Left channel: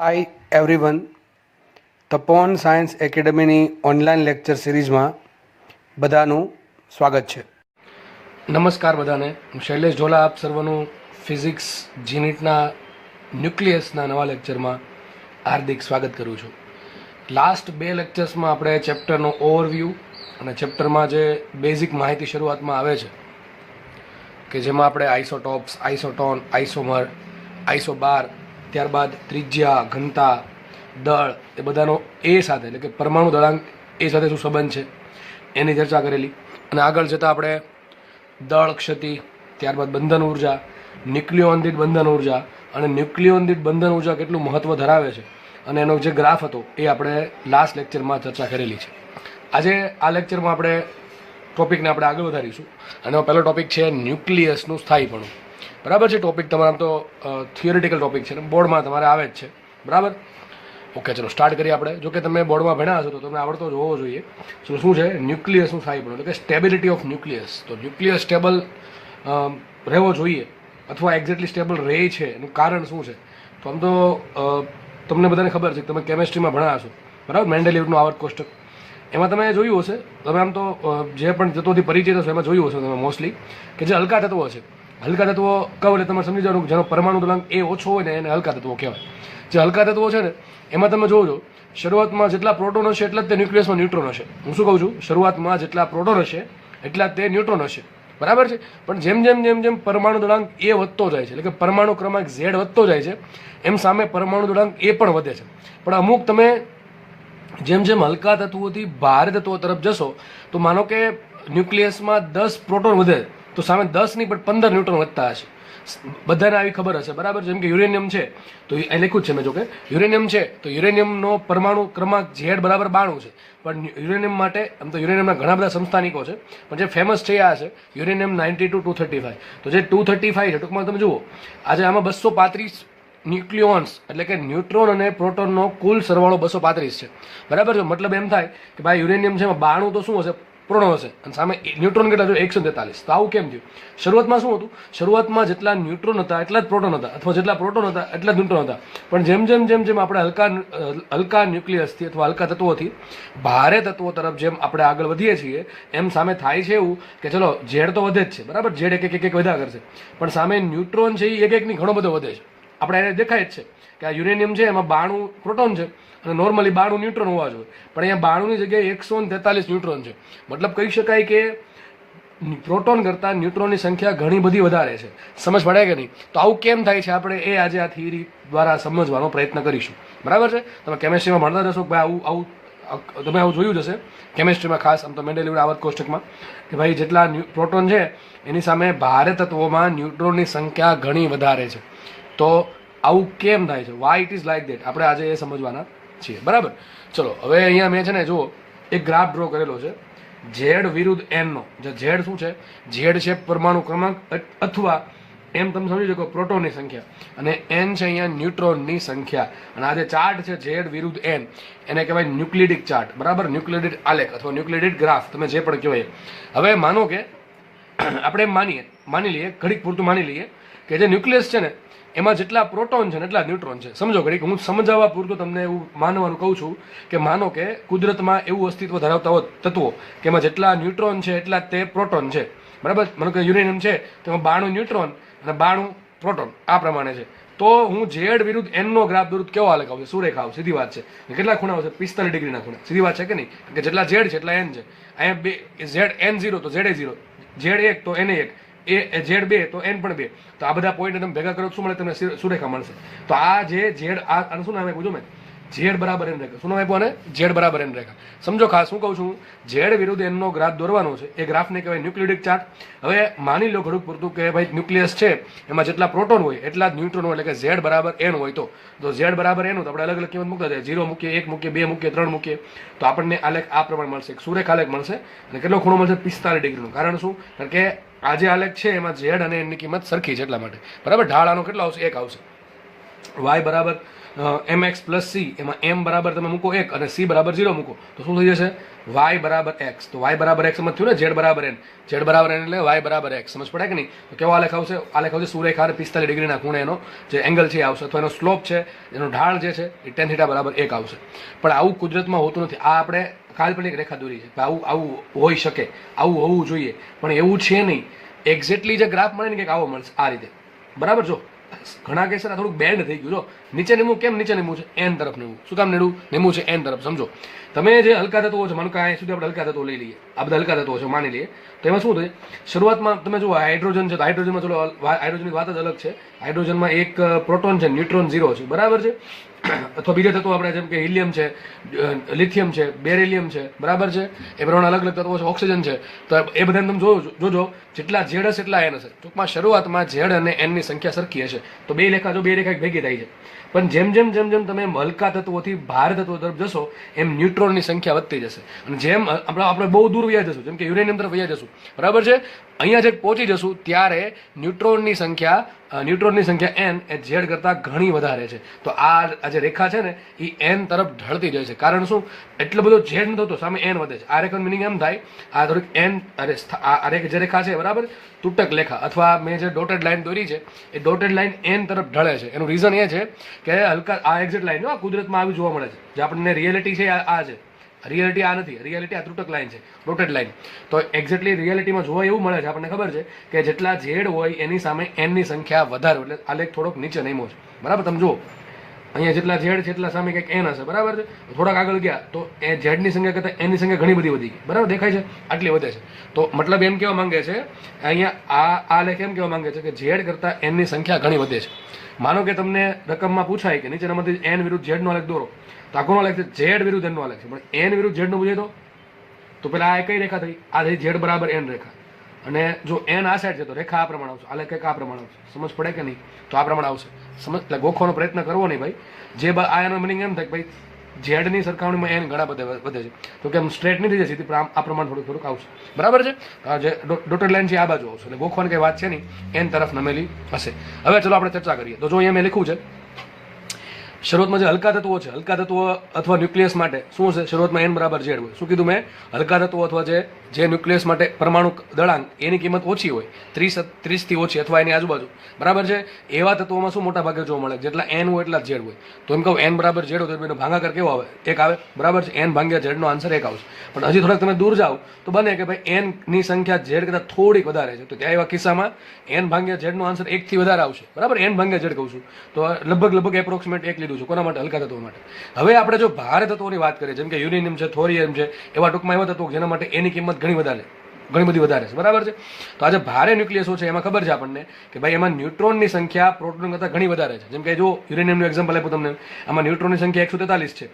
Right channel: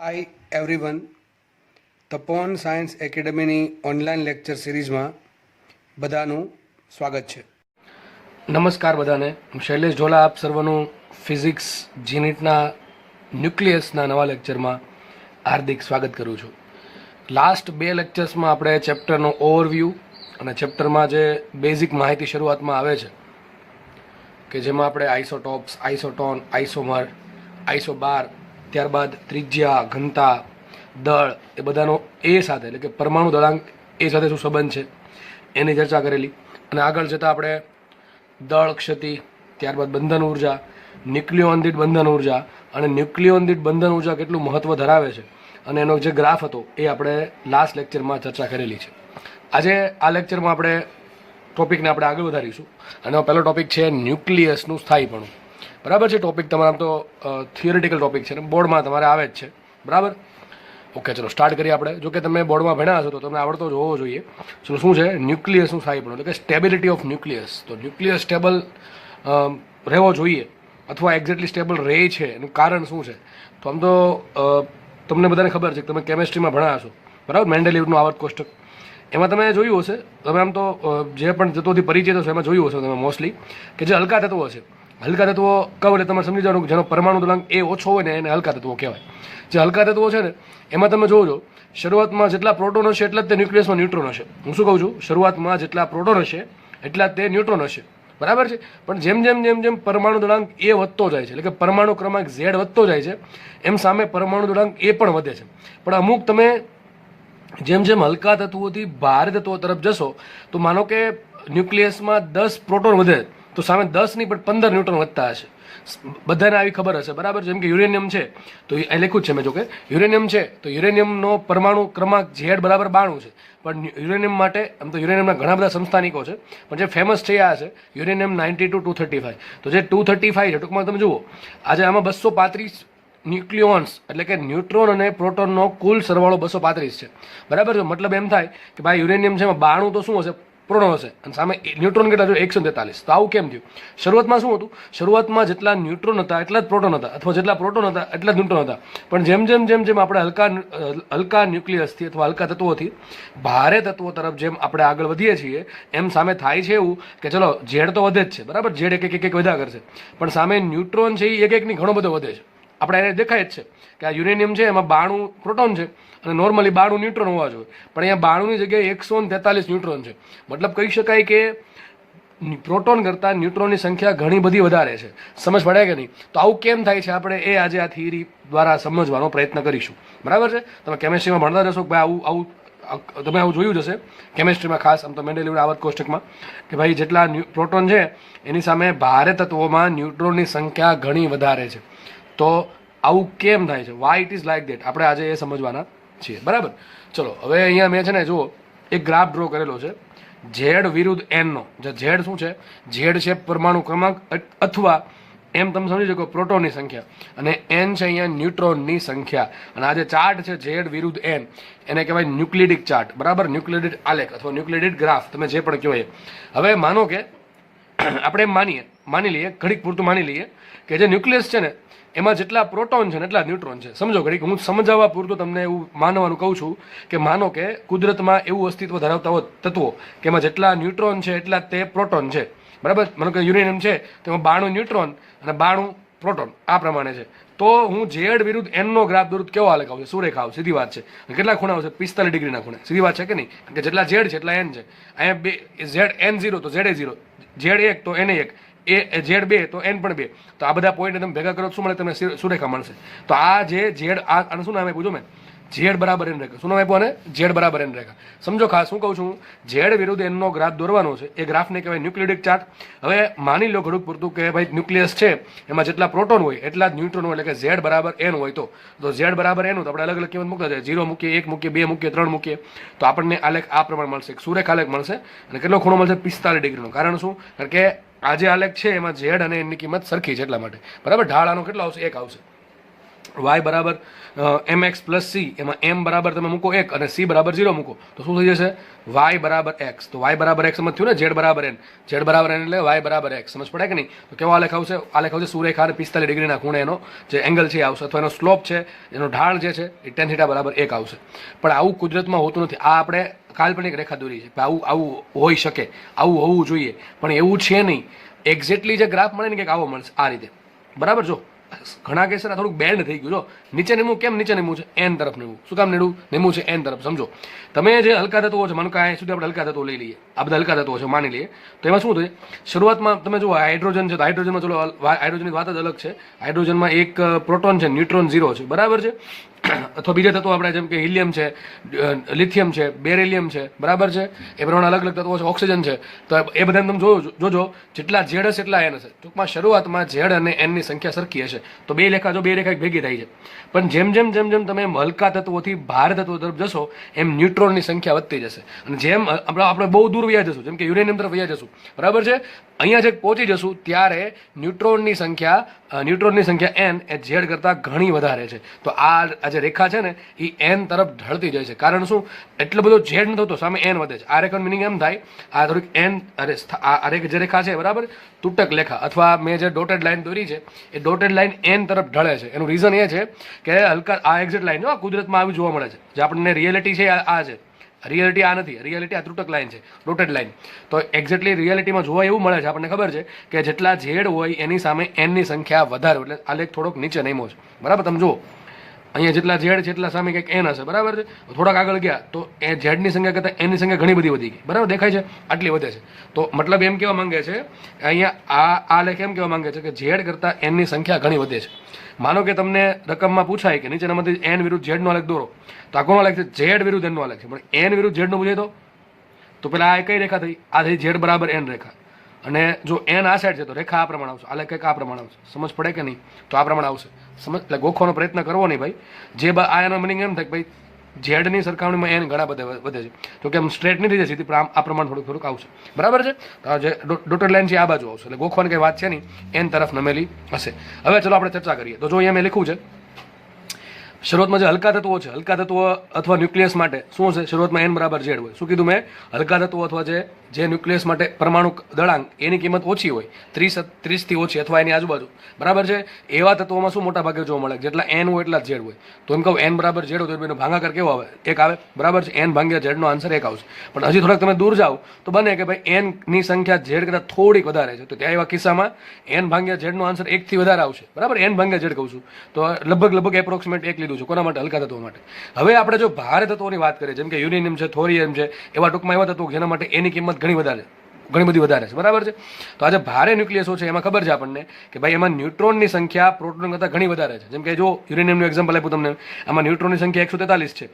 Hi everyone, તપોવન science એકેડમીની online lecture સિરીઝમાં બધાનું સ્વાગત છે. નમસ્કાર બધાને. હું શૈલેષ ઢોલા આપ સર્વનું ફિઝિક્સ જીનિટના ન્યુક્લિયસના નવા લેક્ચરમાં હાર્દિક સ્વાગત કરું છું. લાસ્ટ બે લેક્ચર્સમાં આપણે ચેપ્ટરનો ઓવરવ્યૂ અને ચેપ્ટરમાં જે બેઝિક માહિતી શરૂઆતમાં આવે છે કે જેમાં આપણે આઇસોટોપ્સ, આઇસોટોન, આઇસોમર, આઇસોબાર, ત્યારબાદ ત્રિજ્યા, ઘનતા, દળ એ બધાનો એ સાથે એટલે કે પરમાણુ દળાંક એ સાથે શું સંબંધ છે એની ચર્ચા કરેલી. અને આગળ જતાં આપણે દળ ક્ષતિ, ત્યારબાદ બંધન ઉર્જા, ન્યુક્લિયોન દીઠ બંધન ઉર્જા અને ન્યુક્લિયોન દીઠ બંધન ઉર્જા કેટલું મહત્ત્વ ધરાવે છે અને એનો જે ગ્રાફ હતો એ આપણે લાસ્ટ લેક્ચરમાં ચર્ચા કરેલી છે. આજે આ લેક્ચરમાં આપણે ટોપિકને આપણે આગળ વધારીશું અને પહેલો ટોપિક છે ન્યુક્લિયસનું સ્થાયીપણું. બરાબર છે. ટોપિક તમારા તો થિયોરિટિકલ ટોપિક છે ને બોર્ડમાં તમારે આવે જ છે. બરાબર. ઓકે, ચલો સ્ટાર્ટ કરીએ આપણે. જો કે તમે બોર્ડમાં ભણ્યા હશો તો તમને આવડતો જ હોવો જોઈએ. ચલો, શું છે ન્યુક્લિયસનું સ્થાયીપણું એટલે કે સ્ટેબિલિટી ઓફ ન્યુક્લિયસ. તો ન્યુક્લિયસ સ્ટેબલ રહેવો જોઈએ અથવા એક્ઝેક્ટલી સ્ટેબલ રહે છે એનું કારણ શું છે? તો આમ તો તમને બધાને ખબર છે કે તમે કેમેસ્ટ્રીમાં ભણ્યા હશો. બરાબર. મેન્ડેલિવનું આવર્ત કોષ્ટક એમાં તમે જોયું હશે. તમે આમ તો જે પણ તત્વોથી પરિચિત હશે એમાં જોયું હશે તમે મોસ્ટલી કે જે હલકા તત્વો છે, હલકા તત્વો કહો એટલે તમે સમજી જાઓ કે જેનો પરમાણુ દળાંક એ ઓછો હોય ને એને હલકા તત્વો કહેવાય. જે હલકા તત્વો છે ને એમાં તમે જોજો શરૂઆતમાં જેટલા પ્રોટોન હશે એટલા જ તે ન્યુક્લિયસમાં ન્યુટ્રોન હશે. હું શું કહું છું? શરૂઆતમાં જેટલા પ્રોટોન હશે એટલા જ તે ન્યુટ્રોન હશે. બરાબર છે. પણ જેમ જેમ જેમ જેમ પરમાણુ દળાંક એ વધતો જાય છે એટલે કે પરમાણુ ક્રમાંક ઝેડ વધતો જાય છે એમ સામે પરમાણુ દળાંક એ પણ વધે છે. પણ અમુક તમે જેમ જેમ હલકા તત્વોથી ભારે તત્વો તરફ જશો તો માનો કે ન્યુક્લિયસમાં 10 પ્રોટોન વધે તો સામે 10 નહીં પણ 15 ન્યુટ્રોન વધતા હશે. બધાને આવી ખબર હશે. બરાબર. જેમ કે યુરેનિયમ છે તો એ લખ્યું જ છે મેં, જો કે યુરેનિયમ છે તો યુરેનિયમનો પરમાણુ ક્રમાંક ઝેડ બરાબર 92 છે. પણ યુરેનિયમ માટે આમ તો યુરેનિયમના ઘણા બધા સંસ્થાનિકો છે પણ જે ફેમસ થયા છે યુરેનિયમ 92 235. તો જે 235 છે ટૂંકમાં તમે જુઓ આજે આમાં 235 ન્યુક્લિયોન્સ એટલે કે ન્યુટ્રોન અને પ્રોટોનનો કુલ સરવાળો 235 છે. બરાબર છે. મતલબ એમ થાય કે ભાઈ યુરેનિયમ છે એમાં 92 તો શું હશે? પ્રોટોન હશે અને સામે ન્યુટ્રોન કેટલા થયું? 143. તો આવું કેમ થયું? શરૂઆતમાં શું હતું? શરૂઆતમાં જેટલા ન્યુટ્રોન હતા એટલા જ પ્રોટોન હતા અથવા જેટલા પ્રોટોન હતા એટલા જ ન્યુટ્રોન હતા. પણ જેમ જેમ જેમ જેમ આપણે હલકા ન્યુક્લિયસથી અથવા હલકા તત્વોથી ભારે તત્વો તરફ જેમ આપણે આગળ વધીએ છીએ એમ સામે થાય છે એવું કે ચલો ઝેડ તો વધે જ છે. બરાબર. ઝેડ એક એક વધ્યા કરશે પણ સામે ન્યુટ્રોન છે એ એક એકની ઘણો બધો વધે છે. આપણે એને દેખાય જ છે કે આ યુરેનિયમ છે એમાં 92 પ્રોટોન છે અને નોર્મલી 92 ન્યુટ્રોન હોવા જોઈએ પણ અહીંયા 92ની જગ્યાએ 143 ન્યુટ્રોન છે. મતલબ કહી શકાય કે પ્રોટોન કરતાં ન્યુટ્રોનની સંખ્યા ઘણી બધી વધારે છે. સમજ પડે કે નહીં? તો આવું કેમ થાય છે આપણે એ આજે આ થિયરી દ્વારા સમજવાનો પ્રયત્ન કરીશું. બરાબર છે. તમે કેમેસ્ટ્રીમાં ભણતા જશો કે ભાઈ આવું તમે આવું જોયું જ હશે કેમેસ્ટ્રીમાં, ખાસ આમ તો મેન્ડેલિવના આવર્ત કોષ્ટકમાં કે ભાઈ જેટલા પ્રોટોન છે એની સામે ભારે તત્વોમાં ન્યુટ્રોનની સંખ્યા ઘણી વધારે છે. તો આવું કેમ થાય છે? Y it is like that આપણે આજે એ સમજવાના છીએ. બરાબર. ચલો હવે અહીંયા મેં છે ને જુઓ એક ગ્રાફ ડ્રો કરેલો છે ઝેડ વિરુદ્ધ એનનો. જે ઝેડ શું છે? ઝેડ છે પરમાણુ ક્રમાંક અથવા એમ તમે સમજી શકો પ્રોટોનની સંખ્યા અને એન છે અહીંયા ન્યુટ્રોનની સંખ્યા. અને આ જે ચાર્ટ છે ઝેડ વિરુદ્ધ એન એને કહેવાય ન્યુક્લિડિક ચાર્ટ. બરાબર. ન્યુક્લિડિક આલેખ અથવા ન્યુક્લિડિક ગ્રાફ તમે જે પણ કહેવાય. હવે માનો કે આપણે એમ માની લઈએ ઘડીક પૂરતું માની લઈએ કે જે ન્યુક્લિયસ છે ને એમાં જેટલા પ્રોટોન છે ને એટલા ન્યુટ્રોન છે. સમજો ઘડીક હું સમજાવવા પૂરતું તમને એવું માનવાનું કહું છું કે માનો કે કુદરતમાં એવું અસ્તિત્વ ધરાવતા હોય તત્વો કે એમાં જેટલા ન્યુટ્રોન છે એટલા તે પ્રોટોન છે. બરાબર. માનો કે યુરેનિયમ છે તો એમાં 92 ન્યુટ્રોન અને 92 પ્રોટોન આ પ્રમાણે છે. તો હું ઝેડ વિરુદ્ધ એનનો ગ્રાફ દોરું કેવો આલેખ આવશે? સુરેખા આવશે. સીધી વાત છે. કેટલા ખૂણા આવશે? 45 ડિગ્રીના ખૂણા. સીધી વાત છે કે નહીં? કે જેટલા ઝેડ છે એટલા એન છે. અહીંયા બે ઝેડ N0 તો ઝેડ A0, ઝેડ 1 તો NA1, એ ઝેડ 2 તો એન પણ 2. તો આ બધા પોઈન્ટ તમે ભેગા કરો શું મળે? તમને સુરેખા મળશે. તો આ જે ઝેડ આને શું નામ આપ્યું? જો મેં ઝેડ બરાબર એન રેખા. શું નામ આપ્યું આને? ઝેડ બરાબર એન રેખા. સમજો ખાસ શું કહું છું? ઝેડ વિરુદ્ધ એનનો ગ્રાફ દોરવાનો છે. એ ગ્રાફને કહેવાય ન્યુક્લિડિક ચાર્ટ. હવે માની લો ઘણું પૂરતું કે ભાઈ ન્યુક્લિયસ છે એમાં જેટલા પ્રોટોન હોય એટલા જ ન્યુટ્રોન હોય એટલે કે ઝેડ બરાબર એન હોય તો ઝેડ બરાબર એન હોય તો આપણે અલગ અલગ કિંમત મૂકતા જાય. 0 મૂકીએ, 1 મૂકીએ, 2 મૂકીએ, 3 મૂકીએ તો આપણને આલેખ આ પ્રમાણે મળશે. સુરેખા આલેખ મળશે. અને કેટલો ખૂણો મળશે? 45 ડિગ્રીનો. કારણ શું? કારણ કે આ જે આલેખ છે એમાં ઝેડ અને એનની કિંમત સરખી છે એટલા માટે. બરાબર. ઢાળ આનો કેટલો આવશે? 1 આવશે. વાય બરાબર એમ એક્સ પ્લસ સી, એમાં એમ બરાબર તમે મૂકો 1 અને સી બરાબર 0 મૂકો તો શું થઈ જશે? વાય બરાબર એક્સ. તો વાય બરાબર એક્સ સમજ થયું ને? ઝેડ બરાબર એન, ઝેડ બરાબર એન એટલે વાય બરાબર એક્સ. સમજ પડે કે નહીં? તો કેવો આલેખ આવશે? આલેખ આવશે સુરેખા 45 ડિગ્રીના ખૂણે એનો જે એંગલ છે આવશે, અથવા એનો સ્લોપ છે, એનો ઢાળ જે છે એ tan θ બરાબર 1 આવશે. પણ આવું કુદરતમાં હોતું નથી. આ આપણે કાલ્પનિક રેખા દોરી છે. આવું આવું હોઈ શકે, આવું હોવું જોઈએ, પણ એવું છે નહીં. એક્ઝેક્ટલી જે ગ્રાફ મળે ને કંઈક આવો મળશે આ રીતે. બરાબર? જો ઘણા કેસ થોડુંક બેન્ડ થઈ ગયું. જો નીચે નીમું, કેમ નીચે નીમું છે? એન તરફ નીમું. શું કામ નીમું છે એન તરફ? સમજો તમે જે હલકા તત્વો છે, માનો કે અહીંયા સુધી આપણે હલકા તત્વો લઈ લઈએ, આ બધા હલકા તત્વો છે માની લઈએ, તો એમાં શું થાય? શરૂઆતમાં તમે જુઓ હાઇડ્રોજન છે, તો હાઇડ્રોજનમાં ચલો હાઇડ્રોજનની વાત જ અલગ છે. હાઇડ્રોજનમાં એક પ્રોટોન છે, ન્યુટ્રોન 0 છે. બરાબર છે? અથવા બીજા તત્વો આપણે જેમ કે હિલિયમ છે, લિથિયમ છે, બેરિલિયમ છે. બરાબર છે? એ પ્રમાણે અલગ અલગ તત્વો છે, ઓક્સિજન છે. તો એ બધા તમે જોજો જેટલા ઝેડ હશે એટલા એન હશે. ટૂંકમાં શરૂઆતમાં ઝેડ અને એનની સંખ્યા સરખી હશે. તો બે રેખા ભેગી થાય છે. પણ જેમ જેમ તમે હલકા તત્વોથી ભારે તત્વો તરફ જશો એમ ન્યુટ્રોનની સંખ્યા વધતી જશે. અને જેમ આપણે બહુ દૂર વયા જશું, જેમ કે યુરેનિયમ તરફ વયા જશું, બરાબર છે, અહીંયા જે પહોંચી જશું ત્યારે ન્યુટ્રોનની સંખ્યા એન એ ઝેડ કરતાં ઘણી વધારે છે. તો આ જે રેખા છે ને એ એન તરફ ઢળતી જાય છે. કારણ શું? એટલો બધો ઝેડ નથી થતો, સામે એન વધે છે. આ રેખાનું મિનિંગ એમ થાય, આ થોડીક એન આ જે રેખા છે, બરાબર, તૂટક રેખા, અથવા મેં જે ડોટેડ લાઈન દોરી છે એ ડોટેડ લાઈન એન તરફ ઢળે છે. એનું રીઝન એ છે કે હલકા આ એક્ઝેક્ટ લાઈન આ કુદરતમાં આવી જોવા મળે છે. જે આપણને રિયાલિટી છે આ છે, રિયાલિટી આ નથી. રિયાલિટી આ તૂટક લાઈન છે, ડોટેડ લાઈન. તો એક્ઝેક્ટલી રિયાલિટીમાં જોવા એવું મળે છે, આપણને ખબર છે કે જેટલા ઝેડ હોય એની સામે એનની સંખ્યા વધારે, એટલે આ લેખ થોડોક નીચે નમ્યો છે. બરાબર? તમે જુઓ અહીંયા જેટલા ઝેડ છે એટલા સામે કંઈક એન હશે. બરાબર છે? થોડાક આગળ ગયા તો એ ઝેડની સંખ્યા કરતાં એનની સંખ્યા ઘણી બધી વધી ગઈ. બરાબર દેખાય છે? આટલી વધે છે. તો મતલબ એમ કહેવા માંગે છે અહીંયા આ લેખ એમ કહેવા માંગે છે કે ઝેડ કરતાં એનની સંખ્યા ઘણી વધે છે. માનો કે તમને રકમમાં પૂછાય કે નીચેનામાંથી એન વિરુદ્ધ ઝેડનો આલેખ દોરો, તો આ કોનો આલેખ છે? ઝેડ વિરુદ્ધ એનનો આલેખ છે. પણ એન વિરુદ્ધ ઝેડનો પૂછે તો પેલા આ કઈ રેખા થઈ? આ થઈ ઝેડ બરાબર એન રેખા. અને જો એન આ સાઈડ છે તો રેખા આ પ્રમાણે આવશે, આલેખ કંઈક આ પ્રમાણે આવશે. સમજ પડે કે નહીં? તો આ પ્રમાણે આવશે. એટલે ગોખવાનો પ્રયત્ન કરવો નહીં ભાઈ. જે આ એનો મિનિંગ એમ થાય કે ભાઈ ઝેડની સરખામણીમાં એન ઘણા બધા વધે છે. તો કે આમ સ્ટ્રેટ નહીં થઈ જશે, આ પ્રમાણે થોડુંક આવશે. બરાબર છે? જે ડોટેડ લાઈન છે આ બાજુ આવશે. એટલે ગોખવાની કઈ વાત છે નહીં, એન તરફ નમેલી હશે. હવે ચલો આપણે ચર્ચા કરીએ. તો જો અહીંયા મેં લખ્યું છે શરૂઆતમાં જે હલકા તત્વો છે, હલકા તત્વો અથવા ન્યુક્લિયસ માટે શું હશે? શરૂઆતમાં એન બરાબર ઝેડ હોય. શું કીધું મેં? હલકા તત્વો અથવા જે ન્યુક્લિયસ માટે પરમાણુ દળાંક એની કિંમત ઓછી હોય, 30 થી ઓછી અથવા એની આજુબાજુ. બરાબર છે? એવા તત્વોમાં શું મોટા ભાગે જોવા મળે? જેટલા એન હોય એટલા ઝેડ હોય. તો એમ કહું એન બરાબર ઝેડ હોય તો એનો ભાગાકાર કેવો આવે? 1 આવે. બરાબર છે? એન ભાગ્યા ઝેડનો આન્સર 1 આવશે. પણ હજી થોડાક તમે દૂર જાઓ તો બને કે ભાઈ એન ની સંખ્યા ઝેડ કરતાં થોડીક વધારે છે. તો ત્યાં એવા કિસ્સામાં એન ભાગ્યા ઝેડનો આન્સર 1 થી વધારે આવશે. બરાબર? એન ભાગ્યા ઝેડ કહું છું તો લગભગ એપ્રોક્સિમેટ 1 લીધું છે. કોના માટે? હલકા તત્વો માટે. હવે આપણે જો ભારે તત્વોની વાત કરીએ, જેમ કે યુરેનિયમ છે, થોરિયમ છે, એવા ટૂંકમાં એવા તત્વો જેના માટે એની કિંમત ઘણી બધી વધારે છે. બરાબર છે? તો આજે ભારે ન્યુક્લિયસો છે એમાં ખબર છે આપણને કે ભાઈ એમાં ન્યુટ્રોનની સંખ્યા પ્રોટોન કરતાં ઘણી વધારે છે. જેમ કે જો યુરેનિયમનું એક્ઝામ્પલ આપ્યું તમને, આમાં ન્યુટ્રોનની સંખ્યા 143 છે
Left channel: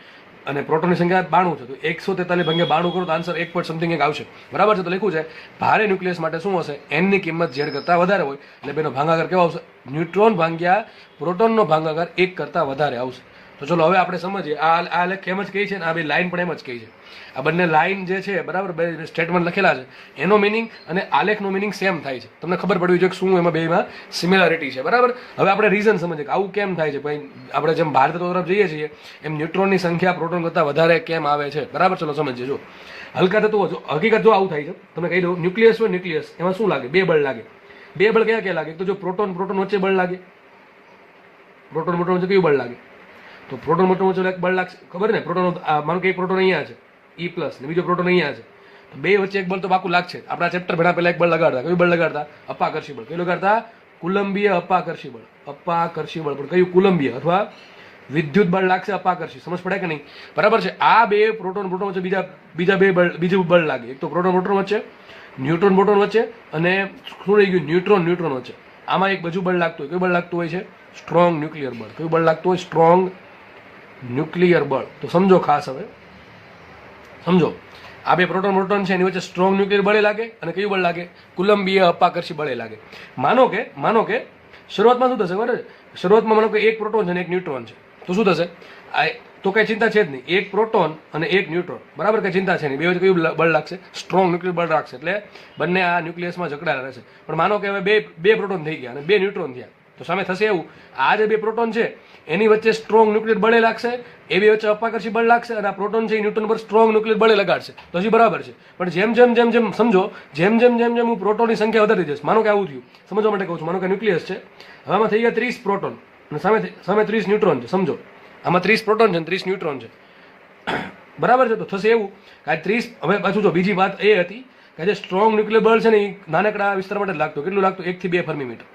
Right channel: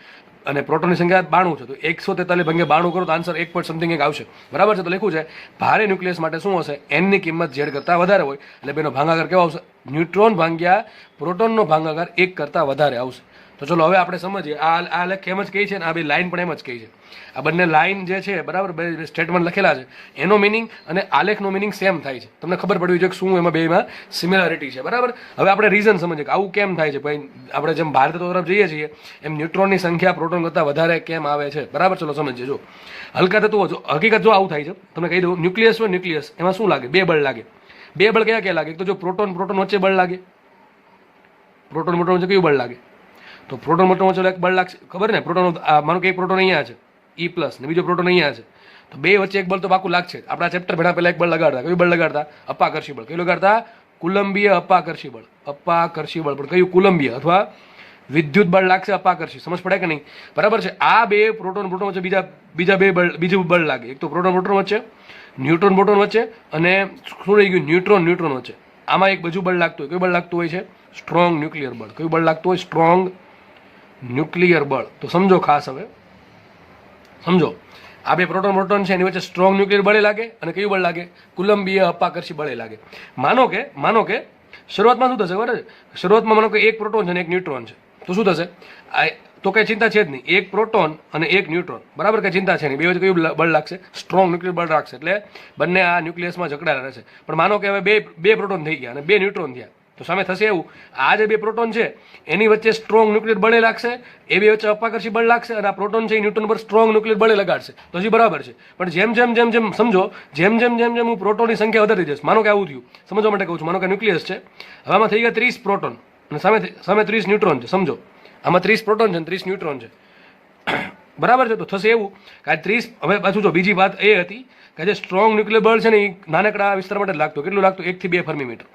અને પ્રોટોનની સંખ્યા 92 છે. તો 143 ભાગ્યા 92 કરો તો આન્સર 1 પોઈન્ટ સમથિંગ એક આવશે. બરાબર છે? તો લખ્યું છે ભારે ન્યુક્લિયસ માટે શું હશે? એનની કિંમત ઝેડ કરતાં વધારે હોય. એટલે બેનો ભાગાકાર કેવો આવશે? ન્યુટ્રોન ભાગ્યા પ્રોટોનનો ભાગાકાર 1 કરતાં વધારે આવશે. તો ચલો હવે આપણે સમજીએ. આ લેખ એમ જ કહી છે ને આ બે લાઈન પણ એમ જ કહી છે. આ બંને લાઈન જે છે, બરાબર, બે સ્ટેટમેન્ટ લખેલા છે, એનો મિનિંગ અને આલેખનો મિનિંગ સેમ થાય છે. તમને ખબર પડવી જોઈએ કે શું એમાં બેમાં સિમિલારિટી છે. બરાબર? હવે આપણે રીઝન સમજીએ કે આવું કેમ થાય છે. ભાઈ આપણે જેમ ભારત તરફ જઈએ છીએ એમ ન્યુટ્રોનની સંખ્યા પ્રોટોન કરતાં વધારે કેમ આવે છે? બરાબર? ચલો સમજીએ. જો હલકા તત્વો હકીકત જો આવું થાય છે, તમને કહી દઉં, ન્યુક્લિયસ હોય, ન્યુક્લિયસ એમાં શું લાગે? 2 બળ લાગે. 2 બળ ક્યાં લાગે? તો જો પ્રોટોન વચ્ચે બળ લાગે, પ્રોટોન વચ્ચે કયું બળ લાગે? તો પ્રોટોન વચ્ચે એક બળ લાગશે. ખબર ને? પ્રોટોન માનો કે એક પ્રોટોન અહીંયા છે E+ ને બીજો પ્રોટોન અહીંયા છે, તો બે વચ્ચે એક બળ તો પાકું લાગશે. આપણા ચેપ્ટર ભણા પહેલા એક બળ લગાડતા. કયું બળ લગાડતા? અપાકર્ષી બળ. કયું લગાડતા? કુલંબીય અપાકર્ષી બળ. અપાકર્ષી બળ. પણ કયું? કુલંબીય અથવા વિદ્યુત બળ લાગશે અપાકર્ષી. સમજ પડે કે નહીં? બરાબર છે? આ બે પ્રોટોન વચ્ચે બીજું બળ લાગે. એક તો પ્રોટોન વચ્ચે, ન્યુટ્રોન પ્રોટોન વચ્ચે, અને શું રહી ગયું? ન્યુટ્રોન વચ્ચે. આમાં એક બીજું બળ લાગતું હોય. કયું બળ લાગતું હોય છે? સ્ટ્રોંગ ન્યુક્લિયર બળ. કયું બળ લાગતું હોય? સ્ટ્રોંગ ન્યુક્લિયર બળ. તો સમજો ખાસ, હવે સમજો, આ બે પ્રોટોન છે એની વચ્ચે સ્ટ્રોંગ ન્યુક્લિયર બળે લાગે અને કયું બળ લાગે? કુલંબીય અપાકર્ષી બળે લાગે. માનો કે શરૂઆતમાં શું થશે? બરાબર? શરૂઆતમાં માનો કે એક પ્રોટોન છે અને એક ન્યુટ્રોન છે, તો શું થશે? તો કઈ ચિંતા છે જ નહીં. એક પ્રોટોન અને એક ન્યુટ્રોન. બરાબર? કઈ ચિંતા છે નહીં. બે વચ્ચે કયું બળ લાગશે? સ્ટ્રોંગ ન્યુક્લિયર બળ લાગશે. એટલે બંને આ ન્યુક્લિયસમાં જકડાયેલા રહેશે. પણ માનો કે હવે બે પ્રોટોન થઈ ગયા અને 2 ન્યુટ્રોન થયા, તો સામે થશે એવું, આ જે બે પ્રોટોન છે એની વચ્ચે સ્ટ્રોંગ ન્યુક્લિયર બળે લાગશે, એ બે વચ્ચે અપાકર્ષી બળ લાગશે, અને આ પ્રોટોન છે એ ન્યૂટન પર સ્ટ્રોંગ ન્યુક્લિયર બળે લગાડશે, તો હજી બરાબર છે. પણ જેમ સમજો, જેમ હું પ્રોટોનની સંખ્યા વધારી દઈશ, માનો કે આવું થયું, સમજવા માટે કહું છું, માનો કે ન્યુક્લિયસ છે, હવે આમાં થઈ ગયા 30 પ્રોટોન અને સામે 30 ન્યુટ્રોન છે. સમજો આમાં 30 પ્રોટોન છે અને 30 ન્યુટ્રોન છે, બરાબર છે. તો થશે એવું કે આ 30, હવે પાછું જો બીજી વાત એ હતી કે જે સ્ટ્રોંગ ન્યુક્લિયર બળ છે ને એ નાનકડા વિસ્તાર માટે જ લાગતું. કેટલું લાગતું? 1 થી 2 ફર્મી મીટર.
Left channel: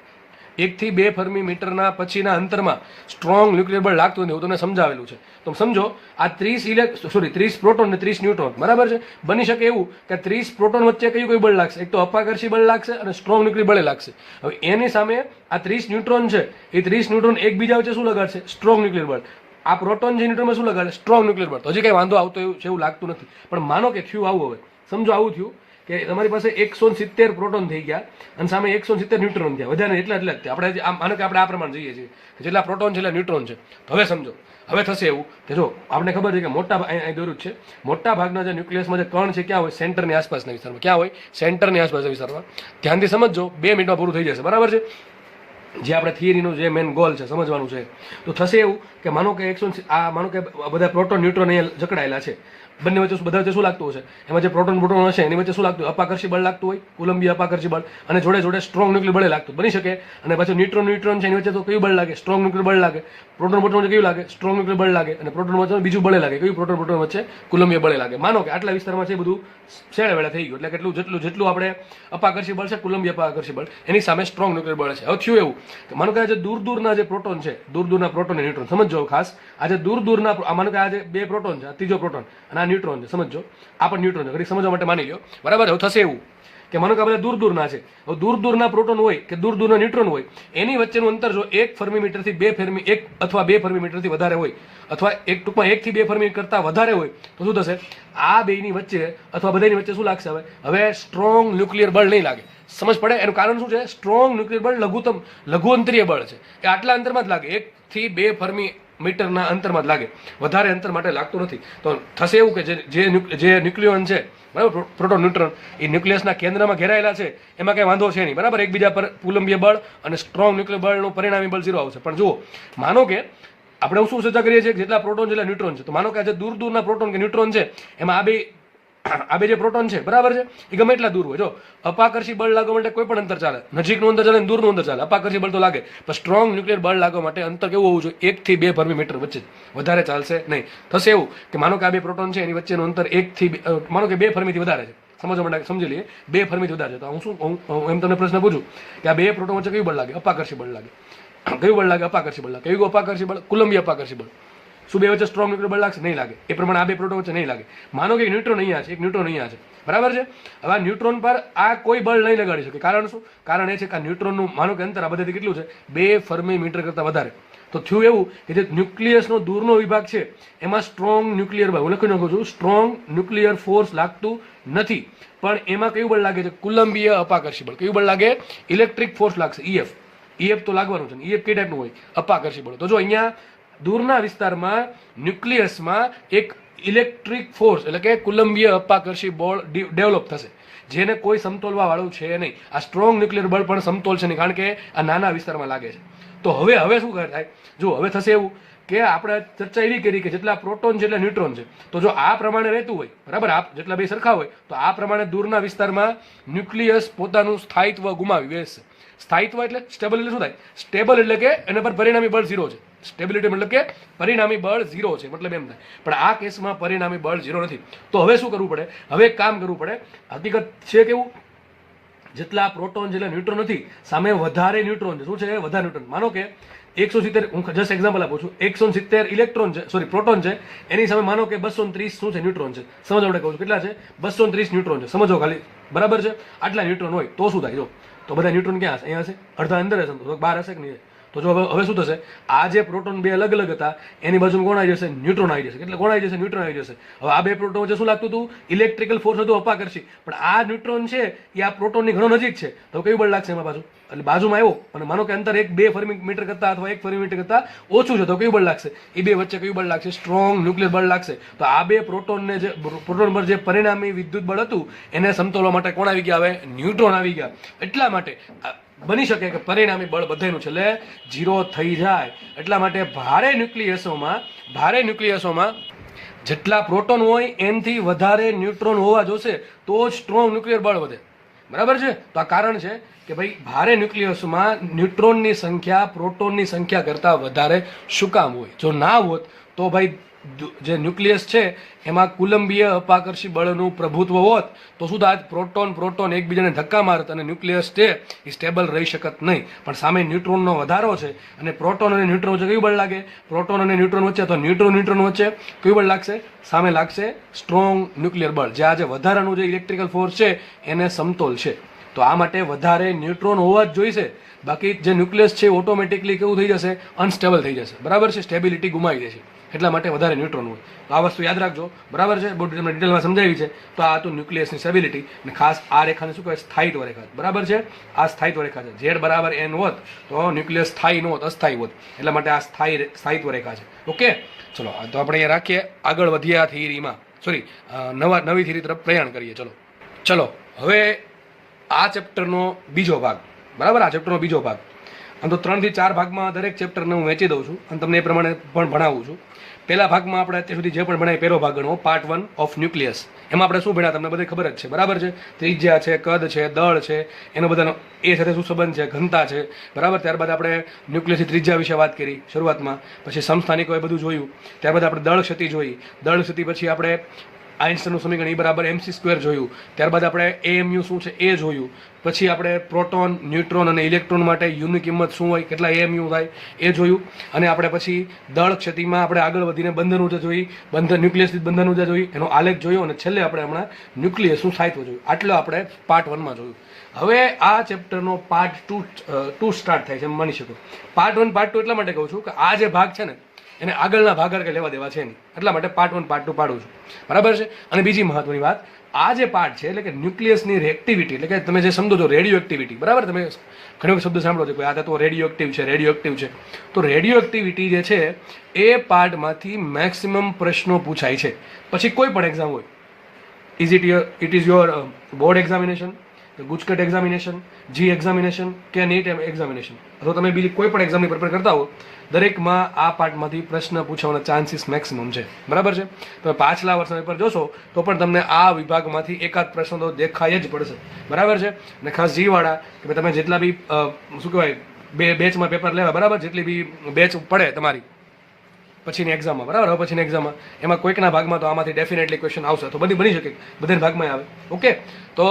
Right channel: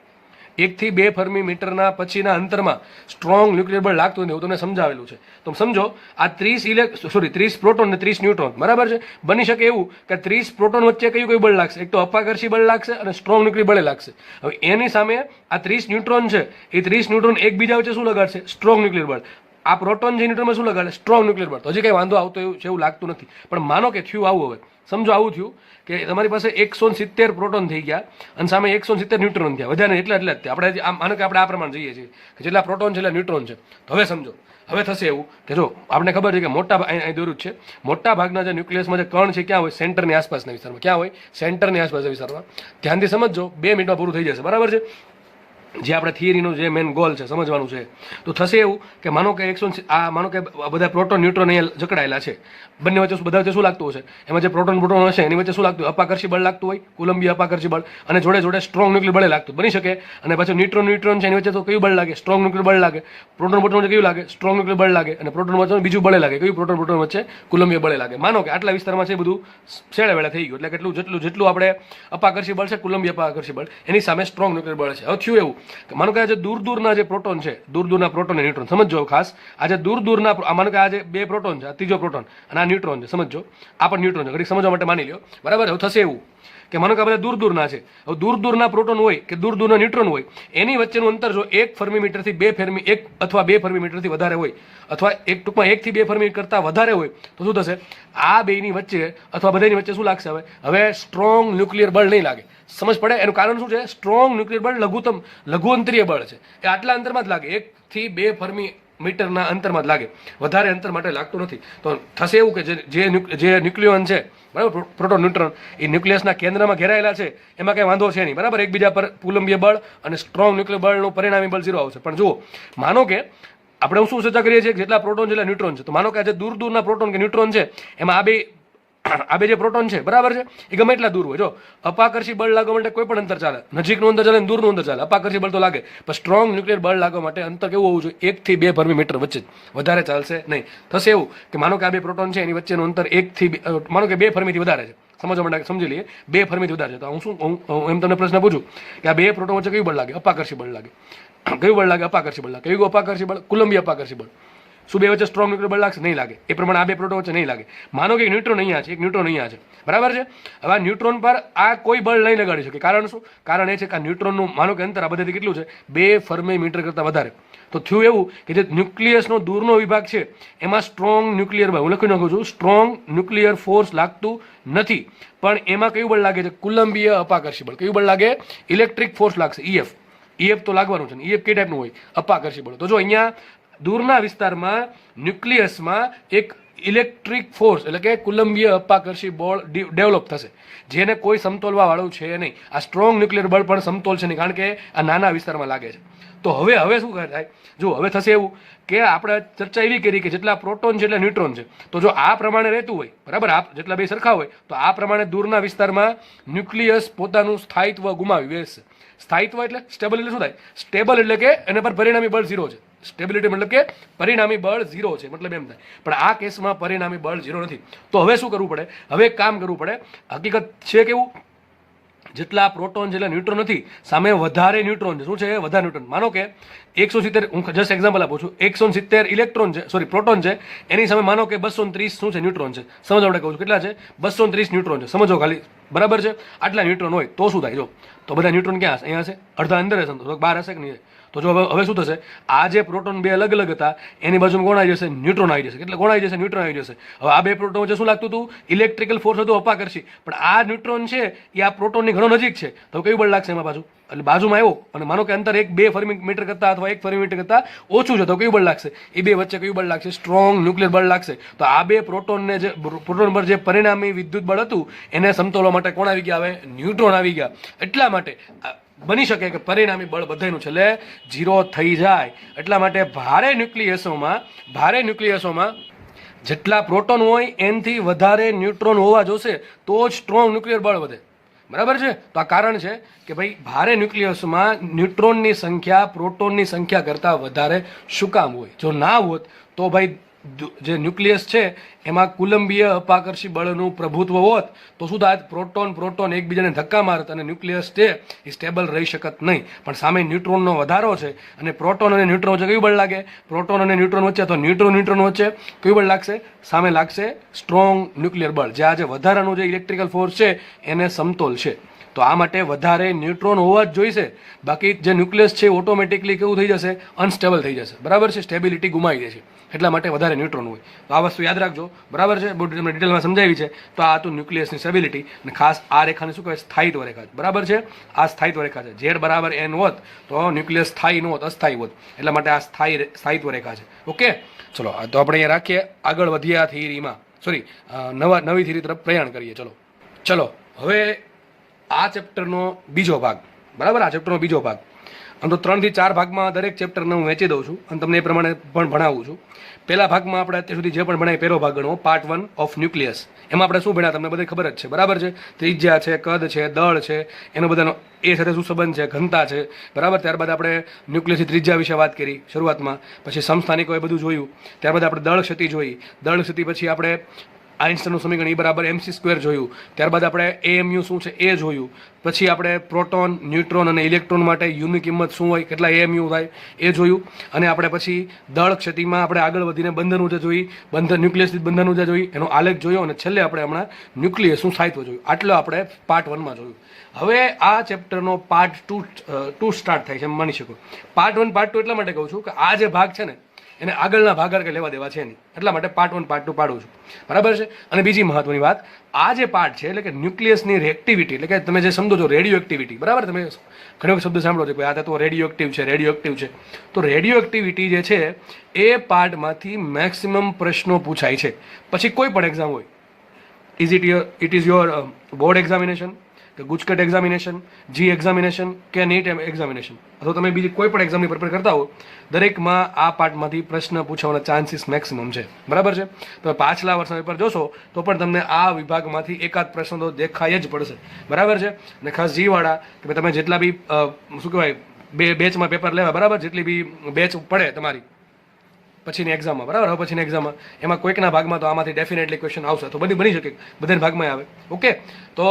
1 થી 2 ફર્મી મીટરના પછીના અંતરમાં સ્ટ્રોંગ ન્યુક્લિયર બળ લાગતું નથી, હું તમને સમજાવેલું છે. તો સમજો આ 30 પ્રોટોન અને 30 ન્યુટ્રોન, બરાબર છે. બની શકે એવું કે 30 પ્રોટોન વચ્ચે કયું બળ લાગશે? એક તો અપાકર્ષી બળ લાગશે અને સ્ટ્રોંગ ન્યુક્લિયર બળે લાગશે. હવે એની સામે આ 30 ન્યુટ્રોન છે, એ 30 ન્યુટ્રોન એકબીજા વચ્ચે શું લગાડશે? સ્ટ્રોંગ ન્યુક્લિયર બળ. આ પ્રોટોન જે ન્યુટ્રોનમાં શું લગાડે? સ્ટ્રોંગ ન્યુક્લિયર બળ. તો હજી કઈ વાંધો આવતો એવું લાગતું નથી. પણ માનો કે થયું આવું, હવે સમજો આવું થયું કે તમારી પાસે 170 પ્રોટોન થઈ ગયા અને સામે 170 ન્યુટ્રોન થયા, વધારે એટલા જ થયા. આપણે માનો કે આપણે આ પ્રમાણે જોઈએ છીએ કે જેટલા પ્રોટોન છે એટલા ન્યુટ્રોન છે. તો હવે સમજો, હવે થશે એવું કે જો આપણે ખબર છે કે અહીં દોર્યું છે, મોટા ભાગના જે ન્યુક્લિયસમાં જે કણ છે ક્યાં હોય? સેન્ટરની આસપાસના વિસ્તારમાં. ક્યાં હોય? સેન્ટરની આસપાસના વિસ્તારમાં. ધ્યાનથી સમજો, 2 મિનિટમાં પૂરું થઈ જશે, બરાબર છે. જે આપણે થિયરીનો જે મેન ગોલ છે સમજવાનું છે. તો થશે એવું કે માનો કે માનો કે બધા પ્રોટોન ન્યુટ્રોન અહીંયા જકડાયેલા છે, બંને વચ્ચે બધા વચ્ચે શું લાગતું હશે? એમાં જે પ્રોટોન હશે એની વચ્ચે શું લાગતું? અપાકર્ષી બળ લાગતું હોય, કોલંબિયા અપાકર્ષી બળ, અને જોડે સ્ટ્રોંગ ન્યુક્લિયર બળે લાગતું બની શકે. અને પાછું ન્યુટ્રોન છે એની વચ્ચે તો કયું બળ લાગે? સ્ટ્રોંગ ન્યુક્લિયર બળ લાગે. પ્રોટોન કયું લાગે? સ્ટ્રોંગ ન્યુક્લિયર બળ લાગે. અને પ્રોટોન વચ્ચે બીજું બળે લાગે, કયું? પ્રોટોન વચ્ચે કોલંબિયા બળે લાગે. માનો કે આટલા વિસ્તારમાં છે બધું શેડે વેળા થઈ ગયું, એટલે જેટલું આપણે અપાકર્ષી બળ છે, કોલંબિયા અપાકર્ષી બળ, એની સામે સ્ટ્રોંગ ન્યુક્લિયર બળ છે. હવે થયું એવું કે માનો કે આ જે દૂરના જે પ્રોટોન છે, દૂરના પ્રોટોન અને ન્યુટ્રોન સમજો ખાસ. આ જે દૂરના માનો કે આ જે 2 પ્રોટોન છે, આ ત્રીજો પ્રોટોન અને આ ન્યુટ્રોન છે, સમજો આ પણ ન્યુટ્રોન છે, ઘડીક સમજવા માટે માની લો, બરાબર. હવે થશે એવું કે માનો કે આ બધા દૂરના છે, હવે દૂરના પ્રોટોન હોય કે દૂરના ન્યુટ્રોન હોય, એની વચ્ચેનું અંતર જો 1 ફર્મીમીટરથી 2 ફર્મી 1 અથવા 2 ફર્મીમીટરથી વધારે હોય, અથવા ટૂંકમાં 1 થી 2 ફર્મી કરતાં વધારે હોય, તો શું થશે? આ બેની વચ્ચે અથવા બધાની વચ્ચે શું લાગશે? હવે સ્ટ્રોંગ ન્યુક્લિયર બળ નહીં લાગે. સમજ પડે? એનું કારણ શું છે? સ્ટ્રોંગ ન્યુક્લિયર બળ લઘુઅંતરીય બળ છે, એ આટલા અંતરમાં જ લાગે, 1 થી 2 ફર્મી મીટરના અંતરમાં જ લાગે, વધારે અંતર માટે લાગતું નથી. તો થશે એવું કે જે ન્યુક્લિયોન છે, બરાબર, પ્રોટોન ન્યુટ્રોન, એ ન્યુક્લિયસના કેન્દ્રમાં ઘેરાયેલા છે, એમાં કંઈ વાંધો છે નહીં, બરાબર. એકબીજા પર કોલંબિયા બળ અને સ્ટ્રોંગ ન્યુક્લિયર બળનું પરિણામી બળ 0 આવશે. પણ જુઓ, માનો કે આપણે શું ચર્ચા કરીએ છીએ? જેટલા પ્રોટોન જેટલા ન્યુટ્રોન છે. તો માનો કે આ જે દૂરના પ્રોટોન કે ન્યુટ્રોન છે, એમાં આ બે જે પ્રોટોન છે, બરાબર છે, એ ગમે એટલા દૂર હોય, જો અપાકર્ષી બળ લાગવા માટે કોઈ પણ અંતર ચાલે, નજીકનું અંતર ચાલે, દૂરનું અંતર ચાલે, અપાકર્ષી બળ તો લાગે. પણ સ્ટ્રોંગ ન્યુક્લિયર બળ લાગવા માટે અંતર કેવું હોવું જોઈએ? 1 થી 2 ફર્મીમીટર વચ્ચે, વધારે ચાલશે નહીં. થશે એવું કે માનો કે આ બે પ્રોટોન છે એની વચ્ચેનું અંતર 1 થી માનો કે 2 ફર્મીથી વધારે છે, સમજવા માટે સમજી લઈએ, 2 ફર્મીથી વધારે છે. તો હું એમ તમને પ્રશ્ન પૂછું કે આ બે પ્રોટોન વચ્ચે કયું બળ લાગે? અપાકર્ષી બળ લાગે. કયું બળ લાગે? અપાકર્ષી બળ લાગે. કયું અપાકર્ષી બળ? કોલંબિયા અપાકર્ષી બળ. શું બે વચ્ચે સ્ટ્રોંગ ન્યુક્લિયર બળ લાગશે? નહીં લાગે. એ પ્રમાણે આ બે પ્રોટોન વચ્ચે નહીં લાગે. માનો કે એક ન્યુટ્રોન અહીંયા છે, એક ન્યુટ્રોન અહીંયા છે, બરાબર છે. હવે આ ન્યુટ્રોન પર આ કોઈ બળ નહીં લગાડી શકે. કારણ શું? કારણ એ છે કે આ ન્યુટ્રોનનું માનો કે અંતર આ બધાથી કેટલું છે? 2 ફર્મીમીટર કરતાં વધારે. તો થયું એવું કે જે ન્યુક્લિયસનો દૂરનો વિભાગ છે એમાં સ્ટ્રોંગ ન્યુક્લિયર બળ, હું લખી નાખું છું, સ્ટ્રોંગ ન્યુક્લિયર ફોર્સ લાગતું નથી. પણ એમાં કયું બળ લાગે છે? કોલંબિયા અપાકર્ષી બળ. કયું બળ લાગે? ઇલેક્ટ્રિક ફોર્સ લાગશે, ઈએફ તો લાગવાનું છે. ઈએફ કઈ ટાઈપનું હોય? અપાકર્ષી બળ. તો જો અહીંયા દૂરના વિસ્તારમાં ન્યુક્લિયસમાં એક ઇલેક્ટ્રિક ફોર્સ એટલે કે કોલંબિયા અપાકર્ષી બળ ડેવલપ થશે, જેને કોઈ સમતોલવા વાળું છે નહીં. આ સ્ટ્રોંગ ન્યુક્લિયર બળ પણ સમતોલ છે નહીં, કારણ કે આ નાના વિસ્તારમાં લાગે છે. તો હવે શું થાય? જો હવે થશે એવું કે આપણે ચર્ચા એવી કરી કે જેટલા પ્રોટોન છે એટલા ન્યુટ્રોન છે. તો જો આ પ્રમાણે રહેતું હોય, બરાબર, જેટલા બે સરખા હોય, તો આ પ્રમાણે દૂરના વિસ્તારમાં ન્યુક્લિયસ પોતાનું સ્થાયિત્વ ગુમાવી બેસશે. સ્થાયિત્વ એટલે સ્ટેબલ એટલે શું થાય? સ્ટેબલ એટલે કે એના પર પરિણામી બળ 0 છે. સ્ટેબિલિટી મતલબ કે પરિણામી બળ 0 છે, મતલબ એમ થાય. પણ આ કેસમાં પરિણામી બળ 0 નથી. તો હવે શું કરવું પડે? હવે એક કામ કરવું પડે. હકીકત છે કેવું? જેટલા પ્રોટોન જેટલા ન્યુટ્રોન નથી, સામે વધારે ન્યુટ્રોન છે. શું છે? વધારે ન્યુટ્રોન. માનો કે 170, હું જસ્ટ એક્ઝામ્પલ આપું છું, 170 ઇલેક્ટ્રોન છે, પ્રોટોન છે, એની સામે માનો કે 230 શું છે? ન્યુટ્રોન છે. સમજો આપણે કહું છું કેટલા છે? 230 ન્યુટ્રોન છે. સમજો ખાલી, બરાબર છે. આટલા ન્યુટ્રોન હોય તો શું થાય? જો તો બધા ન્યુટ્રોન ક્યાં હશે? અહીંયા હશે, અડધા અંદર હશે, તો બહાર હશે કે નહીં? તો જો હવે શું થશે? આ જે પ્રોટોન બે અલગ અલગ હતા એની બાજુમાં કોણ આવી જશે? ન્યુટ્રોન આવી જશે. એટલે કોણ આવી જશે? ન્યુટ્રોન આવી જશે. હવે આ બે પ્રોટોન વચ્ચે શું લાગતું હતું? ઇલેક્ટ્રિકલ ફોર્સ હતો, અપાકર્ષી. પણ આ ન્યુટ્રોન છે એ આ પ્રોટોનની ઘણો નજીક છે, તો કયું બળ લાગશે એમાં પાછું? એટલે બાજુમાં આવ્યો અને માનો કે અંતર 1-2 ફર્મીમીટર કરતાં અથવા 1 ફર્મીમીટર કરતાં ઓછું છે, તો કયું બળ લાગશે? એ બે વચ્ચે કયું બળ લાગશે? સ્ટ્રોંગ ન્યુક્લિયર બળ લાગશે. તો આ બે પ્રોટોન પર જે પરિણામી વિદ્યુત બળ હતું એને સમતોલવા માટે કોણ આવી ગયા? હવે ન્યુટ્રોન આવી ગયા. એટલા માટે બની શકે કે પરિણામી બળ બધાનું છેલ્લે 0 થઈ જાય. એટલા માટે ભારે ન્યુક્લિયસોમાં જેટલા પ્રોટોન હોય એનથી વધારે ન્યુટ્રોન હોવા જોશે તો જ સ્ટ્રોંગ ન્યુક્લિયર બળ વધે. બરાબર છે? તો આ કારણ છે કે ભાઈ ભારે ન્યુક્લિયસમાં ન્યુટ્રોનની સંખ્યા પ્રોટોનની સંખ્યા કરતાં વધારે શું કામ હોય? જો ના હોત તો ભાઈ જે ન્યુક્લિયસ છે એમાં કુલંબીય અપાકર્ષી બળનું પ્રભુત્વ હોત તો શું થાત? પ્રોટોન એકબીજાને ધક્કા મારત અને ન્યુક્લિયસ છે એ સ્ટેબલ રહી શકત નહીં. પણ સામે ન્યુટ્રોનનો વધારો છે અને પ્રોટોન અને ન્યુટ્રોન વચ્ચે કયું બળ લાગે? પ્રોટોન અને ન્યુટ્રોન વચ્ચે તો ન્યુટ્રોન વચ્ચે કયું બળ લાગશે? સામે લાગશે સ્ટ્રોંગ ન્યુક્લિયર બળ, જે આ જે વધારાનું જે ઇલેક્ટ્રિકલ ફોર્સ છે એને સમતોલ છે. તો આ માટે વધારે ન્યુટ્રોન હોવા જ જોઈશે. બાકી જે ન્યુક્લિયસ છે ઓટોમેટિકલી કેવું થઈ જશે? અનસ્ટેબલ થઈ જશે. બરાબર છે? સ્ટેબિલિટી ગુમાવી દેશે. એટલા માટે વધારે ન્યુટ્રોન હોય. તો આ વસ્તુ યાદ રાખજો. બરાબર છે? બહુ ડિટેલમાં સમજાવી છે. તો આ હતું ન્યુક્લિયસની સ્ટેબિલિટી. અને ખાસ આ રેખાને શું કહેવાય? સ્થાયિત્વ રેખા. બરાબર છે? આ સ્થાયિત્વ રેખા છે. ઝેડ બરાબર એન હોત તો ન્યુક્લિયસ સ્થાયી ન હોત, અસ્થાયી હોત. એટલા માટે આ સ્થાયિત્વ રેખા છે. ઓકે, ચલો તો આપણે અહીંયા રાખીએ. આગળ વધીએ આ થિયરીમાં, નવી થિયરી તરફ પ્રયાણ કરીએ. ચલો હવે આ ચેપ્ટરનો બીજો ભાગ. બરાબર? આ ચેપ્ટરનો બીજો ભાગ. આમ તો 3 થી 4 ભાગમાં દરેક ચેપ્ટરને હું વહેંચી દઉં છું અને તમને એ પ્રમાણે પણ ભણાવું છું. પહેલા ભાગમાં આપણે અત્યાર સુધી જે પણ ભણાય પહેલો ભાગ ગણવો, પાર્ટ 1 ઓફ ન્યુક્લિયસ. એમાં આપણે શું ભણ્યા તમને બધી ખબર જ છે. બરાબર છે? ત્રિજ્યા છે, કદ છે, દળ છે, એનો બધાનો એ સાથે શું સંબંધ છે, ઘનતા છે. બરાબર? ત્યારબાદ આપણે ન્યુક્લિયસની ત્રિજ્યા વિશે વાત કરી શરૂઆતમાં. પછી સમસ્થાનિકો એ બધું જોયું. ત્યારબાદ આપણે દળ ક્ષતિ જોઈ. દળ ક્ષતિ પછી આપણે આઇન્સ્ટાઈનનું સમીકરણ E બરાબર mc² જોયું. ત્યારબાદ આપણે AMU શું છે એ જોયું. પછી આપણે પ્રોટોન, ન્યુટ્રોન અને ઇલેક્ટ્રોન માટે યુની કિંમત શું હોય, કેટલા AMU થાય એ જોયું. અને આપણે પછી દળ ક્ષતિમાં આપણે આગળ વધીને બંધન ઊર્જા જોઈ, ન્યુક્લિયસની બંધન ઊર્જા જોઈ, એનો આલેખ જોયો અને છેલ્લે આપણે હમણાં ન્યુક્લિયસનું સ્થાયિત્વ જોયું. આટલું આપણે પાર્ટ 1માં જોયું. હવે આ ચેપ્ટરનો પાર્ટ 2 સ્ટાર્ટ થાય છે એમ માની શકો. પાર્ટ 1 પાર્ટ 2 એટલા માટે કહું છું કે આ જે ભાગ છે ને એને આગળના ભાગ કે લેવા દેવા છે નહીં. એટલા માટે પાર્ટ 1 પાર્ટ 2 પાડું છું. બરાબર છે? અને બીજી મહત્વની વાત, આ જે પાર્ટ છે એટલે કે ન્યુક્લિયસની એક્ટિવિટી, એટલે કે તમે જે સમજો છો રેડિયો એક્ટિવિટી. બરાબર? તમે ઘણા શબ્દ સાંભળો છો કે આ તત્વો રેડિયો એક્ટિવ છે. તો રેડિયો એક્ટિવિટી જે છે એ પાર્ટમાંથી મેક્સિમમ પ્રશ્નો પૂછાય છે. પછી કોઈ પણ એક્ઝામ હોય, it is your board examination, કે ગુજકેટ એક્ઝામિનેશન, જી એક્ઝામિનેશન કે નીટ એક્ઝામિનેશન, અથવા તમે બીજી કોઈ પણ એક્ઝામની પ્રિપેર કરતા હો, દરેકમાં આ પાર્ટમાંથી પ્રશ્ન પૂછવાના ચાન્સીસ મેક્સિમમ છે. બરાબર છે? તમે પાછલા વર્ષના પેપર જોશો તો પણ તમને આ વિભાગમાંથી એકાદ પ્રશ્ન તો દેખાય જ પડશે. બરાબર છે? અને ખાસ જીવાળા કે તમે જેટલા બી શું કહેવાય બેચમાં પેપર લેવા, બરાબર, જેટલી બી બેચ પડે તમારી પછીની એક્ઝામમાં, બરાબર, હવે પછીની એક્ઝામમાં એમાં કોઈકના ભાગમાં તો આમાંથી ડેફિનેટલી ક્વેશ્ચન આવશે. તો બની શકે બધાના ભાગમાં આવે. ઓકે, તો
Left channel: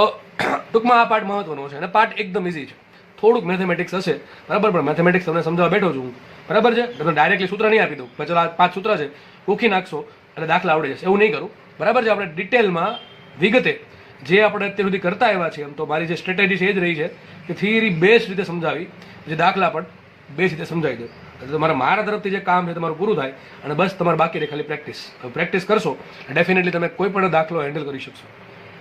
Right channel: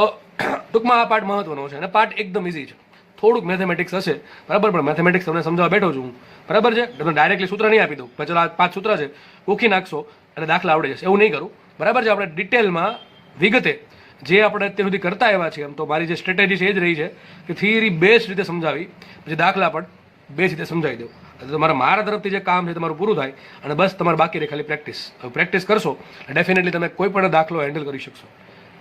ટૂંકમાં આ પાર્ટ મહત્વનો છે અને પાર્ટ એકદમ ઇઝી છે. થોડુંક મેથેમેટિક્સ હશે, બરાબર, પણ મેથેમેટિક્સ તમને સમજાવવા બેઠો છું હું. બરાબર છે? તમને ડાયરેક્ટલી સૂત્ર નહીં આપી દઉં, ચલો આ 5 સૂત્ર છે, કોખી નાખશો એટલે દાખલા આવડી જશે, એવું નહીં કરું. બરાબર છે? આપણે ડિટેલમાં વિગતે જે આપણે અત્યાર સુધી કરતા આવ્યા છીએ, એમ તો મારી જે સ્ટ્રેટેજી છે એ જ રહી છે કે થિયરી બેસ્ટ રીતે સમજાવી, જે દાખલા પણ બેસ્ટ રીતે સમજાવી દે. તો મારા તરફથી જે કામ છે તમારું પૂરું થાય અને બસ તમારે બાકી રહે ખાલી પ્રેક્ટિસ કરશો, ડેફિનેટલી તમે કોઈ પણ દાખલો હેન્ડલ કરી શકશો.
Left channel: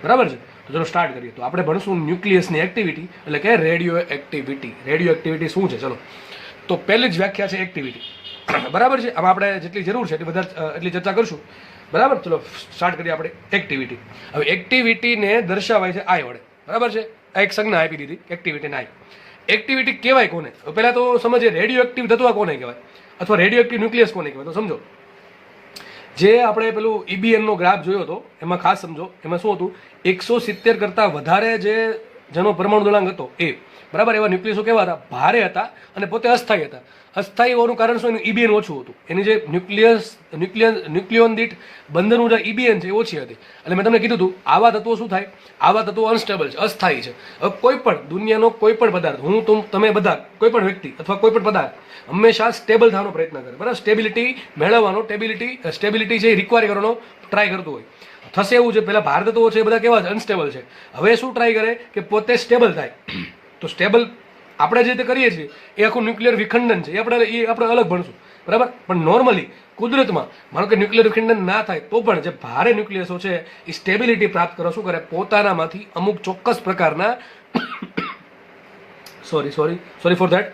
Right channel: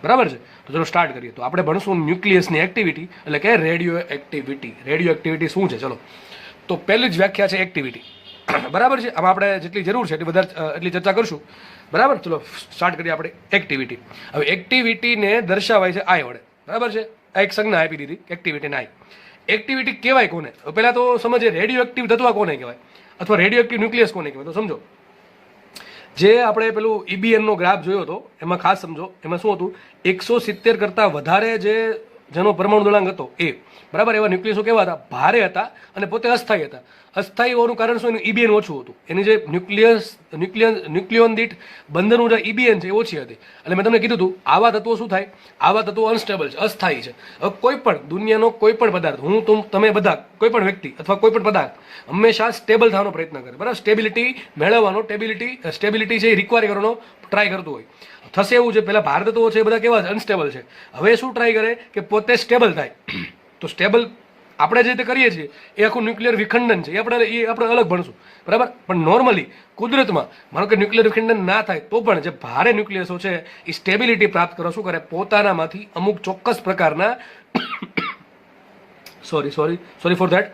બરાબર છે? તો ચલો સ્ટાર્ટ કરીએ. તો આપણે ભણશું ન્યુક્લિયસની એક્ટિવિટી, એટલે કે રેડિયો એક્ટિવિટી શું છે. ચલો, તો પહેલી જ વ્યાખ્યા છે એક્ટિવિટી. બરાબર છે? આમાં આપણે જેટલી જરૂર છે એટલી ચર્ચા કરશું. બરાબર? ચલો સ્ટાર્ટ કરીએ આપણે એક્ટિવિટી. હવે એક્ટિવિટીને દર્શાવાય છે આઈ વડે. બરાબર છે? આ એક સંજ્ઞા આપી દીધી એક્ટિવિટીને આઈ. એક્ટિવિટી કહેવાય કોને? પહેલા તો સમજીએ રેડિયો એક્ટિવ તત્વ કોને કહેવાય અથવા રેડિયો એક્ટિવ ન્યુક્લિયસ કોને કહેવાય. તો સમજો, જે આપણે પેલું EBNનો ગ્રાફ જોયો હતો એમાં ખાસ સમજો, એમાં શું હતું, 170 કરતાં વધારે જેનો પરમાણુ દળાંક હતો એ, બરાબર, એવા ન્યુક્લિયસો કેવા હતા? ભારે હતા અને પોતે અસ્થાયી હતા. અસ્થાયી હોવાનું કારણ શું? એનું EBN ઓછું હતું. એની જે ન્યુક્લિયોન દીઠ બંધન ઊર્જા EBN છે એ ઓછી હતી. અને મેં તમને કીધું હતું આવા તત્વો શું થાય? આવા તત્વો અનસ્ટેબલ છે, અસ્થાયી છે. હવે કોઈ પણ દુનિયાનો કોઈ પણ પદાર્થ, તમે બધા, કોઈ પણ વ્યક્તિ અથવા કોઈ પણ પદાર્થ હંમેશા સ્ટેબલ થવાનો પ્રયત્ન કરે. બરાબર? સ્ટેબિલિટી મેળવવાનો, સ્ટેબિલિટી છે એ રિક્વાયર કરવાનો ટ્રાય કરતો હોય. થશે એવું છે, પેલા ભારત તત્વો છે એ બધા કેવા છે? અનસ્ટેબલ છે. હવે શું ટ્રાય કરે કે પોતે સ્ટેબલ થાય. તો સ્ટેબલ આપણે જે રીતે કરીએ છીએ એ આખું ન્યુક્લિયર વિખંડન છે, એ આપણે અલગ ભણશું. બરાબર? પણ નોર્મલી કુદરતમાં માનો કે ન્યુક્લિયર વિખંડન ના થાય તો પણ જે ભારે ન્યુક્લિયસો છે એ સ્ટેબિલિટી પ્રાપ્ત કરવા શું કરે? પોતાનામાંથી અમુક ચોક્કસ પ્રકારના સોરી ફોર ધેટ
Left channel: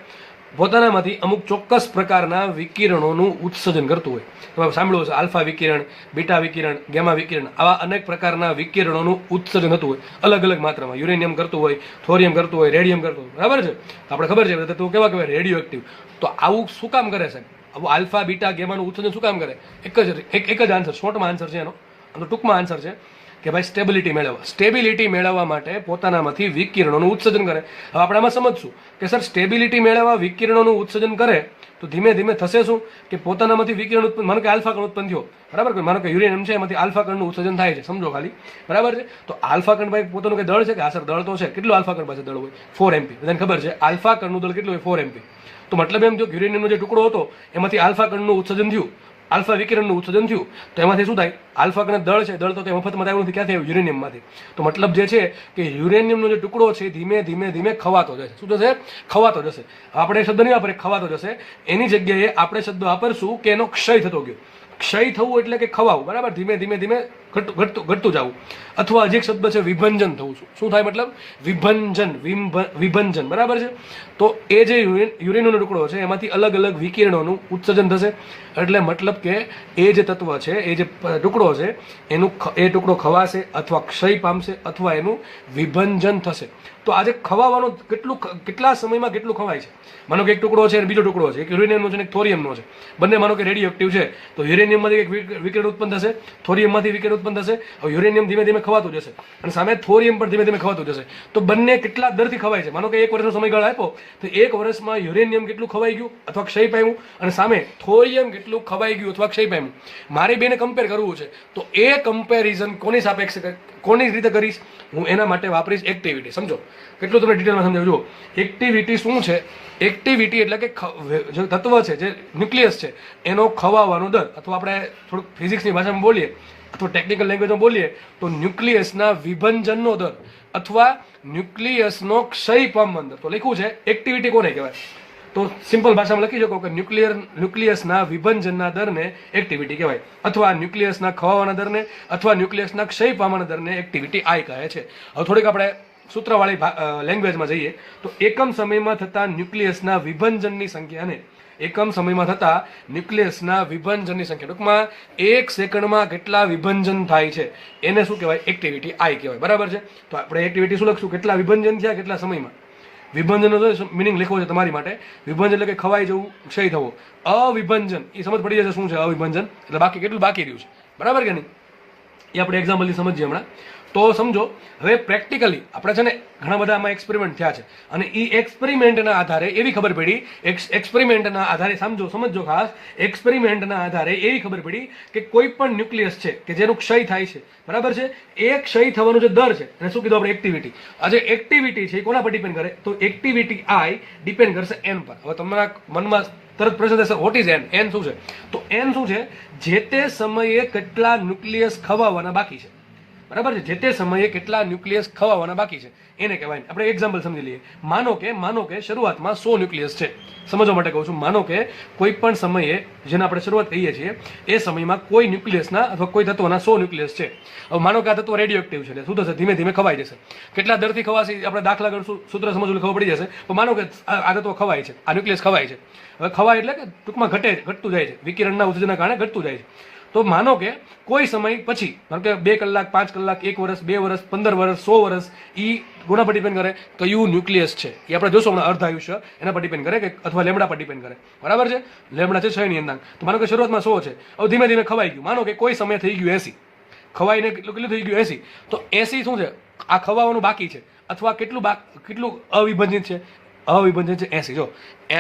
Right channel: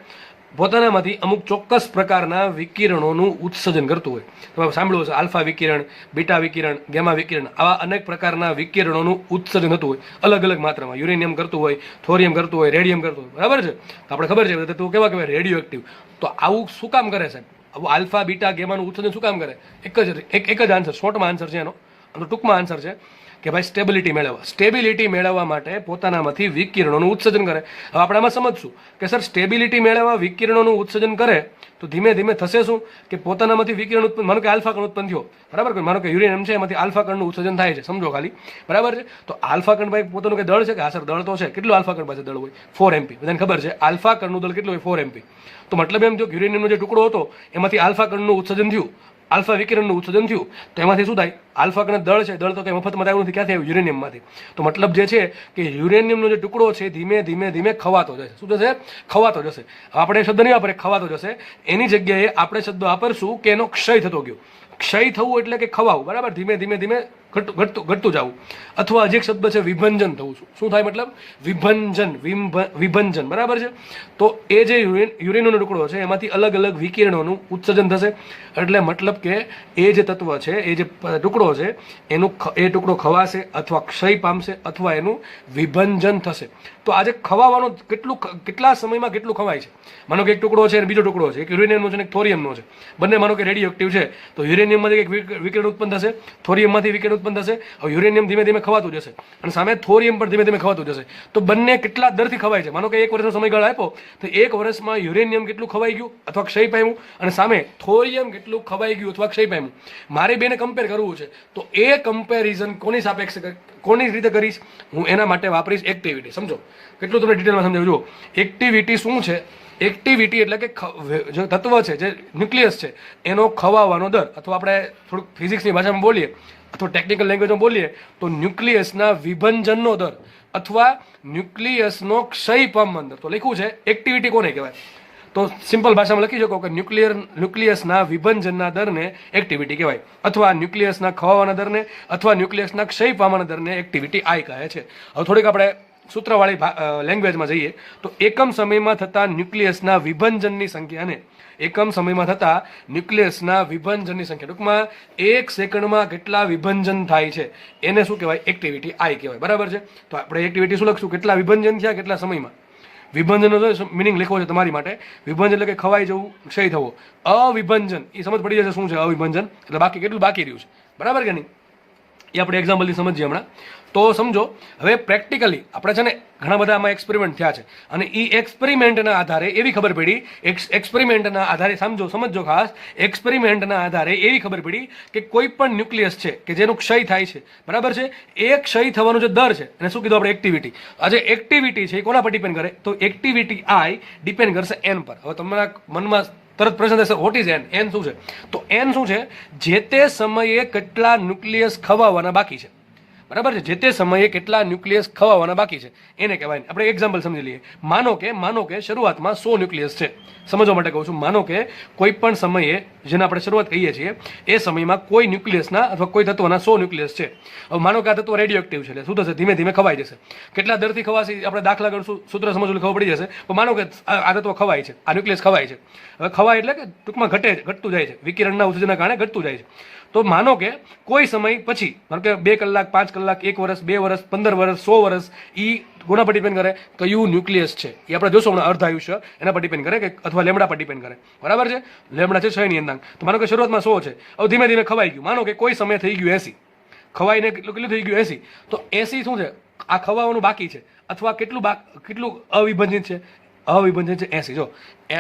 પોતાનામાંથી અમુક ચોક્કસ પ્રકારના વિકિરણોનું ઉત્સર્જન કરતું હોય. તમે સાંભળ્યું હશે આલ્ફા વિકિરણ, બીટા વિકિરણ, ગેમા વિકિરણ, આવા અનેક પ્રકારના વિકિરણોનું ઉત્સર્જન થતું હોય અલગ અલગ માત્રામાં. યુરેનિયમ કરતું હોય, થોરિયમ કરતું હોય, રેડિયમ કરતું હોય, બરાબર છે. તો આપણે ખબર છે તો કેવા કહેવાય રેડિયો એક્ટિવ. તો આવું શું કામ કરે છે? આવું આલ્ફા બીટા ગેમાનું ઉત્સર્જન શું કામ કરે? એક જ આન્સર, શોર્ટમાં આન્સર છે એનો, ટૂંકમાં આન્સર છે કે ભાઈ સ્ટેબિલિટી મેળવવા માટે પોતાનામાંથી વિકિરણોનું ઉત્સર્જન કરે. હવે આપણે આમાં સમજશું કે સર સ્ટેબિલિટી મેળવવા વિકિરણોનું ઉત્સર્જન કરે તો ધીમે ધીમે થશે શું કે પોતાનામાંથી વિકિરણ ઉત્પન્ન, માનો કે આલ્ફા કણ ઉત્પન્ન થયો, બરાબર, માનો કે યુરેનિયમ છે એમાંથી આલ્ફા કણનું ઉત્સર્જન થાય છે, સમજો ખાલી, બરાબર છે. તો આલ્ફા કણ ભાઈ પોતાનું કે દળ છે કે હા સર દળ તો છે. કેટલું આલ્ફા કણ પાસે દળ હોય? 4 MP. બધાને ખબર છે આલ્ફા કણનું દળ કેટલું હોય? 4 MP. તો મતલબ એમ જો યુરેનિયમનો જે ટુકડો હતો એમાંથી આલ્ફા કણનું ઉત્સર્જન થયું, આલ્ફા વિકિરણનું ઉત્સર્જન થયું, તો એમાંથી શું થાય? આલ્ફા કણ દળ છે, દળ તો કંઈ મફતમાં આવ્યું નથી, ક્યાંથી આવ્યું? યુરેનિયમમાંથી. તો મતલબ જે છે કે યુરેનિયમનો જે ટુકડો છે ધીમે ધીમે ધીમે ખવાતો જશે. શું થશે? ખવાતો જશે. આપણે શબ્દ નહીં વાપરે ખવાતો જશે, એની જગ્યાએ આપણે શબ્દ વાપરશું કે એનો ક્ષય થતો ગયો. ક્ષય થવું એટલે કે ખવાવું, બરાબર, ધીમે ધીમે ધીમે ઘટતું જવું. અથવા હજી એક શબ્દ છે વિભંજન થવું. શું થાય? મતલબ વિભંજન, બરાબર છે. તો એ જે યુરેનિયમનો ટુકડો છે એમાંથી અલગ અલગ વિકિરણોનું ઉત્સર્જન થશે. એટલે મતલબ કે એ જે તત્વ છે, એ જે ટુકડો છે એ ટુકડો ખવાશે અથવા ક્ષય પામશે અથવા એનું વિભંજન થશે. તો આજે ખવાવાનો કેટલા સમયમાં કેટલું ખવાય છે? માનો કે એક ટુકડો છે અને બીજો ટુકડો છે, એક યુરેનિયમનો છે અને એક થોરિયમનો છે, બંને માનો કે રેડિયો એક્ટિવ છે. તો યુરેનિયમમાંથી એક વિકિરણ ઉત્પન્ન થશે, થોરિયમમાંથી વિકિરણ ઉત્પન્ન થશે. હવે યુરેનિયમ ધીમે ધીમે ખવાતું જશે અને સામે થોરિયમ પણ ધીમે ધીમે ખવાતું જશે. તો બંને કેટલા દરથી ખવાય છે? માનો કે 1 વર્ષનો સમયગાળો આપ્યો તો 1 વર્ષમાં યુરેનિયમ કેટલું ખવાઈ ગયું અથવા ક્ષય પામ્યું અને સામે થોરિયમ કેટલું ખવાઈ ગયું અથવા ક્ષય પામ્યું. મારે બેને કમ્પેર કરવું છે તો એ કમ્પેરિઝન કોની સાપેક્ષ, કોની રીતે કરીશ? હું એના માટે વાપરીશ એક્ટિવિટી. સમજો કેટલું તમને ડિટેલમાં સમજાવું. જુઓ એક્ટિવિટી શું છે? એક્ટિવિટી એટલે કે જે તત્વ છે, જે ન્યુક્લિયસ છે એનો ખવાવાનો દર, અથવા આપણે થોડુંક ફિઝિક્સની ભાષામાં બોલીએ અથવા ટેકનિકલ લેંગ્વેજમાં બોલીએ તો ન્યુક્લિયસના વિભંજનનો દર અથવા ન્યુક્લિયસનો ક્ષય પામવાનો દર. તો લખ્યું છે એક્ટિવિટી કોને કહેવાય? તો સિમ્પલ ભાષામાં લખી શકો કે ન્યુક્લિયસના વિભંજનના દરને એક્ટિવિટી કહેવાય, અથવા ન્યુક્લિયસના ખવાવાના દરને અથવા ન્યુક્લિયસના ક્ષય પામવાના દરને એક્ટિવિટી આઈ કહે છે. હવે થોડીક આપણે સૂત્રવાળી લેંગ્વેજમાં જઈએ તો એકમ સમયમાં થતા ન્યુક્લિયસના વિભંજનની સંખ્યાને ટૂંકમાં 1 સેકન્ડમાં કેટલા વિભંજન થાય છે એને શું કહેવાય? એક્ટિવિટી આઈ કહેવાય, બરાબર છે. તો આપણે એક્ટિવિટી શું લખશું? કેટલા વિભંજન થયા કેટલા સમયમાં. વિભંજનનો મિનિંગ લખવો છે તમારી માટે. વિભંજન એટલે કે ખવાઈ જવું, ક્ષય થવો. અવિભંજન એ સમજ પડી જશે શું છે અવિભંજન એટલે બાકી કેટલું બાકી રહ્યું છે, બરાબર કે નહીં? એ આપણે એક્ઝામ્પલથી સમજીએ હમણાં. તો સમજો હવે પ્રેક્ટિકલી આપણે છે ને ઘણા બધા આમાં એક્સપેરિમેન્ટ થયા છે અને એ એક્સપેરિમેન્ટના આધારે એવી ખબર પડી, એક્સપેરિમેન્ટના આધારે સમજો ખાસ, એક્સપેરિમેન્ટના આધારે એવી ખબર પડી કે કોઈ પણ ન્યુક્લિયસ છે કે જેનું ક્ષય થાય છે, બરાબર છે, એ ક્ષય થવાનો જે દર છે એને શું કીધું આપણે? એક્ટિવિટી. આજે એક્ટિવિટી છે એ કોના પર ડિપેન્ડ કરે? તો એક્ટિવિટી આઈ ડિપેન્ડ કરશે એન પર. હવે તમારા મનમાં તરત પ્રશ્ન થશે વોટ ઇઝ એન? એન શું છે? તો એન શું છે? જે તે સમયે કેટલા ન્યુક્લિયસ ખવાવાના બાકી છે, બરાબર છે, જે તે સમયે કેટલા ન્યુક્લિયસ ખવાવાના બાકી છે એને કહેવાય. આપણે એક્ઝામ્પલ સમજી લઈએ. માનો કે શરૂઆતમાં 100 ન્યુક્લિયસ છે. સમજવા માટે કહું છું. માનો કે કોઈ પણ સમયે જેને આપણે શરૂઆત કહીએ છીએ એ સમયમાં કોઈ ન્યુક્લિયસના અથવા કોઈ તત્વના 100 ન્યુક્લિયસ છે. હવે માનો કે આ તત્વ રેડિયો એક્ટિવ છે એટલે શું થશે? ધીમે ધીમે ખવાઈ જશે. કેટલા દરથી ખવાશે આપણે દાખલા કરશું, સૂત્ર સમજવું ખબર પડી જશે. તો માનો કે આ તત્વ ખવાય છે, આ ન્યુક્લિયસ ખવાય છે. હવે ખવાય એટલે કે ટૂંકમાં ઘટતું જાય છે, વિકિરણના ઉત્સર્જનના કારણે ઘટતું જાય છે. તો માનો કે કોઈ સમય પછી, માનો કે 2 કલાક, 5 કલાક, 1 વર્ષ, 2 વર્ષ, 15 વર્ષ, 100 વર્ષ, એ કોના પર ડિપેન્ડ કરે? કયું ન્યુક્લિયસ છે એ આપણે જોશું હમણાં. અર્ધ આયુષ્ય એના પર ડિપેન્ડ કરે કે અથવા લેમડા પર ડિપેન્ડ કરે, બરાબર છે. લેમડા છે 6 ની અંદાંક. તો માનો કે શરૂઆતમાં 100 છે, હવે ધીમે ધીમે ખવાઈ ગયું. માનો કે કોઈ સમય થઈ ગયું 80, ખવાઈને કેટલું થઈ ગયું? 80. તો 80 શું છે? આ ખવાવાનું બાકી છે અથવા કેટલું અવિભંજિત છે? અવિભંજિત છે 80. જો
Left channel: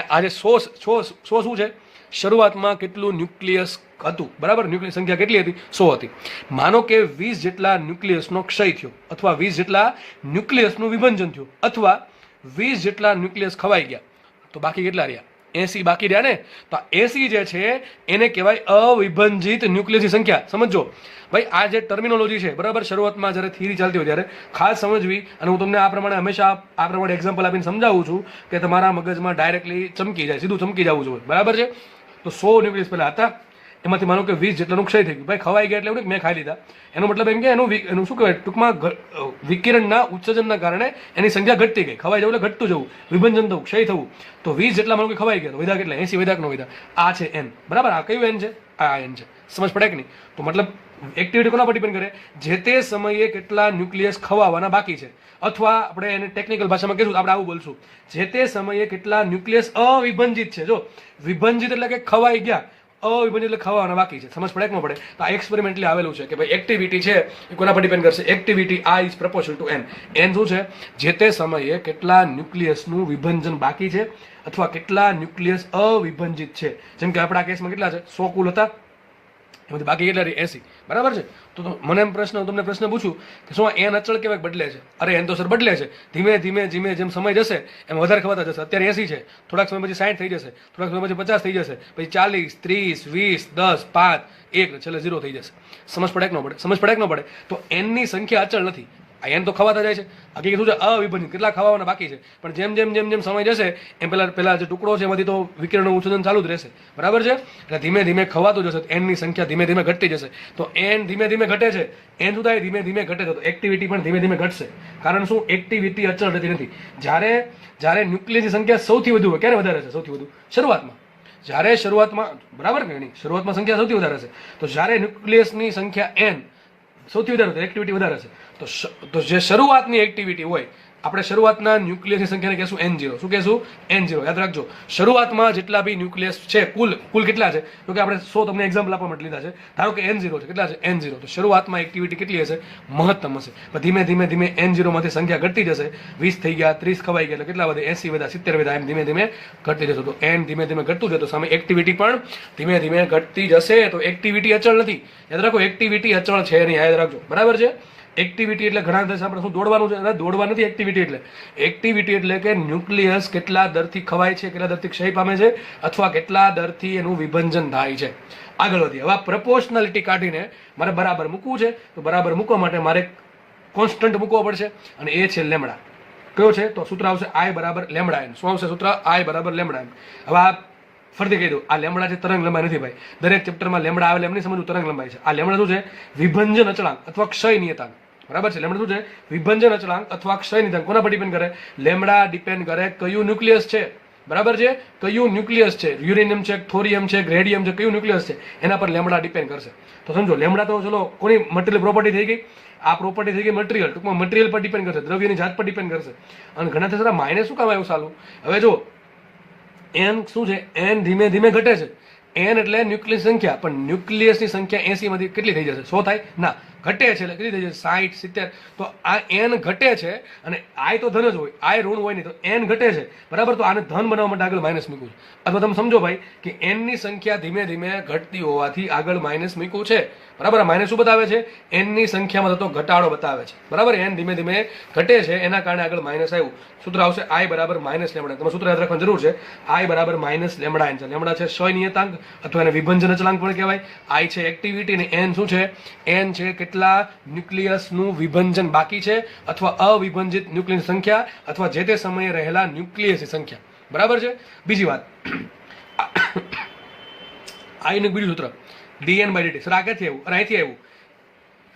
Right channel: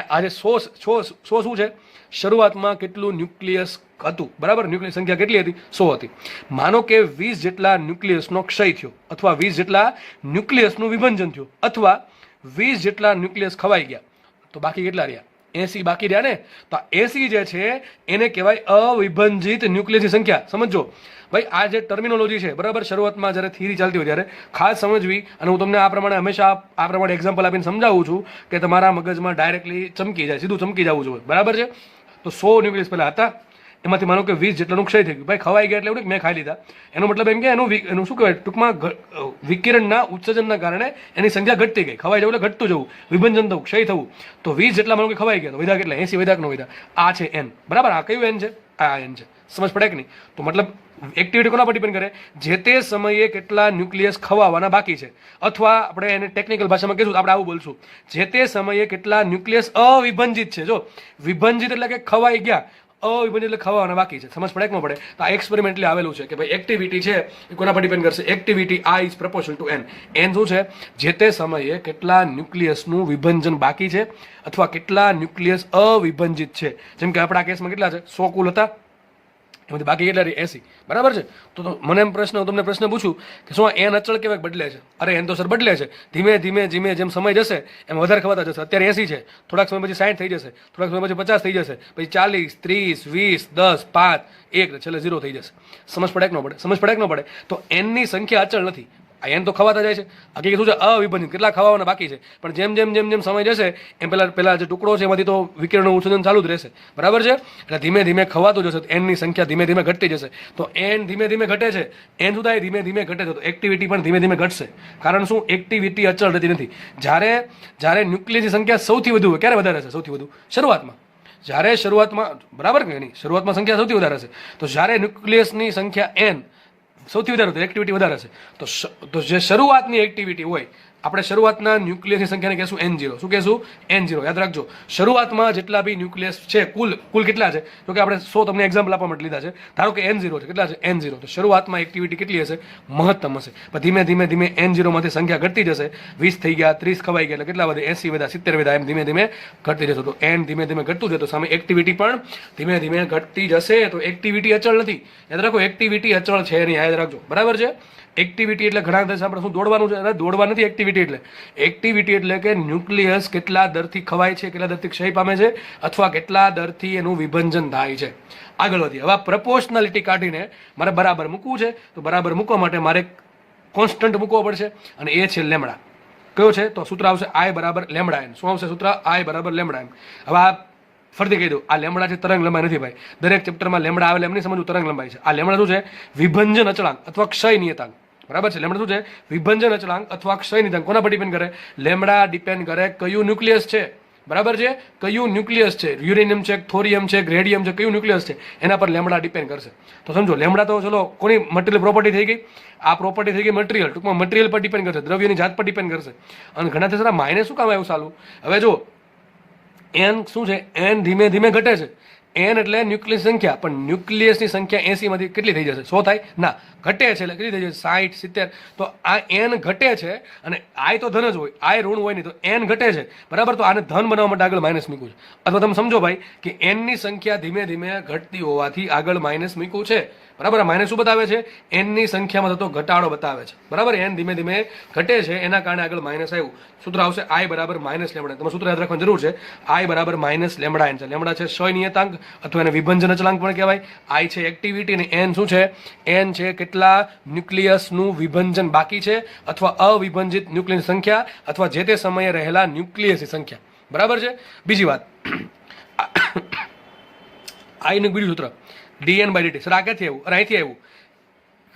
આજે 100 શું છે? શરૂઆતમાં કેટલું ન્યુક્લિયસ હતું, બરાબર? ન્યુક્લિયસ સંખ્યા કેટલી હતી? 100 હતી. માનો કે 20 જેટલા ન્યુક્લિયસનો ક્ષય થયો અથવા 20 જેટલા ન્યુક્લિયસનું વિભંજન થયું અથવા 20 જેટલા ન્યુક્લિયસ ખવાઈ ગયા, તો બાકી કેટલા રહ્યા? 80 બાકી રહ્યા ને. તો 80 જે છે એને કહેવાય અવિભંજિત ન્યુક્લિયસની સંખ્યા. સમજો ભાઈ, આ જે ટર્મિનોલોજી છે, બરાબર, શરૂઆતમાં જ્યારે થિયરી ચાલતી હોય ત્યારે ખાસ સમજવી. અને હું તમને આ પ્રમાણે હંમેશા આ પ્રમાણે એક્ઝામ્પલ આપીને સમજાવું છું કે તમારા મગજમાં ડાયરેક્ટલી ચમકી જાય, સીધું ચમકી જવું જોઈએ, બરાબર છે. તો 100 ન્યુક્લિયસ પહેલા હતા, એમાંથી માનો કે 20 જેટલાનું ક્ષય થઈ ગયું. ભાઈ ખવાઈ ગયા એટલે એવું નહીં કે મેં ખાઈ લીધા, એનો મતલબ એમ કે એનું શું કહેવાય, ટૂંકમાં વિકિરણના ઉત્સર્જનના કારણે એની સંખ્યા ઘટતી ગઈ. ખવાઈ જવું એટલે ઘટતું જવું, વિભંજન થવું, ક્ષય થવું. તો 20 જેટલા માનો કે ખવાઈ ગયા, વધ્યા કેટલા, 80 વધ્યા કે ન વધ્યા, આ છે n. બરાબર, આ કયું n છે, આ n છે. સમજ પડે કે નહીં? તો મતલબ એક્ટિવિટી કોના પર ડિપેન્ડ કરે, જે તે સમયે કેટલા ન્યુક્લિયસ ખવાવાના બાકી છે, અથવા આપણે એને ટેકનિકલ ભાષામાં કહીશું, આપણે આવું બોલશું, જે તે સમયે કેટલા ન્યુક્લિયસ અવિભંજિત છે. જો વિભંજિત એટલે કે ખવાઈ ગયા, અવિભંજિત એટલે ખવાવાના બાકી છે. સમજ પડે કે ન પડે? તો આ એક્સપેરિમેન્ટલી આવેલું છે કે ભાઈ એક્ટિવિટી છે એ કોના પર ડિપેન્ડ કરશે, activity I is proportional two n. n શું છે, જે તે સમયે કેટલા ન્યુક્લિયસનું વિભંજન બાકી છે અથવા કેટલા ન્યુક્લિયસ અવિભંજિત છે. જેમ કે આપણા કેસમાં કેટલા છે, 100 કુલ હતા, એમાંથી બાકી કેટલા રહી, 80. બરાબર છે. તો મને એમ તમને પ્રશ્ન પૂછું કે શું n અચળ કેવાય બદલે છે? અરે n તો સર બદલે છે, ધીમે ધીમે જેમ સમય જશે એમ વધારે ખવાતા જશે. અત્યારે 80 છે, થોડાક સમય પછી 60 થઈ જશે, થોડાક સમય પછી 50 થઈ જશે, પછી 40, 30, 20, 10, 5, 1, છેલ્લે 0 થઈ જશે. સમજ પડે કે ન પડે? સમજ પડે કે ન પડે? તો n ની સંખ્યા અચળ નથી, આ n તો ખવાતા જાય છે. હકીકત શું છે, અવિભંજિત કેટલા ખવાવાના બાકી છે. પણ જેમ સમય જશે એમ પેલા જે ટુકડો છે એમાંથી તો વિકિરણનું ઉત્સર્જન ચાલુ જ રહેશે. બરાબર છે. એટલે ધીમે ધીમે ખવાતું જશે, n ની સંખ્યા ધીમે ધીમે ઘટતી જશે. તો n ધીમે ધીમે ઘટે છે, n શું થાય, ધીમે ધીમે ઘટે છે, તો એક્ટિવિટી પણ ધીમે ધીમે ઘટશે. કારણ શું, એક્ટિવિટી અચળ રહેતી નથી. જ્યારે ન્યુક્લિયસની સંખ્યા સૌથી વધુ હોય, ક્યારે વધારે છે સૌથી વધુ? શરૂઆતમાં. જ્યારે શરૂઆતમાં, બરાબર કે નહીં, શરૂઆતમાં સંખ્યા સૌથી વધારે છે. તો જ્યારે ન્યુક્લિયસની સંખ્યા n સૌથી વધારે તો એક્ટિવિટી વધારે છે. તો જે શરૂઆતની એક્ટિવિટી હોય, આપણે શરૂઆતના ન્યુક્લિયસની સંખ્યાને કહેશું n0. શું કહેશું? n0. યાદ રાખજો, શરૂઆતમાં જેટલા બી ન્યુક્લિયસ છે કુલ કેટલા છે, તો કે આપણે 100 તમને એક્ઝામ્પલ આપવા માટે લીધા છે. ધારો કે n0 છે, કેટલા છે, n0. તો શરૂઆતમાં એક્ટિવિટી કેટલી હશે, મહત્તમ હશે. પણ ધીમે ધીમે n0 માંથી સંખ્યા ઘટતી જશે. 20 થઈ ગયા, 30 ખવાઈ ગયા, એટલે કેટલા વધે, 80 વધ્યા, 70 વધ્યા, એમ ધીમે ધીમે ઘટતી જશે. તો n ધીમે ધીમે ઘટતું જશે, તો સામે એક્ટિવિટી પણ ધીમે ધીમે ઘટતી જશે. તો એક્ટિવિટી અચળ નથી. યાદ રાખો, એક્ટિવિટી અચળ છે નહીં, યાદ રાખજો. બરાબર છે. એક્ટિવિટી એટલે ઘણા દિવસ આપણે શું દોડવાનું છે, દોડવા નથી. એક્ટિવિટી એટલે કે ન્યુક્લિયસ કેટલા દરથી ખવાય છે, કેટલા દરથી ક્ષય પામે છે, અથવા કેટલા દરથી એનું વિભંજન થાય છે. આગળ વધીએ. હવે પ્રપોર્શનાલિટી કાઢીને મારે બરાબર મૂકવું છે, તો બરાબર મૂકવા માટે મારે કોન્સ્ટન્ટ મૂકવો પડશે, અને એ છે લેમડા. કયો છે? તો સૂત્ર આવશે I બરાબર લેમડા n. શું આવશે સૂત્ર? I બરાબર લેમડા n. હવે આ ફરીથી કહી દઉં, આ લેમડા છે તરંગ લંબાઈ નથી ભાઈ. દરેક ચેપ્ટરમાં લેમડા આવે એમ નહીં સમજવું, તરંગ લંબાઈ છે. આ લેમડા શું છે? વિભંજન અચળાંક અથવા ક્ષય નિયતાંક. બરાબર છે. લેમડા શું છે? વિભંજન અચળાંક અથવા ક્ષય નિયતાંક. કોના પર ડિપેન્ડ કરે? લેમડા ડિપેન્ડ કરે કયું ન્યુક્લિયસ છે. બરાબર છે. કયું ન્યુક્લિયસ છે, યુરેનિયમ છે, થોરિયમ છે, રેડિયમ છે, કયું ન્યુક્લિયસ છે, એના પર લેમડા ડિપેન્ડ કરશે. તો સમજો, લેમડા તો ચલો કોની મટીરિયલ પ્રોપર્ટી થઈ ગઈ, આ પ્રોપર્ટી થઈ ગઈ મટીરિયલ. ટૂંકમાં મટીરિયલ પર ડિપેન્ડ કરશે, દ્રવ્યની જાત પર ડિપેન્ડ કરશે. અને ઘણા થશે માઇનસ શું કામ આવ્યું સાલું? હવે જો n શું છે, n ધીમે ધીમે ઘટે છે. n એટલે ન્યુક્લિયસ સંખ્યા, પણ ન્યુક્લિયસની સંખ્યા 80 માંથી કેટલી થઈ જશે, 100 થાય ના, ઘટે છે એટલે કેટલી થઈ જશે, 60, 70. તો આ n ઘટે છે, અને I તો ધન જ હોય, I ઋણ હોય નહીં, તો n ઘટે છે. બરાબર. તો આને ધન બનાવવા માટે આગળ માઇનસ મૂક્યું છે. અથવા તમે સમજો ભાઈ કે n ની સંખ્યા ધીમે ધીમે ઘટતી હોવાથી આગળ માઇનસ મૂક્યું છે. બરાબર. આ માઇનસ શું બતાવે છે? n ની સંખ્યામાં થતો ઘટાડો બતાવે છે. બરાબર. n ધીમે ધીમે ઘટે છે, એના કારણે આગળ માઇનસ આવ્યું. સૂત્ર આવશે I બરાબર માઇનસ લેમડા. તમારે સૂત્ર યાદ રાખવાની જરૂર છે. I બરાબર માઇનસ લેમડા n છે. લેમડા છે ક્ષય નિયતાંક અથવા એને વિભંજન અચળાંક પણ કહેવાય. I છે એક્ટિવિટી, અને n શું છે? n છે કેટલા ન્યુક્લિયસનું વિભંજન બાકી છે, અથવા અવિભંજિત ન્યુક્લિયસ સંખ્યા, અથવા જે તે સમયે રહેલા ન્યુક્લિયસની સંખ્યા. બરાબર છે. બીજી વાત, I નું બીજું સૂત્ર dn/dt. સર આ ક્યાંથી આવ્યું? અરે અહીંથી આવ્યું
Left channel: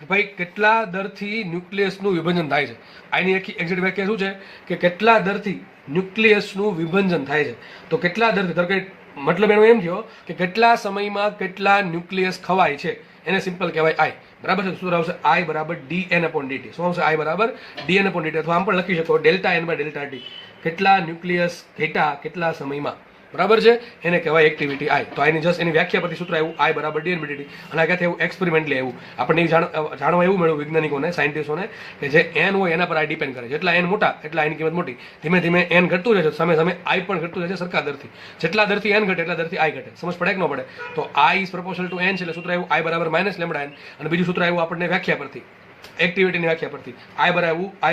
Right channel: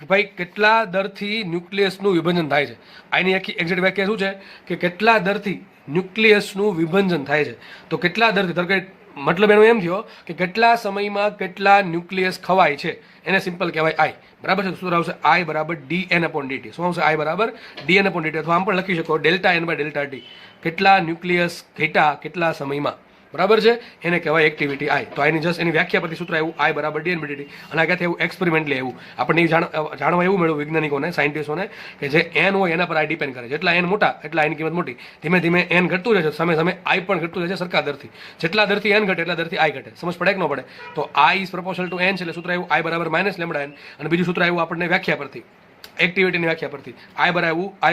ભાઈ, કેટલા દરથી ન્યુક્લિયસનું વિભંજન થાય છે. આની આખી એક્ઝેક્ટ વ્યાખ્યા શું છે કે કેટલા દરથી ન્યુક્લિયસનું વિભંજન થાય છે. તો કેટલા દરથી, ધારો કે મતલબ એનો એમ થયો કે કેટલા સમયમાં કેટલા ન્યુક્લિયસ ખવાય છે, એને સિમ્પલ કહેવાય I. બરાબર છે. સૂત્ર આવશે I બરાબર dn/dt. શું આવશે? I બરાબર dn/dt. અથવા આમ પણ લખી શકો ΔN/ΔT. કેટલા ન્યુક્લિયસ ઘટ્યા કેટલા સમયમાં. બરાબર છે. એને કહેવાય એક્ટિવિટી I. તો આની જસ્ટ એની વ્યાખ્યા પરથી સૂત્ર આવ્યું I બરાબર dn/dt. અને આ ક્યાંથી એવું એક્સપેરિમેન્ટલી આવ્યું, આપણને જાણવા એવું મળ્યું વૈજ્ઞાનિકોને, સાયન્ટિસ્ટોને, કે જે n હોય એના પર I ડિપેન્ડ કરે. જેટલા n મોટા એટલા એની કિંમત મોટી. ધીમે ધીમે n ઘટતું રહે છે, સામે સામે I પણ ઘટતું રહે છે સરખા દરથી. જેટલા દરથી n ઘટે એટલા દરથી I ઘટે. સમજ પડે કે ન પડે? તો I is proportional two n છે, એટલે સૂત્ર આવ્યું I બરાબર માઇનસ લેમડા n. અને બીજું સૂત્ર આવ્યું આપણને વ્યાખ્યા પરથી, એક્ટિવિટીની વ્યાખ્યા પરથી. I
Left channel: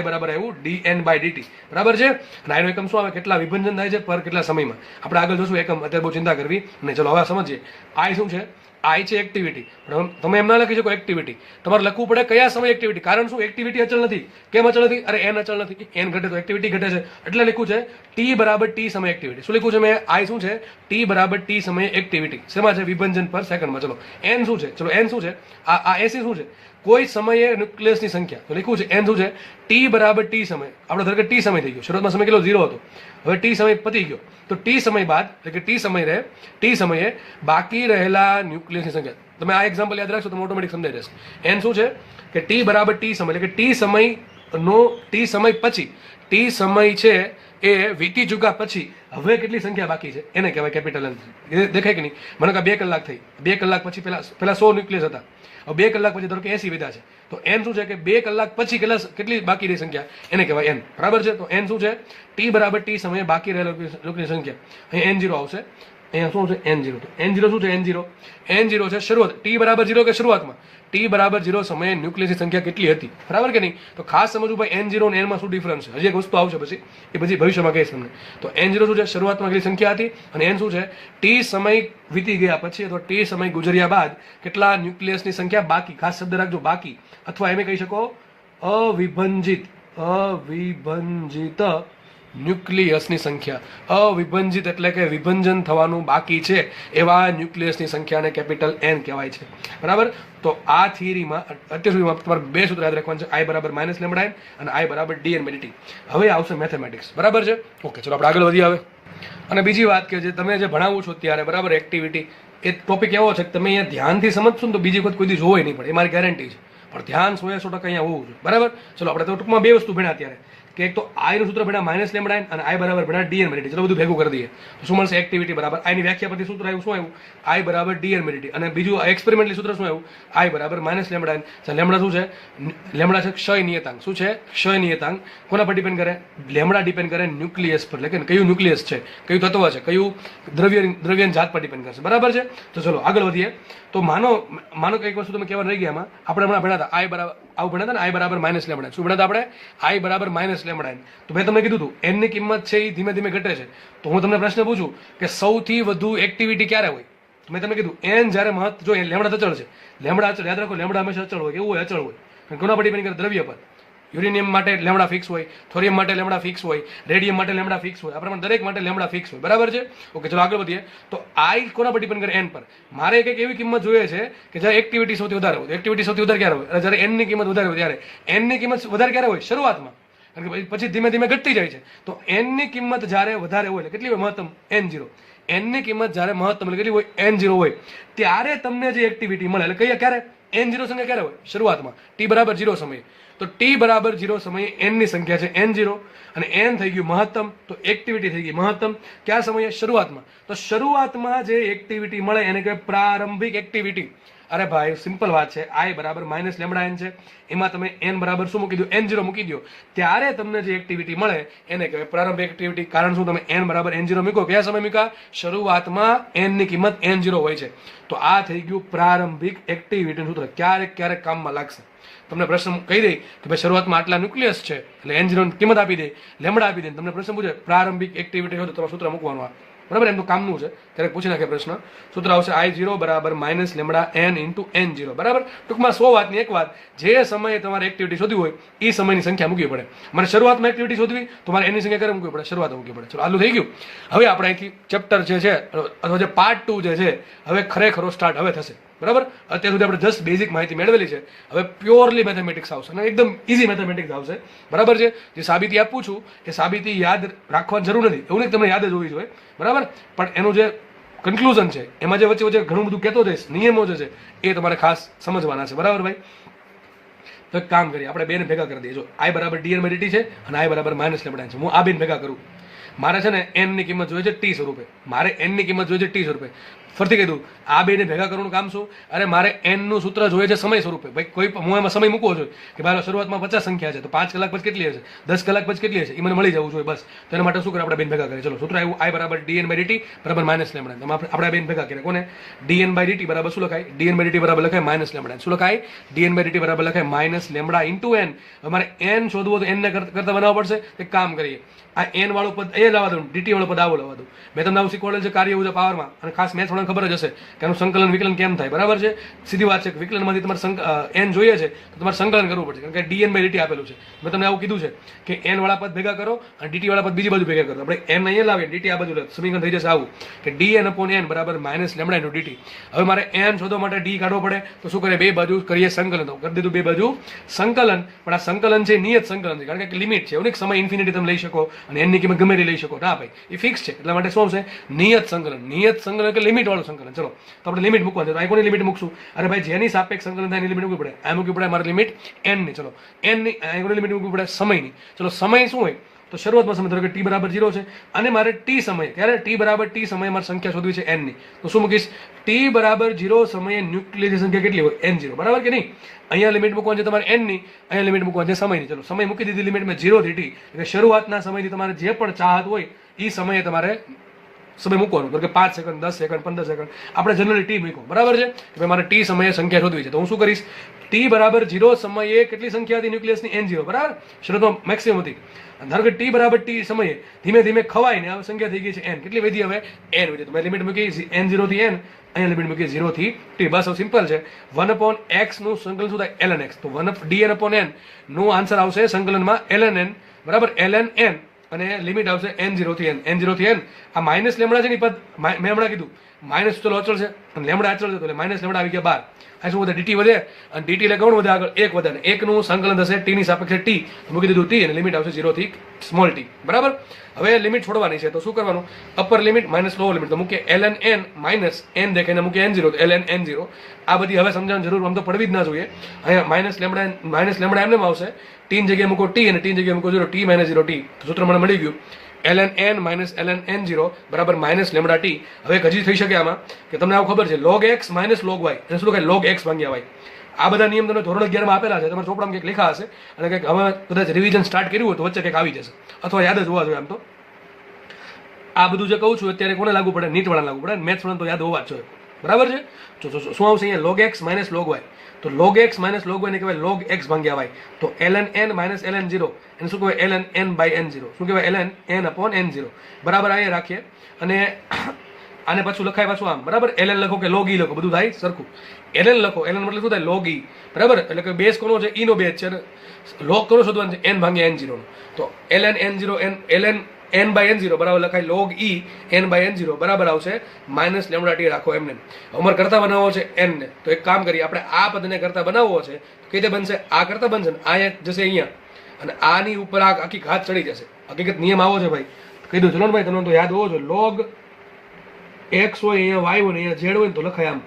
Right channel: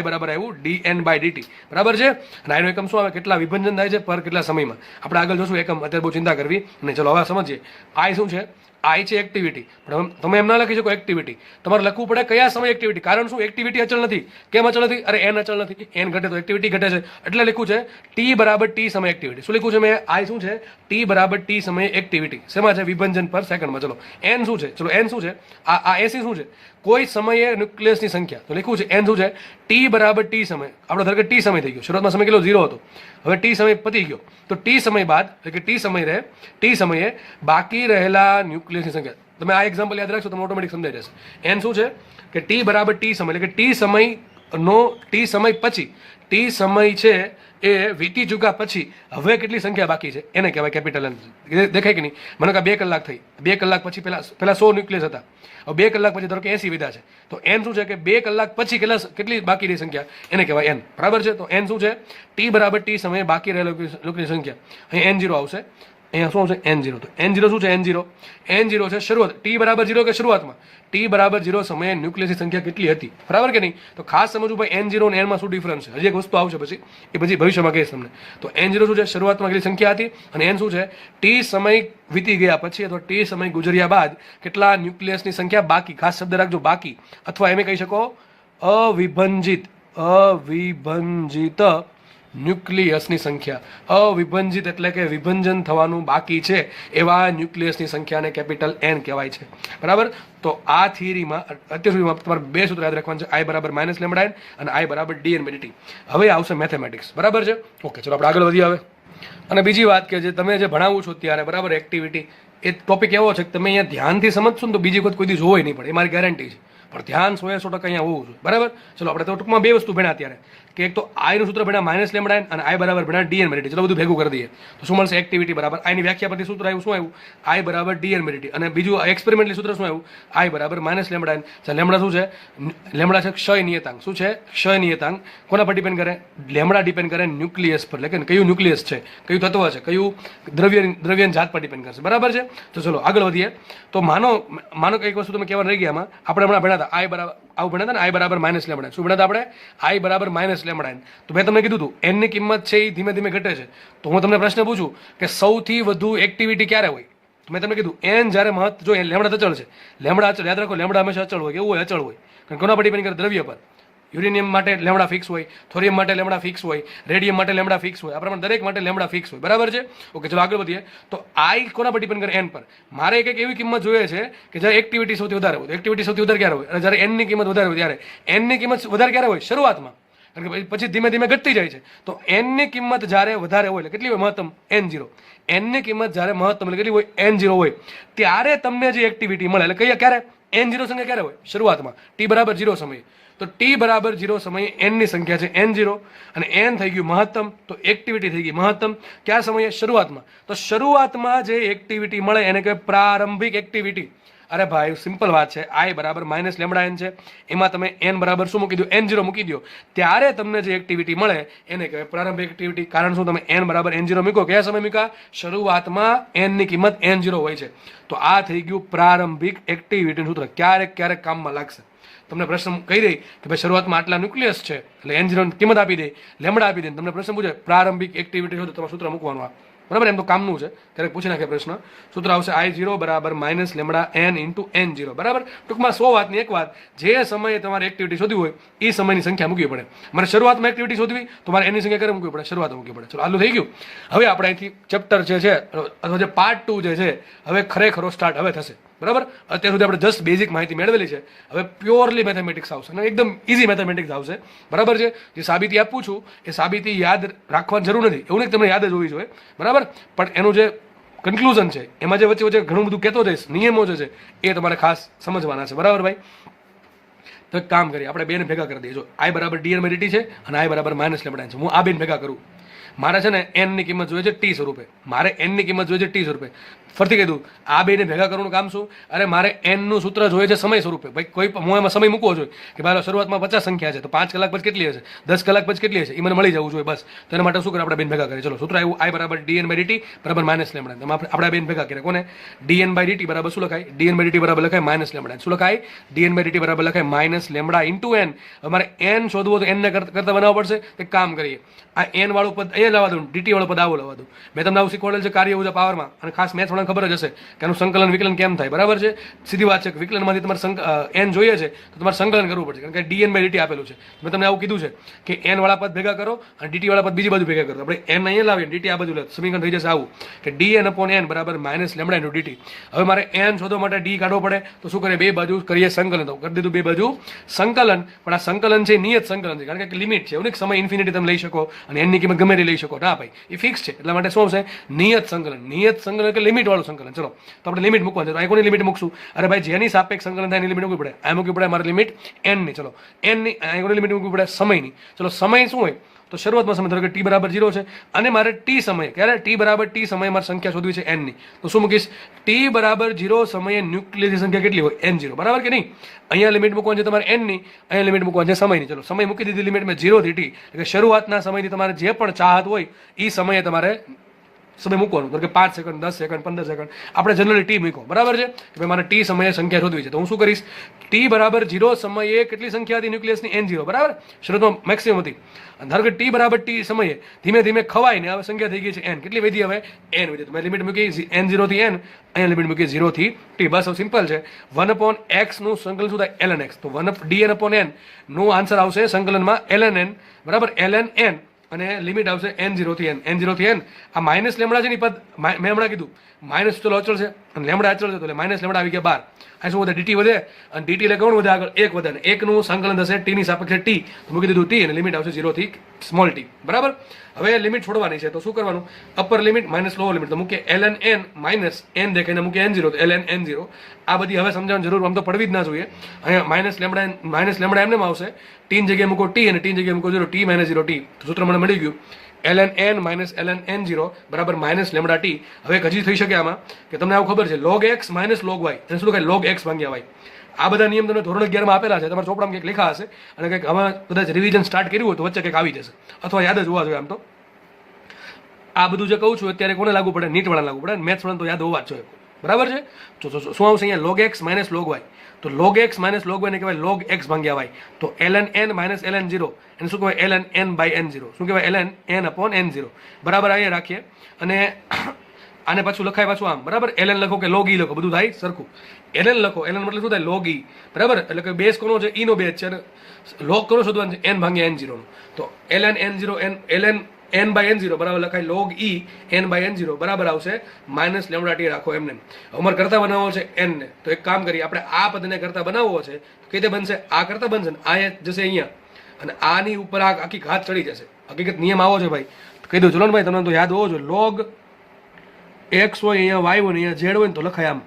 બરાબર આવ્યું dn/dt. બરાબર છે. અને આનો એકમ શું આવે? કેટલા વિભંજન થાય છે પર કેટલા સમયમાં. આપણે આગળ જોશું એકમ, અત્યારે બહુ ચિંતા કરવી નહીં. ચલો હવે સમજીએ. I શું છે? આઈ છે એક્ટિવિટી, પણ તમે એમ ના લખી શકો એક્ટિવિટી, તમારે લખવું પડે કયા સમય એક્ટિવિટી. કારણ શું? એક્ટિવિટી અચળ નથી. કેમ અચળ નથી? અરે એન અચળ નથી, એન ઘટે તો એક્ટિવિટી ઘટે છે. એટલે લખ્યું છે ટી બરાબર ટી સમય એક્ટિવિટી. શું લખ્યું છે મેં? આઈ શું છે? ટી બરાબર ટી સમય એક્ટિવિટી. શેમાં છે? વિભંજન પર સેકન્ડમાં. ચલો એન શું છે? ચલો એન શું છે? આ એસી શું છે? કોઈ સમયે ન્યુક્લિયસની સંખ્યા. તો લખ્યું છે એન શું છે? ટી બરાબર ટી સમય. આપણો ધારો કે ટી સમય થઈ ગયો, શરૂઆતમાં સમય કેટલો? 0 હતો. હવે ટી સમય પતી ગયો, તો ટી સમય બાદ એટલે કે ટી સમયે બાકી રહેલા ન્યુક્લિયસની સંખ્યા. તમે આ એક્ઝામ્પલ યાદ રાખશો તો ઓટોમેટિક સમજાઈ જશે. એન શું છે? કે ટી બરાબર ટી સમય એટલે કે ટી સમય પછી, ટી સમય છે એ વીતી ચૂક્યા પછી હવે કેટલી સંખ્યા બાકી છે એને કહેવાય કેપિટલ એન. દેખાય કે નહીં? મને કહે 2 કલાક થઈ, 2 કલાક પછી પેલા 100 ન્યુક્લિયસ હતા, હવે 2 કલાક પછી ધારો કે 80 વિધા છે, તો એન શું છે? કે 2 કલાક પછી કેટલી બાકી રહી સંખ્યા એને કહેવાય એન. બરાબર છે? તો એન શું છે? ટી બરાબર ટી સમયે બાકી રહેલા લોકોની સંખ્યા. અહીં એન 0 આવશે. અહીંયા શું છે? એન 0. તો એન 0 શું છે? એન 0 છે શરૂઆત. ટી બરાબર 0 કે શરૂઆતમાં? ટી બરાબર 0 સમયે ન્યુક્લિયસની સંખ્યા કેટલી હતી? બરાબર કે નહીં? તો ખાસ સમજવું ભાઈ એન 0 અને એનમાં શું ડિફરન્સ છે. હજી એક વસ્તુ આવશે પછી, એ પછી ભવિષ્યમાં કહીશ તમને. તો એન 0 શું છે? શરૂઆતમાં કેટલી સંખ્યા હતી. અને એન શું છે? ટી સમય વીતી ગયા પછી અથવા ટી સમય ગુજર્યા બાદ કેટલા ન્યુક્લિયસની સંખ્યા બાકી. ખાસ શબ્દ રાખજો, બાકી. અથવા એમ કહી શકો અવિભંજિત ન્યુક્લિયસની સંખ્યા. અવિભંજિત એટલે કે વિભંજન થવાનું બાકી છે એવા ન્યુક્લિયસની સંખ્યાને કેપિટલ એન કહેવાય છે. બરાબર? તો આ થિયરીમાં અત્યાર સુધીમાં તમારે 2 સૂત્ર યાદ રાખવાનું છે, આઈ બરાબર માઇનસ લેમડા એન અને આઈ બરાબર ડીએન બાય ડીટી. હવે આવશે મેથેમેટિક્સ. બરાબર છે? ઓકે, ચલો આપણે આગળ વધીએ હવે. અને બીજી વાત કે જે તમે જે ભણાવું છો ત્યારે બરાબર એક્ટિવિટી, એ ટોપિક એવો છે કે તમે અહીંયા ધ્યાનથી સમજશો ને તો બીજી વખત કોઈ દી જોવાય નહીં પડે, એ મારી ગેરંટી છે. પણ ધ્યાન 100% અહીંયા હોવું જોઈએ. બરાબર? ચલો આપણે તો ટૂંકમાં 2 વસ્તુ ભણ્યા અત્યારે, કે એક તો આઈનું સૂત્ર ભણ્યા માઇનસ લેમડા એન અને આઈ બરાબર ભણ્યા ડીએન બાય ડીટી. ચલો બધું ભેગું કરી દઈએ તો શું મળશે? એક્ટિવિટી બરાબર આઈની વ્યાખ્યા પરથી સૂત્ર આવ્યું. શું આવ્યું? આઈ બરાબર ડીએન બાય ડીટી. અને બીજું એક્સપેરિમેન્ટલી સૂત્ર શું આવ્યું? આઈ બરાબર માઇનસ લેમડા એન. લેમડા શું છે? લેમડા છે ક્ષય નિયતાંક. શું છે? ક્ષય નિયતાંક. કોના પર ડિપેન્ડ કરે? લેમડા ડિપેન્ડ કરે ન્યુક્લિયસ પર, એટલે કે કયું ન્યુક્લિયસ છે, કયું તત્વ છે, કયું દ્રવ્ય જાત પર ડિપેન્ડ કરશે. બરાબર છે? તો ચલો આગળ વધીએ. તો માનો કે એક વસ્તુ તમે કહેવાનું રહી ગયા આમાં, આપણે હમણાં ભણ્યા હતા આઈ બરાબર આવું ભણ્યા હતા ને, આઈ બરાબર માઇનસ લેમડા. શું ભણ્યા હતા આપણે? આઈ બરાબર માઇનસ લેમડા એન. તો મેં તમને કીધું હતું એનની કિંમત છે એ ધીમે ધીમે ઘટે છે. તો હું તમને પ્રશ્ન પૂછું કે સૌથી વધુ એક્ટિવિટી ક્યારે હોય? મેં તમને કીધું એન જ્યારે જો લેમડા અચળ છે, લેમડા અચળ, યાદ રાખો લેમડા હંમેશા અચળ હોય. કેવું હોય? અચળ હોય. કોના પર ડિપેન્ડ કરે? દ્રવ્ય પર. યુરેનિયમ માટે લેમડા ફિક્સ હોય, થોરિયમ માટે લેમડા ફિક્સ હોય, રેડિયમ માટે લેમડા ફિક્સ હોય, આ પ્રમાણે દરેક માટે લેમડા ફિક્સ હોય. બરાબર છે? ઓકે, ચલો આગળ વધીએ. તો આઈ કોના પર ડિપેન્ડ કરે? એન પર. મારે એક એવી કિંમત જોઈએ છે કે જ્યારે એક્ટિવિટી સૌથી વધારે હોય. એક્ટિવિટી સૌથી વધારે ક્યારે હોય? અને જ્યારે એનની કિંમત વધારે હોય ત્યારે. એનની કિંમત વધારે ક્યારે હોય? શરૂઆતમાં. કારણ કે પછી ધીમે ધીમે ઘટતી જાય છે. તો એનની કિંમત જ્યારે વધારે હોય એટલે કેટલી હોય? મહત્તમ N0. એનની કિંમત જ્યારે મહત્તમ એટલે કેટલી હોય? N0 હોય ત્યારે તમને જે એક્ટિવિટી મળે એટલે કહીએ ક્યારે? N0 સંખ્યા ક્યારે હોય? શરૂઆતમાં. ટી બરાબર 0 સમયે. તો ટી બરાબર 0 સમયે એનની સંખ્યા છે N0 અને એન થઈ ગયું મહત્તમ. તો એક્ટિવિટી થઈ ગઈ મહત્તમ. કયા સમયે? શરૂઆતમાં. તો શરૂઆતમાં જે એક્ટિવિટી મળે એને કહેવાય પ્રારંભિક એક્ટિવિટી. અરે ભાઈ સિમ્પલ વાત છે. આઈ બરાબર માઇનસ લેમડા એન છે, એમાં તમે એન બરાબર શું મૂકી દો? N0 મૂકી દો, ત્યારે તમને જે એક્ટિવિટી મળે એને કહેવાય પ્રારંભિક એક્ટિવિટી. કારણ શું? તમે એન બરાબર N0 મૂકો. કયા સમય મૂકા? શરૂઆતમાં એનની કિંમત N0 હોય છે. તો આ થઈ ગયું પ્રારંભિક એક્ટિવિટીનું સૂત્ર. ક્યારેક ક્યારેક કામમાં લાગશે. તમને પ્રશ્ન કહી દઈ કે ભાઈ શરૂઆતમાં આટલા ન્યુક્લિયસ છે એટલે N0 ની કિંમત આપી દે, લેમડા આપી દે, તમને પ્રશ્ન પૂછે પ્રારંભિક એક્ટિવિટી હોય તો તમારે સૂત્ર મૂકવાનું આ. બરાબર? એમ તો કામનું છે, ક્યારેક પૂછી નાખે પ્રશ્ન. સૂત્ર આવશે I0 બરાબર minus lambda N into N0. બરાબર? ટૂંકમાં 100 વાતની એક વાત, જે સમયે તમારે એક્ટિવિટી શોધવી હોય એ સમયની સંખ્યા મૂકવી પડે. મારે શરૂઆતમાં એક્ટિવિટી શોધવી તો મારે એની સંખ્યા ક્યારે મૂકવી પડે? શરૂઆતમાં મૂકવી પડે. ચલો આટલું થઈ ગયું. હવે આપણે અહીંથી ચેપ્ટર જે છે અથવા જે પાર્ટ 2 જે છે હવે ખરેખરો સ્ટાર્ટ હવે થશે. બરાબર? અત્યાર સુધી આપણે જસ્ટ બેઝિક માહિતી મેળવેલી છે. હવે પ્યોરલી મેથેમેટિક્સ આવશે અને એકદમ ઇઝી મેથેમેટિક્સ આવશે. બરાબર છે? જે સાબિતી આપું છું એ સાબિતી યાદ રાખવાની જરૂર નથી, એવું નહીં તમને યાદ જ હોવી જોઈએ. બરાબર? પણ એનું જે કન્ક્લુઝન છે એમાં જે વચ્ચે વચ્ચે ઘણું બધું કહેતો જઈશ, નિયમો જે છે એ તમારે ખાસ સમજવાના છે. બરાબર ભાઈ? તો એક કામ કરીએ, આપણે બેને ભેગા કરી દઈએ. જો આઈ બરાબર ડીએન બાય ડીટી છે અને આઈ બરાબર માઇનસ લેમડા છે. હું આ બેન ભેગા કરું. મારે છે ને એનની કિંમત જોઈએ છે ટી સ્વરૂપે. મારે એનની કિંમત જોઈએ છે ટી સ્વરૂપે. ફરીથી કહી દઉં, આ બેને ભેગા કરવાનું કામ શું? અરે મારે એનનું સૂત્ર જોઈએ છે સમય સ્વરૂપે. ભાઈ કોઈ હું એમાં સમય મૂકવો જોઈએ કે ભાઈ શરૂઆતમાં 50 સંખ્યા છે તો 5 કલાક પછી કેટલી હશે, 10 કલાક પછી કેટલી હશે, એ મને મળી જવું જોઈએ. બસ તો એના માટે શું કરે? આપણે બેન ભેગા કરીએ. ચલો સૂત્ર આવ્યું આઈ બરાબર ડીએન બાય ડીટી બરાબર માઇનસ લેમડા. આપણે બેન ભેગા કરીએ. કોને? ડીએન બાય ડીટી બરાબર શું લખાય? ડીએન બાય ડીટી બરાબર લખાય માઇનસ લેમડા. શું લખાય? ડીએન બાય ડીટી બરાબર લખાય માઇનસ લેમડા ઇન્ટુ એન. અમારે એન શોધવો તો એનને કરતા બનાવવા પડશે. એક કામ કરીએ, આ એન વાળું પદ એ લાવવા દઉં, ડીટી વાળું પદ આવું લાવવા દઉં. મેં તમને આવું શીખવાડેલ છે કાર્ય ઉર્જા પાવરમાં, અને ખાસ મેથ્સ વાળાને ખબર જ હશે કે આનું સંકલન વિકલન કેમ થાય, બરાબર છે. સીધી વાત છે કે વિકલનમાંથી તમારે એન જોઈએ છે તો તમારે સંકલન કરવું પડશે, કારણ કે dn બાય dt આપેલું છે. મેં તમને આવું કીધું છે કે n વાળા પદ ભેગા કરો અને dt વાળા પદ બીજી બાજુ ભેગા કરો. આપણે n અહીંયા લાવીએ, dt આ બાજુ લાવીએ, સમીકરણ થઈ જશે આવું કે dn upon n બરાબર માઇનસ લેમડા ઇન્ટુ dt. હવે મારે n શોધવા માટે d કાઢવો પડે તો શું કરીએ, બે બાજુ કરીએ સંકલન. તો કરી દીધું બે બાજુ સંકલન, પણ આ સંકલન છે નિયત સંકલન છે, કારણ કે લિમિટ છે, એવું સમય ઇન્ફિનિટી તમે લઈ શકો અને n ની કિંમત ગમે તે લઈ શકો. ના ભાઈ, એ ફિક્સ છે, એટલા માટે શું છે નિયત સંકલન. નિયત સંકલન એટલે લિમિટ વાળું સંકલન. ચલો તો આપણે લિમિટ મૂકવાની છે, તો કોની લિમિટ મૂકશું? અરે ભાઈ, જેની સાપેક્ષ સંકલન થાય એની લિમિટ મૂકવી પડે. આ મૂકવી પડે મારી લિમિટ n ની. ચલો n ની કોની લિમિટ મૂકવી પડે? સમયની. ચલો સમય શું હોય તો શરૂઆતમાં સમય ધરો કે t બરાબર 0 છે અને મારે t સમય, ક્યારે t બરાબર t સમયે મારે સંખ્યા શોધવી છે n ની. તો શું મૂકીશ? t બરાબર 0 સમયે ન્યુક્લિયસની સંખ્યા કેટલી હોય? n0, બરાબર કે નહીં? અહીંયા લિમિટ મૂકવાની છે તમારે n ની, અહીંયા લિમિટ મૂકવાની છે સમયની. ચલો સમય મૂકી દીધી લિમિટ મેં 0 થી t, એટલે શરૂઆતના સમયથી તમારે જે પણ ચાહત હોય એ સમયે તમારે સમય મૂકવાનું. કારણ કે 5 સેકન્ડ, 10 સેકન્ડ, 15 સેકન્ડ, આપણે જનરલી ટી મૂકો, બરાબર છે. કે મારે ટી સમયે સંખ્યા શોધવી છે, તો હું શું કરીશ? ટી બરાબર 0 સમયે કેટલી સંખ્યા હતી ન્યુક્લિયસની? n0, બરાબર. શરૂઆતમાં મેક્સિમમ હતી. ધારો કે ટી બરાબર ટી સમયે ધીમે ધીમે ખવાય ને હવે સંખ્યા થઈ ગઈ છે n. કેટલી વધી? હવે n વધી. તો મેં લિમિટ મૂકી n0 થી n, અહીંયા લિમિટ મૂકી 0 થી t. બસ સિમ્પલ છે. 1/x નું સંકલન શું થાય? ln x. તો dn upon n નું આન્સર આવશે સંકલનમાં ln n, બરાબર. ln n અને લિમિટ આવશે n0 થી n. n0 થી n આ માઇનસ લેમડા છે ને પદ મેં હમણાં કીધું માઇનસ તો અચળ છે અને લેમડા અચળ છે, તો માઇનસ લેમડા આવી ગયા 12. આ શું વધે? dt વધે, અને dt એટલે કોણ વધે? આગળ 1 વધે, અને 1 નું સંકલન થશે t ની સાપેક્ષે t. મૂકી દીધું t અને લિમિટ આવશે 0 થી સ્મોલ t, બરાબર. હવે લિમિટ છોડવાની છે, તો શું કરવાનું? Upper limit minus lower limit. તો મૂકે ln n માઇનસ n દેખાઈને મૂકે n0, તો ln n0. આ બધી હવે સમજાવવાની જરૂર આમ તો પડવી જ ના જોઈએ. અહીંયા માઇનસ લેમડા એમને આવશે, t ની જગ્યાએ મૂકો t અને t ની જગ્યાએ મૂકો 0, t માઇનસ 0 t. સૂત્ર મને મળી ગયું. ln n minus ln n0 બરાબર માઇનસ લેમડા t. હવે એક હજી થઈ શકે આમાં કે તમને આવું ખબર છે log x minus log y, અને શું લખાય? log x ભાગ્યા y. આ બધા નિયમ તમને ધોરણ 11 માં આપેલા છે, તમારા ચોપડામાં કંઈક લખ્યા હશે, અને કંઈક હવે કદાચ રિવિઝન સ્ટાર્ટ કર્યું હોય તો વચ્ચે કંઈક આવી જશે, અથવા યાદ જ હોવા જોઈએ. આમ તો આ બધું જે કહું છું અત્યારે કોને લાગુ પડે? નીટ વાળા લાગુ પડે, મેથ્સ વાળા તો યાદ હોવા જ જોઈએ, બરાબર છે. તો શું આવશે અહીંયા? log x minus log y. તો log x minus log y ને કહેવાય log x ભાગ્યા y. તો ln n માઇનસ ln 0 એને શું કહેવાય? ln n by n0. શું કહેવાય? ln n upon n0, બરાબર. અહીંયા રાખીએ અને આને પાછું લખાય પાછું આમ, બરાબર. ln લખો કે log e લખો, બધું થાય સરખું. ln લખો, ln મતલબ શું થાય? log e, બરાબર. એટલે કે બેઝ કોનો છે? e નો બેઝ છે, log કોનો શોધવાનું છે? n ભાગ્યા n0 નો. તો ln n0 ln n by n0 બરાબર લખાય log e n by n0 બરાબર આવશે માઇનસ લેમડા ટી. રાખો એમને. અમારે કરતા બનાવવો છે n ને, તો એક કામ કરીએ, આપણે આ પદને કરતા બનાવવો છે, કઈ રીતે બનશે? આ કરતા બનશે ને આ જશે અહીંયા, અને આની ઉપર આ આખી ઘાત ચડી જશે. હકીકત નિયમ આવો છે ભાઈ, કહી દઉં. ચલો ને ભાઈ, તમને તો યાદ હોવો જોઈએ. log x હોય, અહીંયા y હોય ને અહીંયા z હોય ને તો લખાય આમ,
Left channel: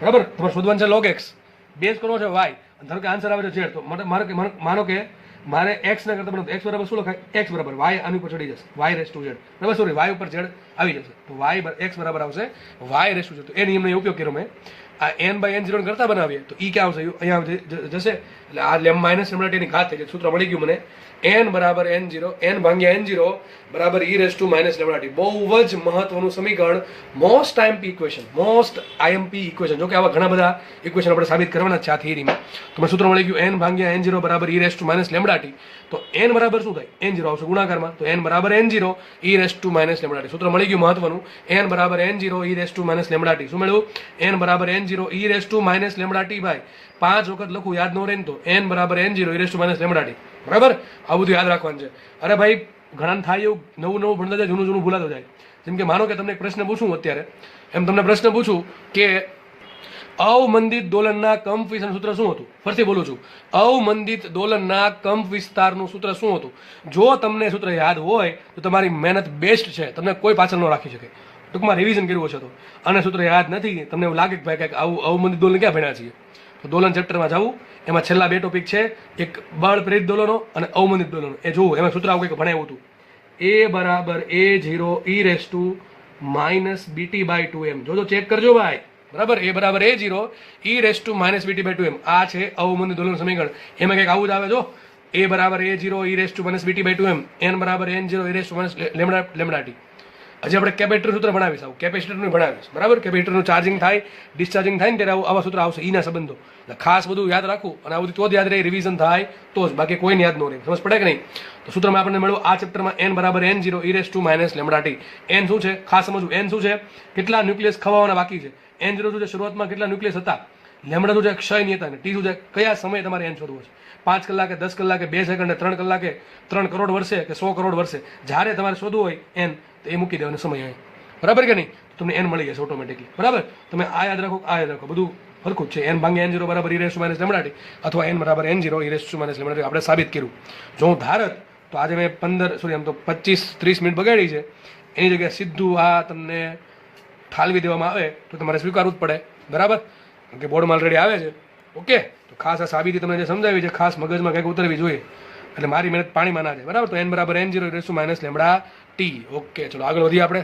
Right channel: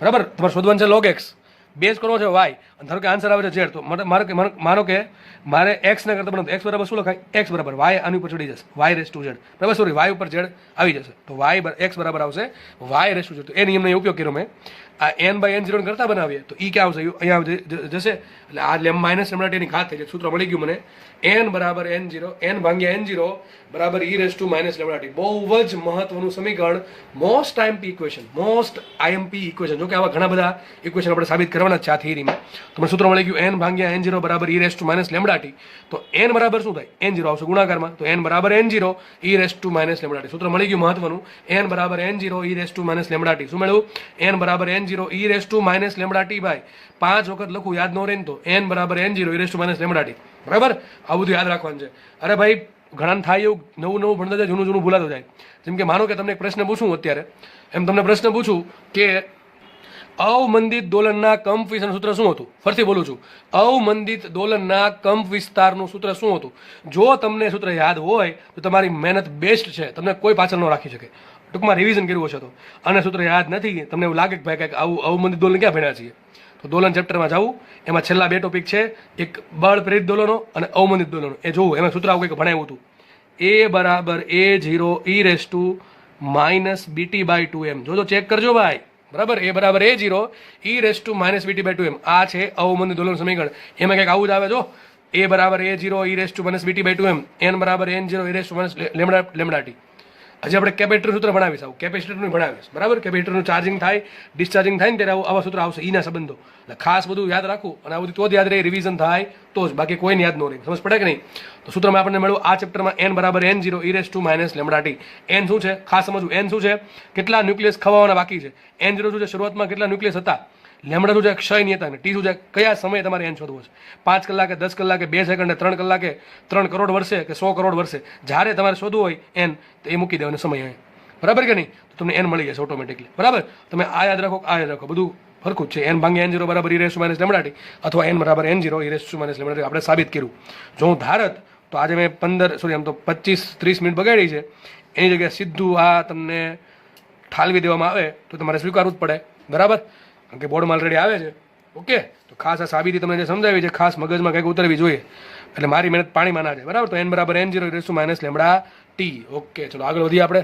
બરાબર. તમારે શોધવાનું છે log x, બેઝ કરવો છે y, અને ધારો કે આન્સર આવે છે z. તો માનો કે મારે x ને કરતા બનાવવું, x બરાબર શું લખાય? x બરાબર y આની ઉપર ચડી જશે, y રેસ ટુ z, બરાબર. સોરી, y ઉપર z આવી જશે, તો x બરાબર આવશે y રેસ ટુ z. તો એ નિયમનો ઉપયોગ કર્યો મેં. આ n બાય n0 કરતા બનાવીએ તો ઈ ક્યાં આવશે? અહીંયા જશે, એટલે આ માઇનસ લેમડા ટી ની ઘાત થઈ જાય. સૂત્ર મળી ગયું મને. n બરાબર n0, n ભાગ્યા n0 બરાબર e raise to minus lambda T. બહુ જ મહત્વનું સમીકરણ, most IMP equation, most IMP equation. જો કે આવા ઘણા બધા ઇક્વેશન આપણે સાબિત કરવાના છે આ થિયરીમાં. તમને સૂત્ર મળી ગયું n ભાગ્યા n0 બરાબર e raise to minus lambda T. તો n બરાબર શું થાય? n0 આવશે ગુણાકારમાં, તો n બરાબર n0 e raise to minus lambda T. સૂત્ર મળી ગયું મહત્વનું. n બરાબર n0 e raise to minus lambda T. શું મળ્યું? n બરાબર n0 e raise to minus lambda T. ભાઈ 5 વખત લખું, યાદ ન રહે ને તો n બરાબર n0 e raise to minus lambda T, બરાબર. આ બધું યાદ રાખવાનું છે. અરે ભાઈ, ઘણા થાય એવું નવું ભણતા જાય, જૂનું ભૂલાતું જાય. જેમ કે માનો કે તમને એક પ્રશ્ન પૂછું અત્યારે, એમ તમને પ્રશ્ન પૂછું કે અવમંદિત દોલનના કંપ વિસ્તારનું સૂત્ર શું હતું? ફરીથી બોલું છું, અવમંદિત દોલનના કંપ વિસ્તારનું સૂત્ર શું હતું? જો તમને સૂત્ર યાદ હોય તો તમારી મહેનત બેસ્ટ છે, તમને કોઈ પાછળ ન રાખી શકે. ટૂંકમાં રિવિઝન કર્યું છે તો, અને સૂત્ર યાદ નથી, તમને એવું લાગે કે ભાઈ કંઈક આવું અવમંદિત દોલન ક્યાં ભણ્યા છીએ, તો દોલન ચેપ્ટરમાં જવું. એમાં છેલ્લા 2 ટોપિક છે, એક બળ પ્રેરિત દોલનો અને અવમંદિત દોલનો. એ જોવું, એમાં સૂત્ર આવું કંઈક ભણાવ્યું હતું. a બરાબર a0 e raise to minus bt by 2m. જો ચેક કરજો ભાઈ, બરાબર. a બરાબર a0 e raise to minus bt by 2m. આ છે અવમંદિત દોલન સમીકરણ. એમાં કંઈક આવું જ આવે. જો a બરાબર a0 e raise to minus bt by 2m, n બરાબર n0 e raise to minus lambda T. હજી આપણે કેપેસિટર સૂત્ર ભણાવીશ, આવું કેપેસિટરનું ભણાવીશ, બરાબર. કેપેસિટરનું ચાર્જિંગ થાય, ડિસ્ચાર્જિંગ થાય ને ત્યારે આવા સૂત્ર આવશે, ઈના સંબંધો. એટલે ખાસ બધું યાદ રાખવું, અને આ બધું તો જ યાદ રહે, રિવિઝન થાય તો જ, બાકી કોઈને યાદ ન રહે. સમજ પડે કે નહીં? તો સૂત્રમાં આપણને મળ્યું આ ચેપ્ટરમાં n બરાબર n0 e raise to minus lambda T. n શું છે ખાસ સમજવું, n શું છે, કેટલા ન્યુક્લિયસ ખવાવાના બાકી છે. n0 શું છે, શરૂઆતમાં કેટલા ન્યુક્લિયસ હતા. લેમડા શું છે, ક્ષય નહીં હતા. ટી શું છે, કયા સમયે તમારે n શોધવો છે. 5 કલાકે, 10 કલાકે, 2 સેકન્ડે, 3 કલાકે, 3 કરોડ વર્ષે કે 100 કરોડ વર્ષે, જ્યારે તમારે શોધવું હોય n, તો એ મૂકી દેવાનો સમય અહીં, બરાબર કે નહીં? તો તમને n મળી જશે ઓટોમેટિકલી, બરાબર. તમે આ યાદ રાખો, આ યાદ રાખો, બધું સરખું જ છે. n ભાગ્યા n0 બરાબર e raise to minus lambda T, અથવા n બરાબર n0 e raise to minus lambda T આપણે સાબિત કર્યું. જો હું ધારત તો આજે મેં 25-30 મિનિટ બગાડી છે, એની જગ્યાએ સીધું આ તમને ઠાલવી દેવામાં આવે તો તમારે સ્વીકારવું જ પડે, બરાબર, કારણ કે બોર્ડમાં ઓલરેડી આવે છે. ઓકે, તો ખાસ આ સાબિતી તમને જે સમજાવી છે, ખાસ મગજમાં કંઈક ઉતરવી જોઈએ, એટલે મારી મહેનત પાણીમાં ના જાય, બરાબર. તો n બરાબર n0 e raise to minus lambda T. Okay, ચલો આગળ વધીએ આપણે.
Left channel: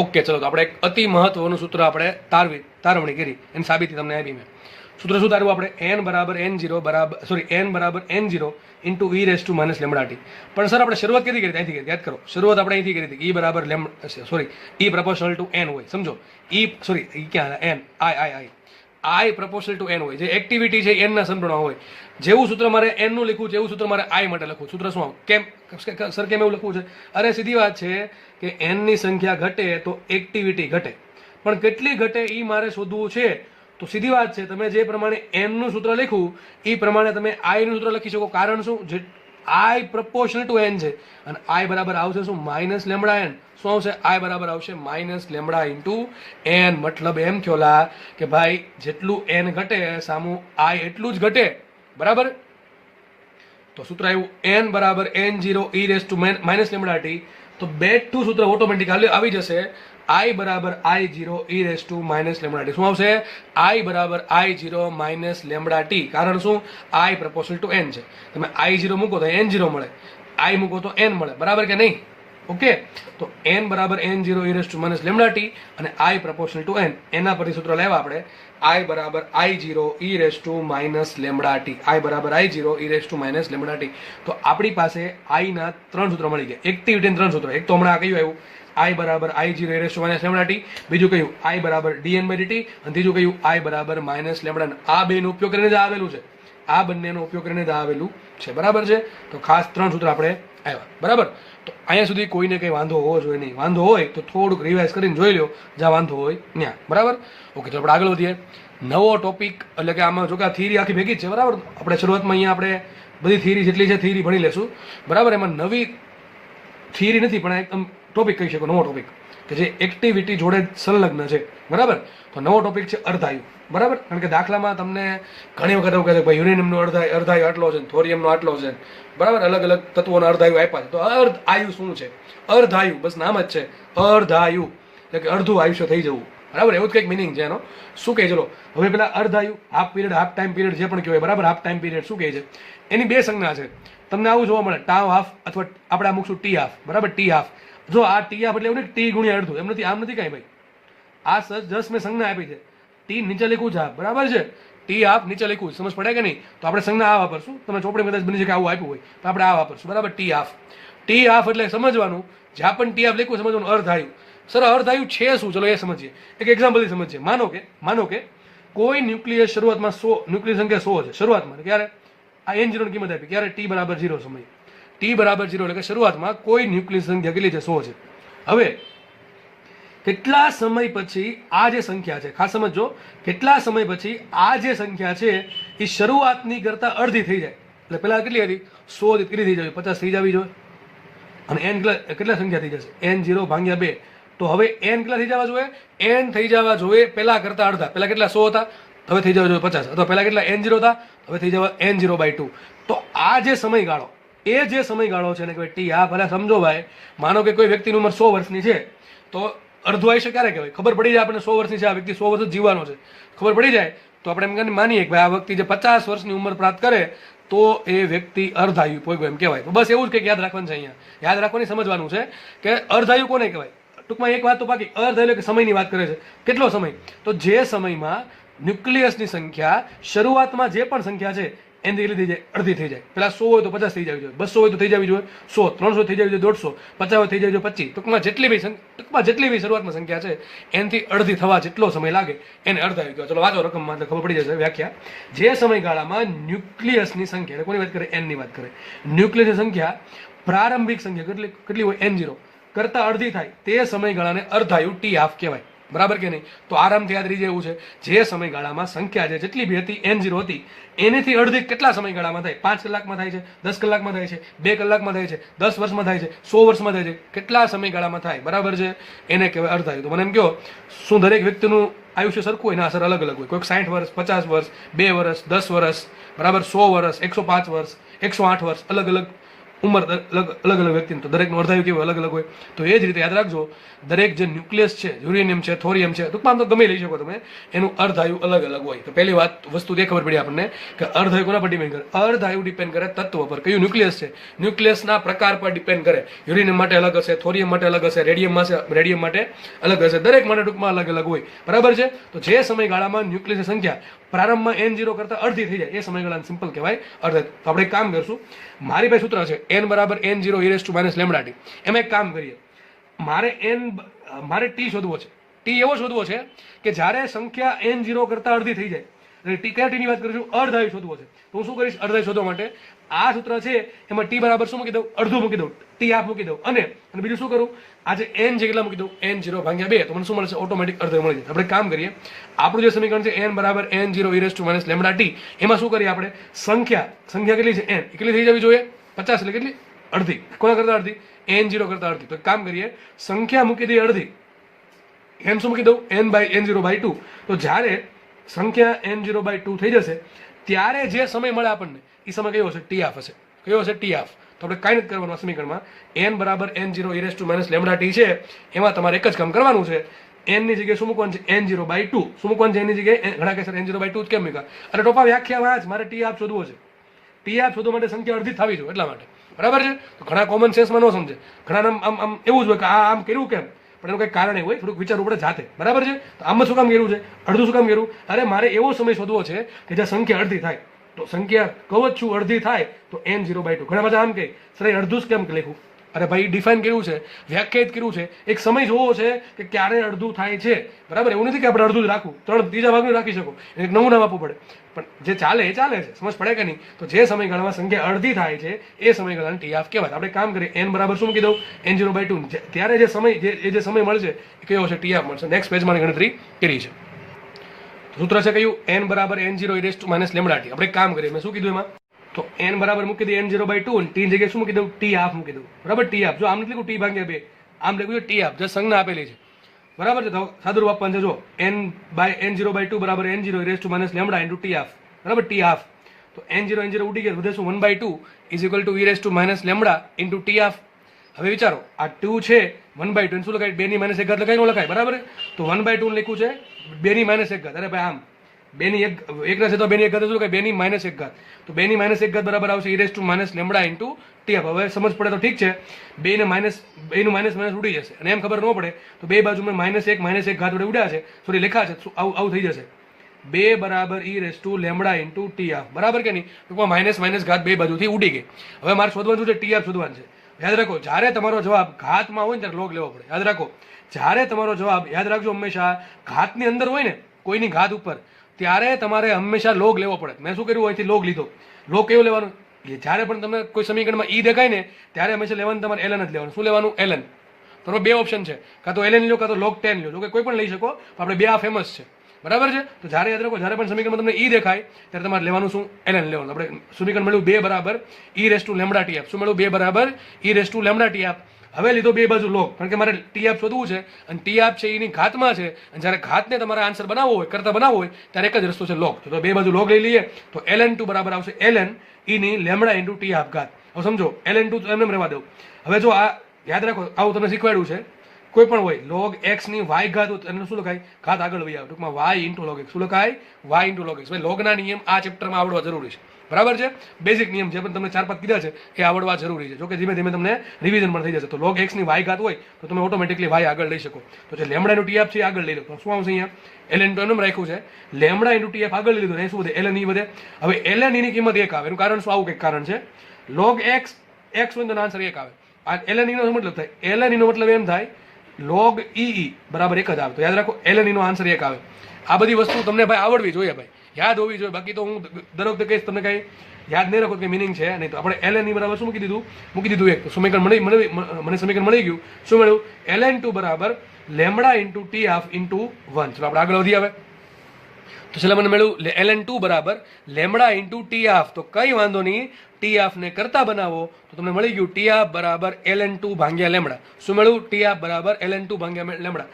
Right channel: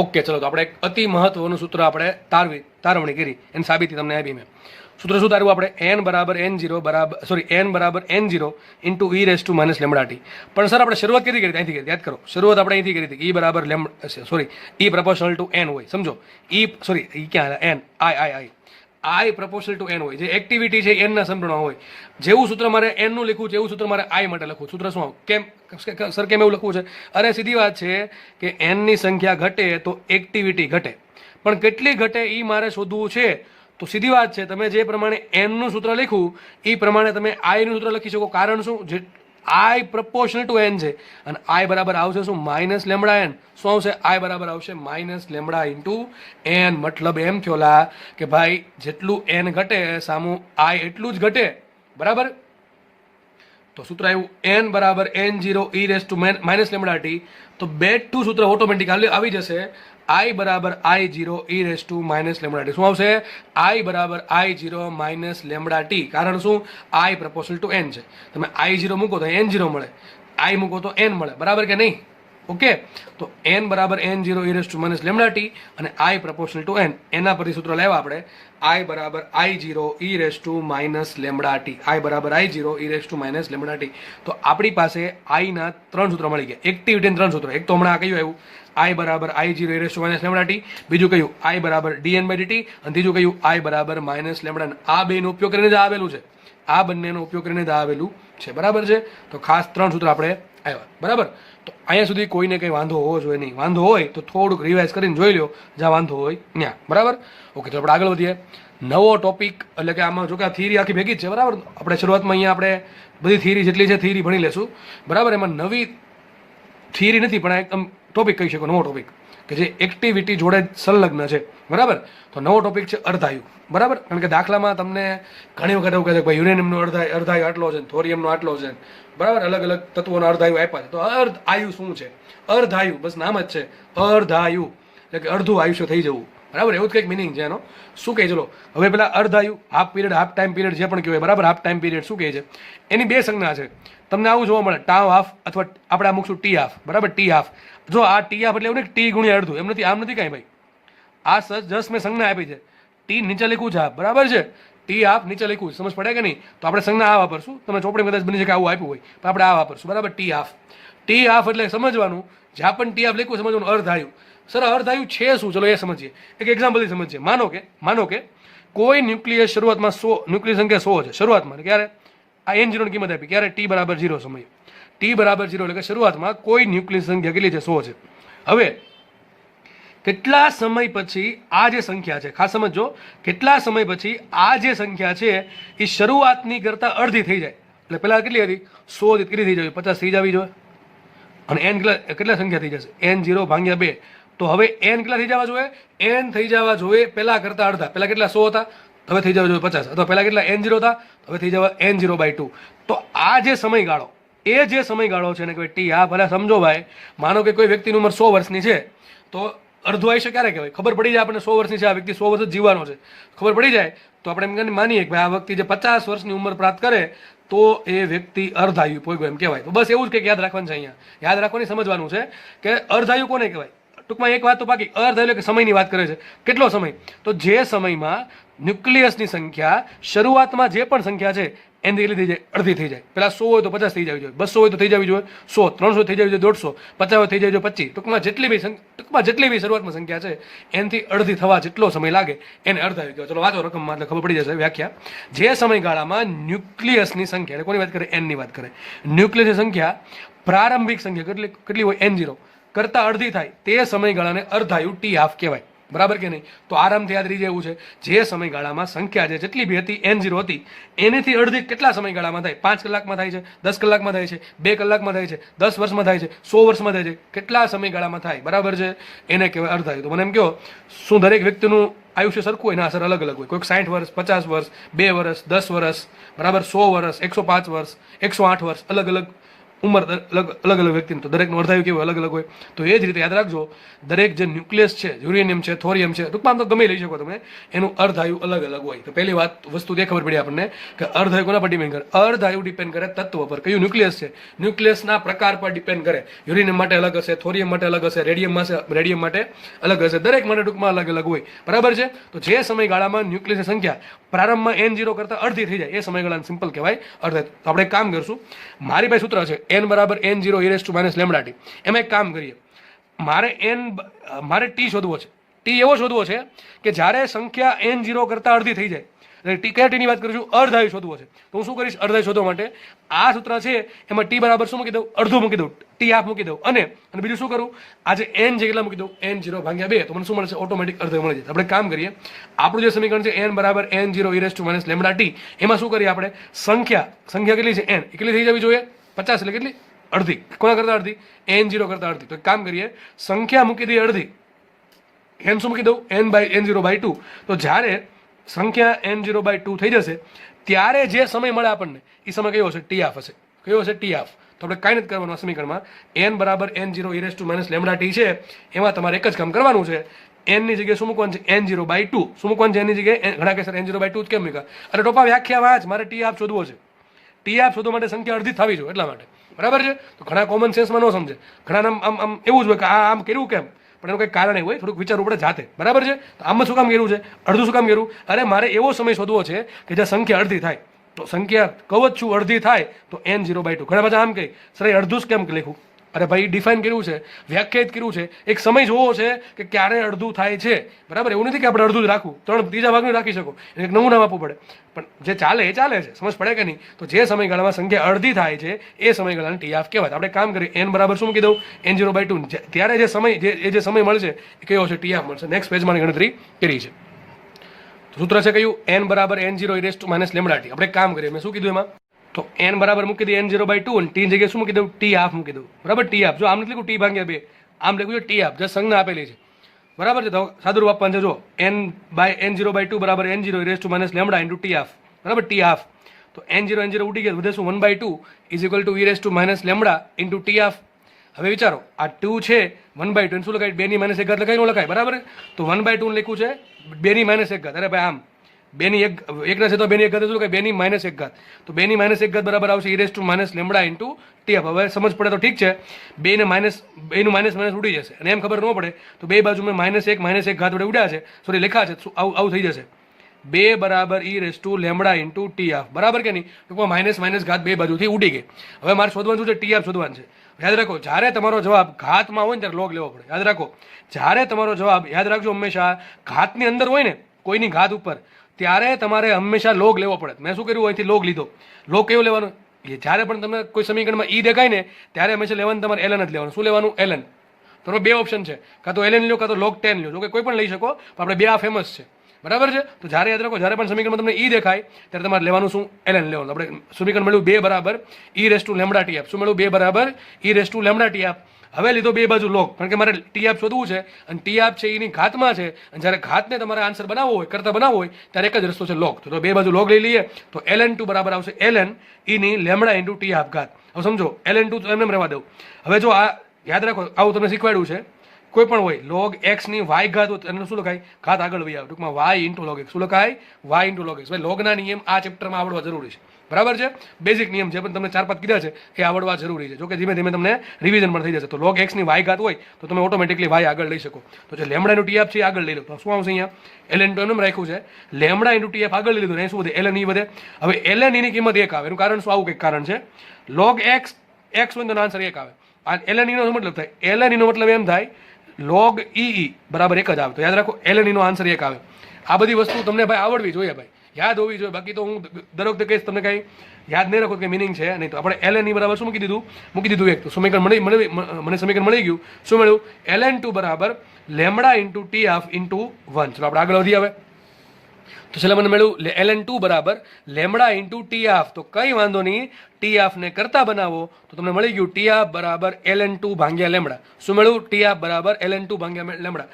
ઓકે, ચલો તો આપણે એક અતિ મહત્વનું સૂત્ર આપણે તારવણી કરી, એની સાબિતી તમને આપી મેં. સૂત્ર શું તારવું આપણે? n બરાબર n0 into e raise to minus lambda T. પણ સર આપણે શરૂઆત કેવી કરી હતી? અહીંથી કરી, યાદ કરો, શરૂઆત આપણે અહીંથી કરી હતી. e બરાબર e પ્રપોર્શનલ ટુ n હોય, સમજો. e ક્યાં n i proportional two n હોય, જે એક્ટિવિટી છે n ના સમપ્રમાણ હોય. જેવું સૂત્ર મારે n નું લખવું છે એવું સૂત્ર મારે i માટે લખવું. સૂત્ર શું કેમ સર કેમ એવું લખવું છે? અરે સીધી વાત છે કે n ની સંખ્યા ઘટે તો એક્ટિવિટી ઘટે, પણ કેટલી ઘટે એ મારે શોધવું છે. તો સીધી વાત છે, તમે જે પ્રમાણે m નું સૂત્ર લખ્યું એ પ્રમાણે તમે i નું સૂત્ર લખી શકો. કારણ શું? જે i પ્રપોર્શનલ ટુ n છે, અને i બરાબર આવશે શું? Minus lambda n. શું આવશે? i બરાબર આવશે માઇનસ લેમડા ઇન્ટુ n. મતલબ એમ થયોલા કે ભાઈ જેટલું n ઘટે સામું i એટલું જ ઘટે, બરાબર. તો સૂત્ર આવ્યું n બરાબર n0 e raise to minus lambda T. તો બેઠું સૂત્ર ઓટોમેટિક આવી જશે, i બરાબર I0 e raise to minus lambda T. શું આવશે? i બરાબર I0 માઇનસ લેમડા ટી. કારણ શું? i પ્રપોર્શનલ ટુ n છે. તમે I0 મૂકો તો n0 મળે, i મૂકો તો n મળે, બરાબર કે નહીં? ઓકે, તો n બરાબર n0 e raise to minus lambda T અને i પ્રપોર્શનલ ટુ n, એના પરથી સૂત્ર લેવા આપણે. i બરાબર I0 e raise to minus lambda T. i બરાબર I0 e raise to minus lambda T. તો આપણી પાસે i ના 3 સૂત્ર મળી ગયા, એક્ટિવિટીના 3 સૂત્રો. એક તો હમણાં કયું આવ્યું, i બરાબર I0 e raise to minus lambda T. બીજું કયું i બરાબર dn/dt, અને ત્રીજું કયું i બરાબર માઇનસ લેમડા. આ બેનો ઉપયોગ કરીને જ આવેલું છે, આ બંનેનો ઉપયોગ કરીને જ આવેલું છે, બરાબર છે. તો ખાસ 3 સૂત્ર આપણે આવ્યા, બરાબર. તો અહીંયા સુધી કોઈને કંઈ વાંધો હોવો જોઈએ નહીં. વાંધો હોય તો થોડુંક રિવાઇઝ કરીને જોઈ લો, જ્યાં વાંધો હોય ત્યાં, બરાબર. ઓકે, તો આપણે આગળ વધીએ. નવો ટોપિક, એટલે કે આમાં જો કે આ થિયરી આખી ભેગી જ છે, બરાબર. આપણે શરૂઆતમાં અહીંયા આપણે બધી થિયરી જેટલી છે થિયરી ભણી લેશું, બરાબર. એમાં નવી થિયરી નથી, પણ એકદમ ટોપિક કહી શકો, નવો ટોપિક કે જે એક્ટિવિટી જોડે સંલગ્ન છે, બરાબર. તો નવો ટોપિક છે અર્ધાયુ, બરાબર. કારણ કે દાખલામાં તમને ઘણી વખત એવું કહે છે કે ભાઈ યુરેનિયમનો અર્ધાયુ આટલો છે, થોરિયમનો આટલો છે, બરાબર. અલગ અલગ તત્વોના અર્ધાયુ આપ્યા છે. તો અર્ધાયુ શું છે? અર્ધાયુ બસ નામ જ છે, અર્ધાયુ એટલે કે અડધું આયુષ્ય થઈ જવું, બરાબર. એવું જ કંઈક મિનિંગ છે એનો. શું કહે? ચલો હવે પેલા અર્ધાયુ, half period, half time period જે પણ કહેવાય, બરાબર. હાફ ટાઈમ પીરિયડ શું કહે છે? એની 2 સંજ્ઞા છે. તમને આવું જોવા મળે, ટાવ હાફ અથવા આપણે આ મૂકશું ટી હાફ, બરાબર. T half. જો આ ટી હાફ એટલે એવું નહીં ટી ગુણ્યા અડધું, એમ નથી, આમ નથી કાંઈ ભાઈ. આ જસ્ટ મેં સંજ્ઞા આપી છે. ટી નીચે લખ્યું છે હાફ, બરાબર છે. ટી હાફ નીચે લખ્યું, સમજ પડે કે નહીં? તો આપણે સંજ્ઞા આ વાપરશું. તમે ચોપડી કદાચ બની શકે આવું આપ્યું હોય તો આપણે આ વાપરશું, બરાબર. T half. ટી હાફ એટલે સમજવાનું, જ્યાં પણ ટી હાફ લખ્યું સમજવાનું અર્ધાયુ. સર અર્ધાયુ છે શું? ચલો એ સમજીએ, એક એક્ઝામ્પલથી સમજીએ. માનો કે કોઈ ન્યુક્લિયસ શરૂઆતમાં 100, ન્યુક્લિયસ સંખ્યા 100 છે શરૂઆતમાં. ક્યારે? આ n0 ની કિંમત આપી, ક્યારે? t બરાબર 0 સમય. t બરાબર 0 એટલે કે શરૂઆતમાં કોઈ ન્યુક્લિયસ સંખ્યા કેટલી છે? 100 છે. હવે કેટલા સમય પછી આ જે સંખ્યા છે, ખાસ સમજો, કેટલા સમય પછી આ જે સંખ્યા છે એ શરૂઆતની કરતા અડધી થઈ જાય. એટલે પહેલા કેટલી હતી? 100 કેટલી થઈ જાય? 50 થઈ જવી જોઈએ. અને n કેટલા સંખ્યા થઈ જશે? n0 ભાગ્યા 2. તો હવે n કેટલા થઈ જવા જોઈએ? n થઈ જવા જોઈએ પહેલા કરતા અડધા. પહેલા કેટલા? 100 હતા, હવે થઈ જવા જોઈએ 50. અથવા પહેલા કેટલા? n0 હતા, હવે થઈ જવા n0/2. તો આ જે સમયગાળો, એ જે સમયગાળો છે ને કે ટી હાફ. ભલે સમજો ભાઈ, માનો કે કોઈ વ્યક્તિની ઉંમર 100 વર્ષની છે, તો અડધું આયુષ્ય ક્યારે કહેવાય? ખબર પડી જાય આપણને 100 વર્ષની છે, આ વ્યક્તિ 100 વર્ષ જ જીવવાનો છે, ખબર પડી જાય તો આપણે એમ માનીએ કે ભાઈ આ વ્યક્તિ જે 50 વર્ષની ઉંમર પ્રાપ્ત કરે તો એ વ્યક્તિ અર્ધાયુ પોઈગો એમ કહેવાય. તો બસ એવું જ કંઈક યાદ રાખવાનું છે. અહીંયા યાદ રાખવાની, સમજવાનું છે કે અર્ધાયુ કોને કહેવાય. ટૂંકમાં એક વાત તો બાકી, અર્ધાયુ એટલે કે સમયની વાત કરે છે. કેટલો સમય? તો જે સમયમાં ન્યુક્લિયસની સંખ્યા શરૂઆતમાં જે પણ સંખ્યા છે એની લીધી જાય અડધી થઈ જાય. પેલા 100 હોય તો 50 થઈ જવી જોઈએ, 200 હોય તો થઈ જવી જોઈએ 100, 300 થઈ જવી જોઈએ 150, 50 હોય થઈ જવી જોઈએ 25. ટૂંકમાં જેટલી બી શરૂઆતમાં સંખ્યા છે એનાથી અડધી થવા જેટલો સમય લાગે એને અર્ધાયુ કહેવાય. ચલો વાંચો રકમમાં એટલે ખબર પડી જશે વ્યાખ્યા. જે સમયગાળામાં ન્યુક્લિયસની સંખ્યા, કોની વાત કરે? એનની વાત કરે. ન્યુક્લિયસની સંખ્યા પ્રારંભિક સંખ્યા કેટલી હોય? N0 કરતાં અડધી થાય તે સમયગાળાને અર્ધાયુ T1/2 કહેવાય. બરાબર કે નહીં? તો આરામથી યાદ રહી જાય એવું છે. જે સમયગાળામાં સંખ્યા છે જેટલી બી હતી N0 હતી એનેથી અડધી કેટલા સમયગાળામાં થાય? 5 કલાકમાં થાય છે, 10 કલાકમાં થાય છે, 2 કલાકમાં થાય છે, 10 વર્ષમાં થાય છે, 100 વર્ષમાં થાય છે, કેટલા સમયગાળામાં થાય? બરાબર છે, એને કહેવાય અર્ધાયુ. તો મને એમ કહો, શું દરેક વ્યક્તિનું આયુષ્ય સરખું હોય? ના સર, અલગ અલગ હોય. કોઈક 60 વર્ષ, 50 વર્ષ, 2 વર્ષ, 10 વર્ષ, બરાબર, 100 વર્ષ, 105 વર્ષ, 108 વર્ષ, અલગ અલગ ઉંમર, અલગ અલગ વ્યક્તિનું. તો દરેકનું અર્ધાયુ કેવું અલગ અલગ હોય. તો એ જ રીતે યાદ રાખજો, દરેક જે ન્યુક્લિયસ છે, યુરેનિયમ છે, થોરિયમ છે, ટૂંકમાં તો ગમે લઈ શકો તમે, એનું અર્ધાયુ અલગ અલગ હોય. તો પહેલી વસ્તુ જે ખબર પડી આપણને કે અર્ધાયુ કોના પર ડિપેન્ડ કરે? અર્ધાયુ ડિપેન્ડ કરે તત્વ પર. કયું ન્યુક્લિયસ છે? ન્યુક્લિયસના પ્રકાર પર ડિપેન્ડ કરે. યુરેનિયમ માટે અલગ હશે, થોરિયમ માટે અલગ હશે, રેડિયમ માટે અલગ હશે, દરેક માટે ટૂંકમાં અલગ અલગ હોય. બરાબર છે. તો જે સમયગાળામાં ન્યુક્લિયસની સંખ્યા પ્રારંભમાં N0 કરતાં અડધી થઈ જાય એ સમયગાળાને સિમ્પલ કહેવાય અર્ધાયુ. તો આપણે એક કામ કરશું, મારી પાસે સૂત્ર છે n બરાબર N0 e λt. એમાં એક કામ કરીએ, મારે T શોધવો છે. T એવો શોધવો છે કે જ્યારે સંખ્યા N0 કરતાં અડધી થઈ જાય. ટી કયા ટીની વાત કરીશું? અર્ધાયુ શોધવો છે. તો હું શું કરીશ? અર્ધાયુ શોધવા માટે આ સૂત્ર છે એમાં T બરાબર શું મૂકી દઉં? અડધું મૂકી દઉં, T1/2 મૂકી દઉં, અને બીજું શું કરું? આજે N જે કેટલા મૂકી દઉં? N0/2. તો મને શું મળશે? ઓટોમેટિક અર્ધાયુ મળી જાય. આપણે કામ કરીએ, આપણું જે સમીકરણ છે n બરાબર N0 e λt, એમાં શું કરીએ આપણે? સંખ્યા કેટલી છે? N કેટલી થઈ જવી જોઈએ? 50. એટલે કેટલી? અડધી. કોના કરતાં અડધી? N0 કરતાં અડધી. તો એક કામ કરીએ, સંખ્યા મૂકી દઈએ અડધી, n શું મૂકી દઉં? N/N0/2. તો જ્યારે સંખ્યા N0/2 થઈ જશે ત્યારે જે સમય મળે આપણને એ સમય કયો હશે? T1/2 હશે. કયો હશે? T1/2. તો આપણે કાંઈ નથી કરવાનું. સમીકરણમાં n બરાબર N0 e λt છે, એમાં તમારે એક જ કામ કરવાનું છે. n ની જગ્યાએ શું મૂકવાનું છે? N0/2. શું મૂકવાનું છે? n ની જગ્યાએ ઘણા કહેશે N0/2 જ કેમ મૂક્યા? અરે ટોપા, વ્યાખ્યા વાંચ, મારે T1/2 શોધવો છે. T1/2 શોધવા માટે સંખ્યા અડધી થવી જોઈએ એટલા માટે. બરાબર છે. તો ઘણા કોમન સેન્સમાં ન સમજે, ઘણા આમ એવું જ હોય કે આમ કર્યું કેમ, પણ એનું કંઈક કારણ હોય, થોડુંક વિચારવું પડે જાતે. બરાબર છે. તો આમાં શું કામ કર્યું છે? અડધું શું કામ કર્યું? અરે મારે એવો સમય શોધવો છે કે જ્યાં સંખ્યા અડધી થાય. તો સંખ્યા કહું જ છું અડધી થાય તો N0/2. ઘણા બધા આમ કહે સર અડધું જ કેમ લખ્યું? અરે ભાઈ, ડિફાઇન કર્યું છે, વ્યાખ્યાયિત કર્યું છે, એક સમય જોવો છે કે ક્યારે અડધું થાય છે. બરાબર, એવું નથી કે આપણે અડધું જ રાખવું, ત્રીજા ભાગનું રાખી શકો, એક નવું નામ આપવું પડે. પણ જે ચાલે એ ચાલે છે, સમજ પડે કે નહીં? તો જે સમયગાળામાં સંખ્યા અડધી થાય છે એ સમયગાળાને T1/2 કહેવાય. આપણે કામ કરીએ, n બરાબર શું મૂકી દઉં? N0/2. ત્યારે જે સમય મળશે એ કયો હશે? T1/2 મળશે. નેક્સ્ટ પેજમાં ગણતરી કરી છે. સૂત્ર છે કયું? n બરાબર N0 e λt. આપણે કામ કરીએ, મેં શું કીધું એમાં? તો n બરાબર મૂકી દઈએ N0/2, અને T ની જગ્યાએ શું મૂકી દઉં? T1/2 મૂકી દઉં. બરાબર, T1/2. જો આમ નથી લખ્યું T/2, આમ લખ્યું છે T1/2, જે સંજ્ઞા આપેલી છે. બરાબર છે. તો સાદુરૂપ આપવાનું છે. જો N/N0/2 બરાબર N0 e λ into T1/2. બરાબર, T1/2. તો N0 ઉડી ગયા, વધે શું? 1/2 is equal two e λ into T1/2. હવે વિચારો, આ 2 છે 1/2, શું લખાય? 2 ની -1 ઘાત લખાય, ન લખાય? બરાબર. તો 1/2 લખ્યું છે 2 ની -1 ઘાત. અરે ભાઈ, આમ 2 ની 1 ના છે તો 2 ની 1 ઘાત શું લખાય? 2 ની -1 ઘાત. તો 2 ની -1 ઘાત બરાબર આવશે e λ into T1/2. હવે સમજ પડે તો ઠીક છે, 2 નું માઇનસ ઉડી જશે, અને એમ ખબર ન પડે તો બે બાજુ મેં -1 ઘાત વડે ઉડ્યા છે, સોરી લેખા છે, આવું થઈ જશે. 2 બરાબર e λ into T1/2. બરાબર કે નહીં? ટૂંકમાં માઇનસ ઘાત બે બાજુથી ઉડી ગઈ. હવે મારે શોધવાનું છે T1/2 શોધવાનું છે. યાદ રાખો, જ્યારે તમારો જવાબ ઘાતમાં હોય ને ત્યારે લોગ લેવો પડે. યાદ રાખો, જ્યારે તમારો જવાબ, યાદ રાખજો, હંમેશા ઘાતની અંદર હોય ને, કોઈની ઘાત ઉપર, ત્યારે તમારે હંમેશા લોગ લેવો પડે. મેં શું કર્યું? અહીંથી લોગ લીધો. લોગ કેવું લેવાનું? જ્યારે પણ તમને કોઈ સમીકરણમાં ઈ દેખાય ને ત્યારે હંમેશા લેવાનું તમારે ln જ લેવાનું. શું લેવાનું? ln. તમારો બે ઓપ્શન છે, કાં તો ln લો કાં તો log 10 લો. જો કે કોઈ પણ લઈ શકો, આપણે બે આ ફેમસ છે. બરાબર છે. તો જ્યારે યાદ રાખો, જ્યારે પણ સમીકરણમાં તમને ઈ દેખાય ત્યારે તમારે લેવાનું શું? ln લેવાનું. આપણે સમીકરણ મળ્યું 2 બરાબર e λ T1/2. શું મળ્યું? 2 બરાબર e λ T1/2. હવે લીધો બે બાજુ લોગ, કારણ કે મારે T1/2 શોધવું છે, અને T1/2 છે એની ઘાતમાં છે, અને જ્યારે ઘાતને તમારે આન્સર બનાવવો હોય, કરતા બનાવવો હોય, ત્યારે એક જ રસ્તો છે લોગ. તો બે બાજુ લોગ લઈ લઈએ તો ln2 બરાબર આવશે ln e ની λ into T1/2 ઘાત. હવે સમજો, ln2 તો એમને રહેવા દઉં. હવે જો આ યાદ રાખો, આવું તમને શીખવાડ્યું છે, કોઈ પણ હોય log x ની y ઘાત હોય એને શું લખાય? ઘાત આગળ વહી આવે, ટૂંકમાં y into log x. શું લખાય? y into log x. ભાઈ, લોગના નિયમ આ ચેપ્ટરમાં આવડવા જરૂરી છે. બરાબર છે. બેઝિક નિયમ છે પણ તમને 4-5 કીધા છે એ આવડવા જરૂરી છે. જો કે ધીમે ધીમે તમને રિવિઝન પણ થઈ જશે. તો log x ની y ઘાત હોય તો તમે ઓટોમેટિકલી y આગળ લઈ શકો. તો જે લેમડાનું tf છે એ આગળ લઈ લો. તો શું આવશે અહીંયા ln તો એમ રાખ્યું છે, લેમડા ઇન્ટુ tf આગળ લઈ લીધું, એ શું વધે ln e વધે. હવે ln e ની કિંમત 1 આવે. એનું કારણ શું? આવું કંઈક કારણ છે. log x હોય તો આન્સર 1 આવે. આ ln e નો મતલબ થાય, ln e નો મતલબ એમ થાય log e બરાબર 1 જ આવે. તો યાદ રાખો ln e નો આન્સર 1 આવે. આ બધી વસ્તુ તમને ભાઈ આવડવી જોઈએ, ભાઈ યાદ હોવી જોઈએ. બાકી તો હું દર વખતે કહીશ તમને કઈ યાદ નહીં રાખો કે મિનિંગ છે નહીં. તો આપણે ln e બરાબર શું મૂકી દીધું 1. તો સમીકરણ મને સમીકરણ મળી ગયું. શું મળ્યું? ln2 બરાબર લેમડા ઇન્ટુ tf ઇન્ટુ 1. ચલો આપણે આગળ વધી આવે. તો છેલ્લે મને મળ્યું ln2 બરાબર લેમડા ઇન્ટુ tf. તો કઈ વાંધો નહીં, tf ને કરતા બનાવો તો તમને મળી ગયું tf બરાબર ln2 ભાગ્યા લેમડા. શું મળ્યું? tf બરાબર ln2 ભાગ્યા લેમડા.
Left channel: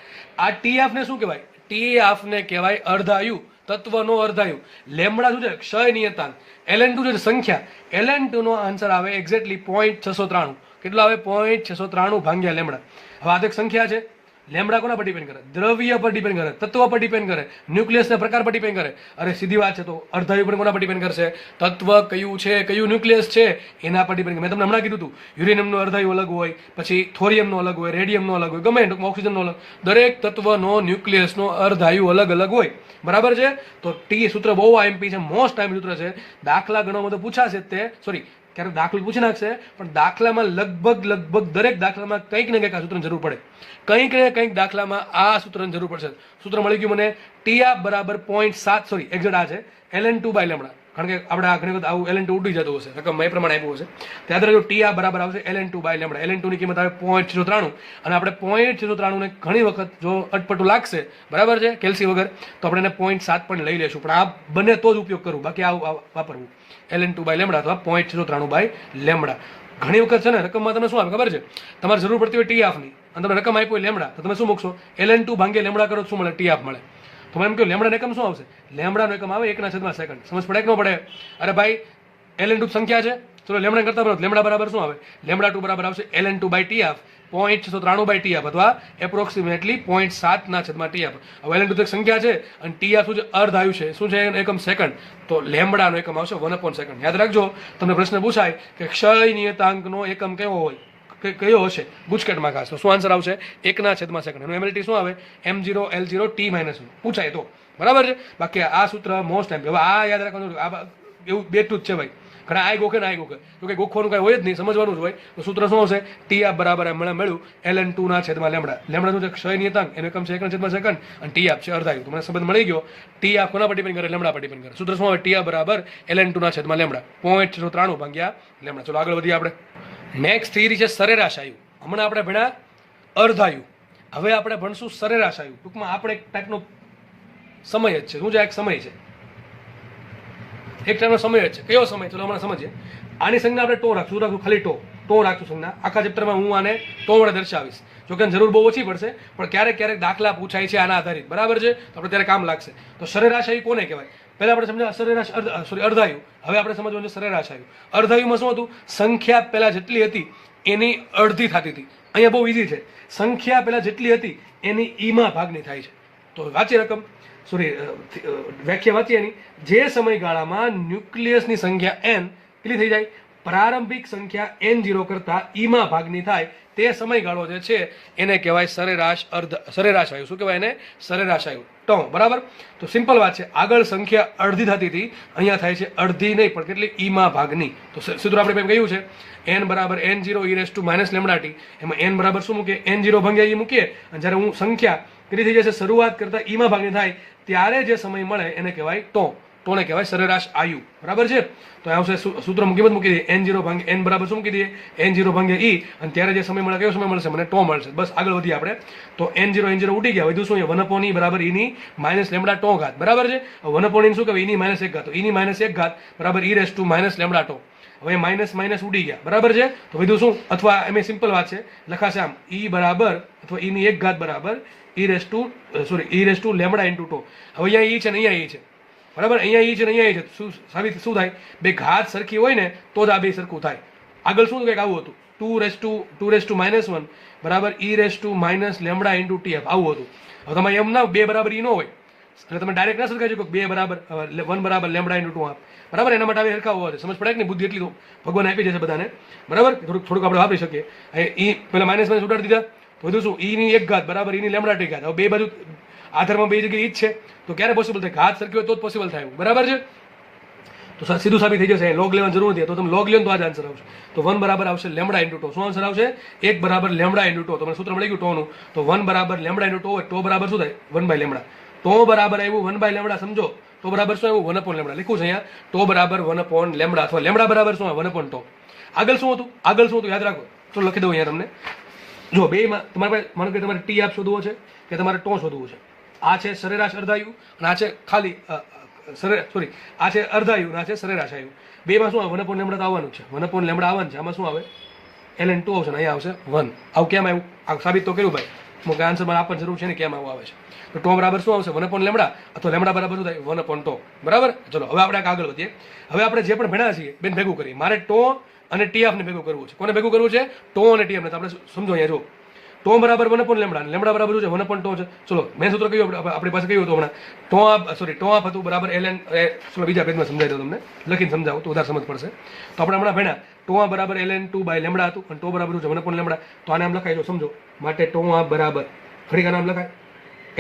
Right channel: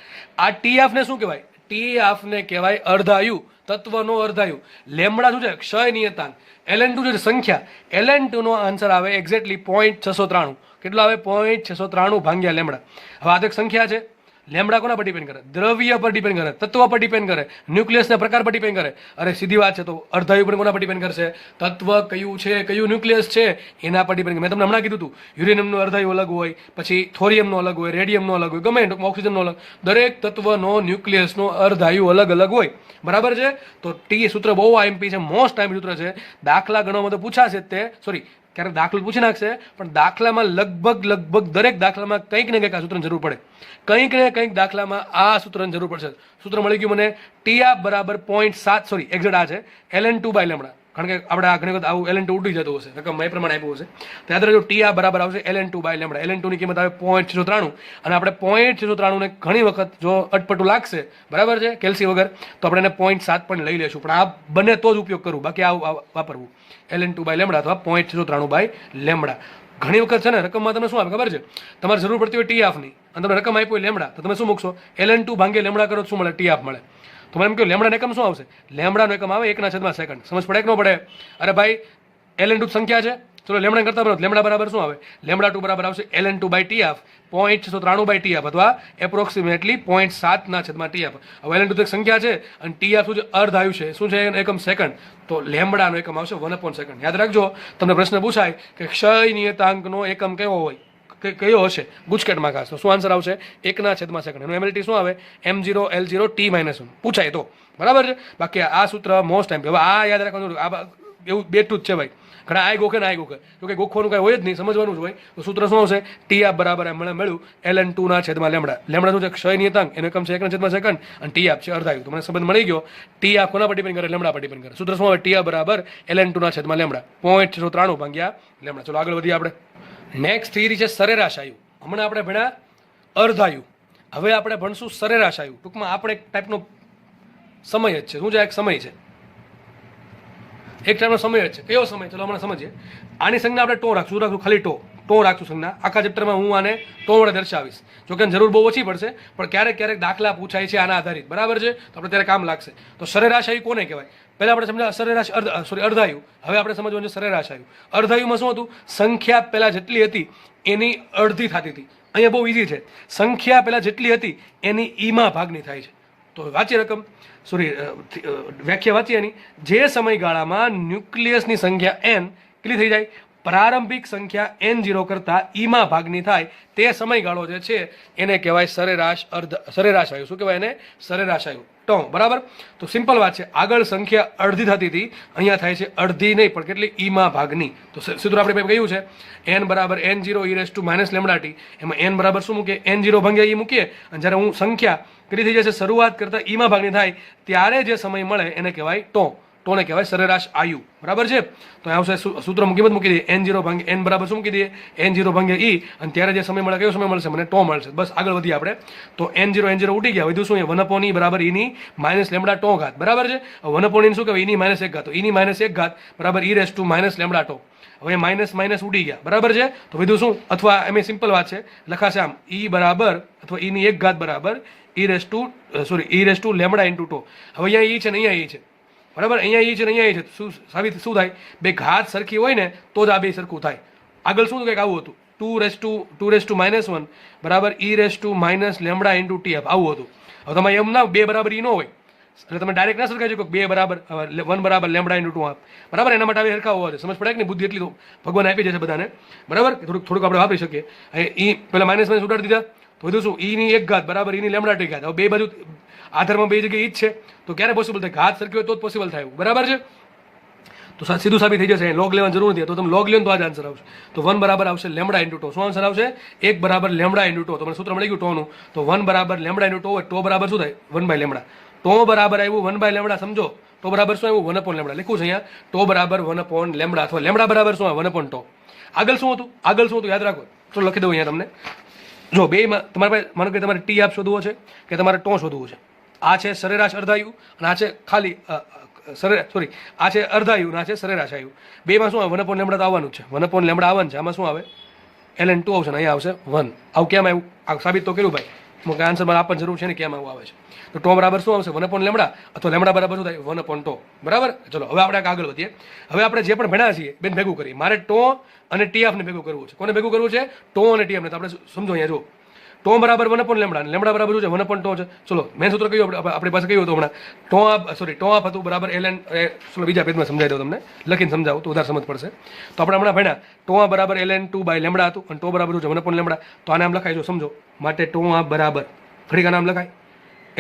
આ tf ને શું કહેવાય? tf ને કહેવાય અર્ધાયુ, તત્વનો અર્ધાયુ. લેમડા શું છે? ક્ષય નિયતાંક. ln2 છે સંખ્યા. ln2 નો આન્સર આવે એક્ઝેક્ટલી 0.693. કેટલો આવે? 0.693 ભાગ્યા લેમડા. હવે આ તો એક સંખ્યા છે. લેમડા કોના પર ડિપેન્ડ કરે? દ્રવ્ય પર ડિપેન્ડ કરે, તત્વ પર ડિપેન્ડ કરે, ન્યુક્લિયસના પ્રકાર પર ડિપેન્ડ કરે. અરે સીધી વાત છે. તો અર્ધાયુ પણ કોના પર ડિપેન્ડ કરશે? તત્વ કયું છે, કયું ન્યુક્લિયસ છે એના પર ડિપેન્ડ. મેં તમને હમણાં કીધું હતું યુરેનિયમનો અર્ધાયુ અલગ હોય, પછી થોરિયમનો અલગ હોય, રેડિયમનો અલગ હોય, ગમે ઓક્સિજનનો અલગ. દરેક તત્વનો ન્યુક્લિયસનો અર્ધાયુ અલગ અલગ હોય. બરાબર છે. તો ટી સૂત્ર બહુ આઈએમપી છે, મોસ્ટ ટાઈમ સૂત્ર છે. દાખલા ગણવામાં તો પૂછાશે તે, સોરી ક્યારેક દાખલો પૂછી નાખશે, પણ દાખલામાં લગભગ દરેક દાખલામાં કંઈક ને કંઈક આ સૂત્રની જરૂર પડે. કંઈક ને કંઈક દાખલામાં આ સૂત્રની જરૂર પડશે. સૂત્ર મળી ગયું મને tf બરાબર 0.7, સોરી એક્ઝેક્ટ આ છે ln2 બાય લેમડા. કારણ કે આપણે આ ઘણી વખત આવું ln2 ઉડી જતું હશે, રકમ એ પ્રમાણે આપ્યું હશે. યાદ રાખજો tf બરાબર આવશે ln2 બાય લેમડા. ln2 ની કિંમત આવે 0.693. અને આપણે 0.693 ને ઘણી વખત જો અટપટું લાગશે, બરાબર છે, કેલ્સી વગર, તો આપણે એને 0.7 પણ લઈ લેશું. પણ આ બને તો જ ઉપયોગ કરવું, બાકી આ વાપરવું ln2 બાય લેમડા અથવા 0.693 બાય લેમડા. ઘણી વખત છે ને રકમમાં તમે શું આવે ખબર છે? તમારે જરૂર પડતી હોય tf ની અને તમને રકમ આપી હોય લેમડા, તો તમે શું મૂકશો? ln2 ભાગ્યા લેમડા કરો તો શું મળે? tf મળે. તો મને એમ કહ્યું લેમડાનો એકમ શું આવશે? લેમડાનો એકમ આવે 1/સેકન્ડ. સમજ પડે કે ન પડે? અરે ભાઈ ln2 સંખ્યા છે, ચલો લેમડા કરતા બરાબર લેમડા બરાબર શું આવે? લેમડા2 બરાબર આવશે ln2 by tf 0.693 by tf અથવા એપ્રોક્સિમેટલી 0.7/tf. હવે ln2 તો એક સંખ્યા છે અને tf શું છે? અર્ધાયુ છે. શું છે? એકમ સેકન્ડ. તો લેમડાનો એકમ આવશે 1/સેકન્ડ. યાદ રાખજો, તમને પ્રશ્ન પૂછાય કે ક્ષય નિયતાંકનો એકમ કેવો હોય, કયો હશે ગુજકેટમાં ખાસ, તો શું આન્સર આવશે? 1/સેકન્ડ. એનું એમએલટી શું આવે? m0 l0 t-1 પૂછાય તો. બરાબર છે. બાકી આ સૂત્ર મોસ્ટ ટાઈમ. હવે આ યાદ રાખવાનું, આ એવું બેઠું જ છે ભાઈ. ઘણા આય ગોખે ને આય ગોખે, તો કે ગોખવાનું કાંઈ હોય જ નહીં, સમજવાનું જ હોય. તો સૂત્ર શું આવશે? tf બરાબર મને મળ્યું ln2 લેમડા. લેમડા શું છે? ક્ષય નિયતાંક. એનો એકમ છે 1/સેકન્ડ અને tf છે અર્ધાયુ. તો મને સંબંધ મળી ગયો. tf કોના પર ડિપેન્ડ કરે? લેમડા પર ડિપેન્ડ કરે. સૂત્ર શું આવે? tf બરાબર ln2 લેમડા 0.693 ભાગ્યા લેમડા. ચલો આગળ વધીએ આપણે. નેક્સ્ટ થિયરી છે સરેરાશ આયુ. હમણાં આપણે ભણ્યા અર્ધાયુ, હવે આપણે ભણશું સરેરાશ આયુ. ટૂંકમાં આપણે એક ટાઈપનો સમય જ છે. શું છે? એક સમય છે, એક ટાઈમનો સમય જ છે. કયો સમય? ચલો હમણાં સમજીએ. આની સંજ્ઞા આપણે ટો રાખશું. શું રાખશું? ખાલી ટો રાખશું સંજ્ઞા. આખા ચેપ્ટરમાં હું આને ટો વડે દર્શાવીશ. જો કે જરૂર બહુ ઓછી પડશે, પણ ક્યારેક દાખલા પૂછાય છે આના આધારિત. બરાબર છે. તો આપણે ત્યારે કામ લાગશે. તો સરેરાશ આયુ કોને કહેવાય? પહેલા આપણે સમજ્યા સરેરાશ અર્ધાયુ. હવે આપણે સમજવાનું છે સરેરાશ આયુ. અર્ધાયુમાં શું હતું? સંખ્યા પહેલા જેટલી હતી એની અડધી થતી હતી. અહીંયા બહુ ઈઝી છે. સંખ્યા પહેલા જેટલી હતી એની ઈમાં ભાગની થાય છે. તો વાંચીએ રકમ, સોરી વ્યાખ્યા વાંચીએ એની. જે સમયગાળામાં ન્યુક્લિયસની સંખ્યા n કેટલી થઈ જાય? પ્રારંભિક સંખ્યા n0 કરતા ઈમાં ભાગની થાય તે સમયગાળો જે છે એને કહેવાય સરેરાશ આયુ. શું કહેવાય એને? સરેરાશ આયુ, ટો. બરાબર. તો સિમ્પલ વાત છે. આગળ સંખ્યા અડધી થતી હતી, અહીંયા થાય છે અડધી નહીં પણ કેટલી? ઈમાં ભાગની. તો સૂત્ર આપણે એમ કહ્યું છે n બરાબર n0 e લેમડા t. એમાં n બરાબર શું મૂકીએ? n0 ભાગ્યા e મૂકીએ. અને જ્યારે હું સંખ્યા કેટલી થઈ જશે? શરૂઆત કરતા ઈમાં ભાગની થાય ત્યારે જે સમય મળે એને કહેવાય ટો. ટોને કહેવાય સરેરાશ આયુ. બરાબર છે. તો આવશે સૂત્ર કિંમત મૂકી દઈએ n0 ભાગ્યા n બરાબર શું મૂકી દઈએ? n0 ભાગ્યા e. અને ત્યારે જે સમય મળે કયો સમય મળશે? મને ટો મળશે. બસ આગળ વધીએ આપણે. તો n0 ઉડી ગયા. વધુ શું? 1/e બરાબર e લેમડા ટો ઘાત. બરાબર છે. 1/e શું કહેવાય? e -1 ઘાત. તો e -1 ઘાત બરાબર e લેમડા ટો. હવે માઇનસ ઉડી ગયા. બરાબર છે. તો વધુ શું? અથવા એમ સિમ્પલ વાત છે, લખાશે આમ e બરાબર અથવા e ની 1 ઘાત બરાબર e લેમડા ઇન્ટુ ટો. હવે અહીંયા e છે ને અહીંયા e છે. બરાબર. અહીંયા e છે ને અહીંયા e છે. શું થાય? બે ઘાત સરખી હોય ને તો જ આ બે સરખું થાય. આગળ શું કંઈક આવું હતું? 2 બરાબર e લેમડા ઇન્ટુ tf આવું હતું. હવે તમારે એમ ના બે બરાબર e ન હોય એટલે તમે ડાયરેક્ટ ના શોધી શકો 2 બરાબર 1 બરાબર લેમ્બડા ઇન્ટુ 2 હાફ, બરાબર. એના માટે આવી હરખા હોવા જોઈએ. સમજ પડે કે નહીં? બુદ્ધિ એટલી તો ભગવાન આપી જશે બધાને, બરાબર. થોડુંક આપણે વાપરી શકીએ. ઈ પેલા માઇનસ માઇનસ ઉડાડી દીધા તો વધુ શું, ઈ ની 1 ઘાત બરાબર ઈ ની લેમ્બડા ટી ઘાત. હવે બે બાજુ આધારમાં બે જગ્યાએ ઈ જ છે તો ક્યારે પોસિબલ થાય? ઘાત સરખી હોય તો જ પોસિબલ થાય, બરાબર છે. તો સીધું સાબિત થઈ જશે. લોગ લેવાની જરૂર નથી. તો તમે લોગ લો તો આ જ આન્સર આવશે. તો 1 બરાબર આવશે લેમ્બડા ઇન્ટુ ટો. શું આન્સર આવશે? 1 બરાબર લેમ્બડા ઇન્ટુ ટો. તમને સૂત્ર મળી ગયું ટોનું. તો 1 બરાબર લેમ્બડા ઇન્ટુ ટો હોય. ટો બરાબર શું થાય? 1 બાય લેમ્બડા. ટો બરાબર આવ્યું 1 બાય લેમ્બડા. સમજો ટો બરાબર શું આવ્યું? 1 અપોન લેમ્બડા. લખ્યું છે અહીંયા ટો બરાબર 1 અપોન લેમ્બડા, અથવા લેમ્બડા બરાબર શું આવે? 1 અપોન ટો. આગળ શું હતું? આગળ શું હતું યાદ રાખો. તો લખી દઉં અહીંયા તમને. જો બેમાં તમારે પાસે માનો કે તમારે ટી આપ શોધવો છે કે તમારે ટો શોધવું છે. આ છે સરેરાશ અર્ધાયુ અને આ છે ખાલી આ છે અર્ધાયુ અને આ છે સરેરાશ આયુ. બેમાં શું આવે? 1 અપોન લેમ્બડા તો આવવાનું છે. 1 અપોન લેમ્બડા આવવાનું છે. આમાં શું આવે? ln2 આવશે ને અહીંયા આવશે 1. આવું કેમ આવ્યું? આ સાબિત તો કર્યું ભાઈ. મુકે આન્સરમાં આપવાની જરૂર છે ને કેમ આવું આવે છે. તો ટો બરાબર શું આવશે? 1 અપોન લેમ્બડા, અથવા લેમ્બડા બરાબર શું થાય? 1 અપોન ટો, બરાબર. ચલો હવે આપણે આગળ વધીએ. હવે આપણે જે પણ ભણ્યા છીએ બેન ભેગું કરીએ. મારે ટો અને ટી હાફને ભેગું કરવું છે. કોને ભેગું કરવું છે? ટો અને ટી હાફને. તો આપણે સમજો અહીંયા જો ટો બરાબર 1 અપોન લેમ્બડા, લેમ્બડા બરાબર શું છે? 1 અપોન ટો છે. ચલો મેન સૂત્ર કયું આપણી પાસે કયું હતું હમણાં? ટો હાફ હતું બરાબર ln. ચલો બીજા પેજમાં સમજાવી દઉં તમને, લખીને સમજાવું તો વધારે સમજ પડશે. તો આપણે હમણાં ભણ્યા ટો હાફ બરાબર ln2 બાય લેમ્બડા હતું અને ટો બરાબર શું છે? 1 અપોન લેમ્બડા. તો આને આમ લખાય જો સમજો માટે ટો હાફ બરાબર ઘડીક નામ લખાય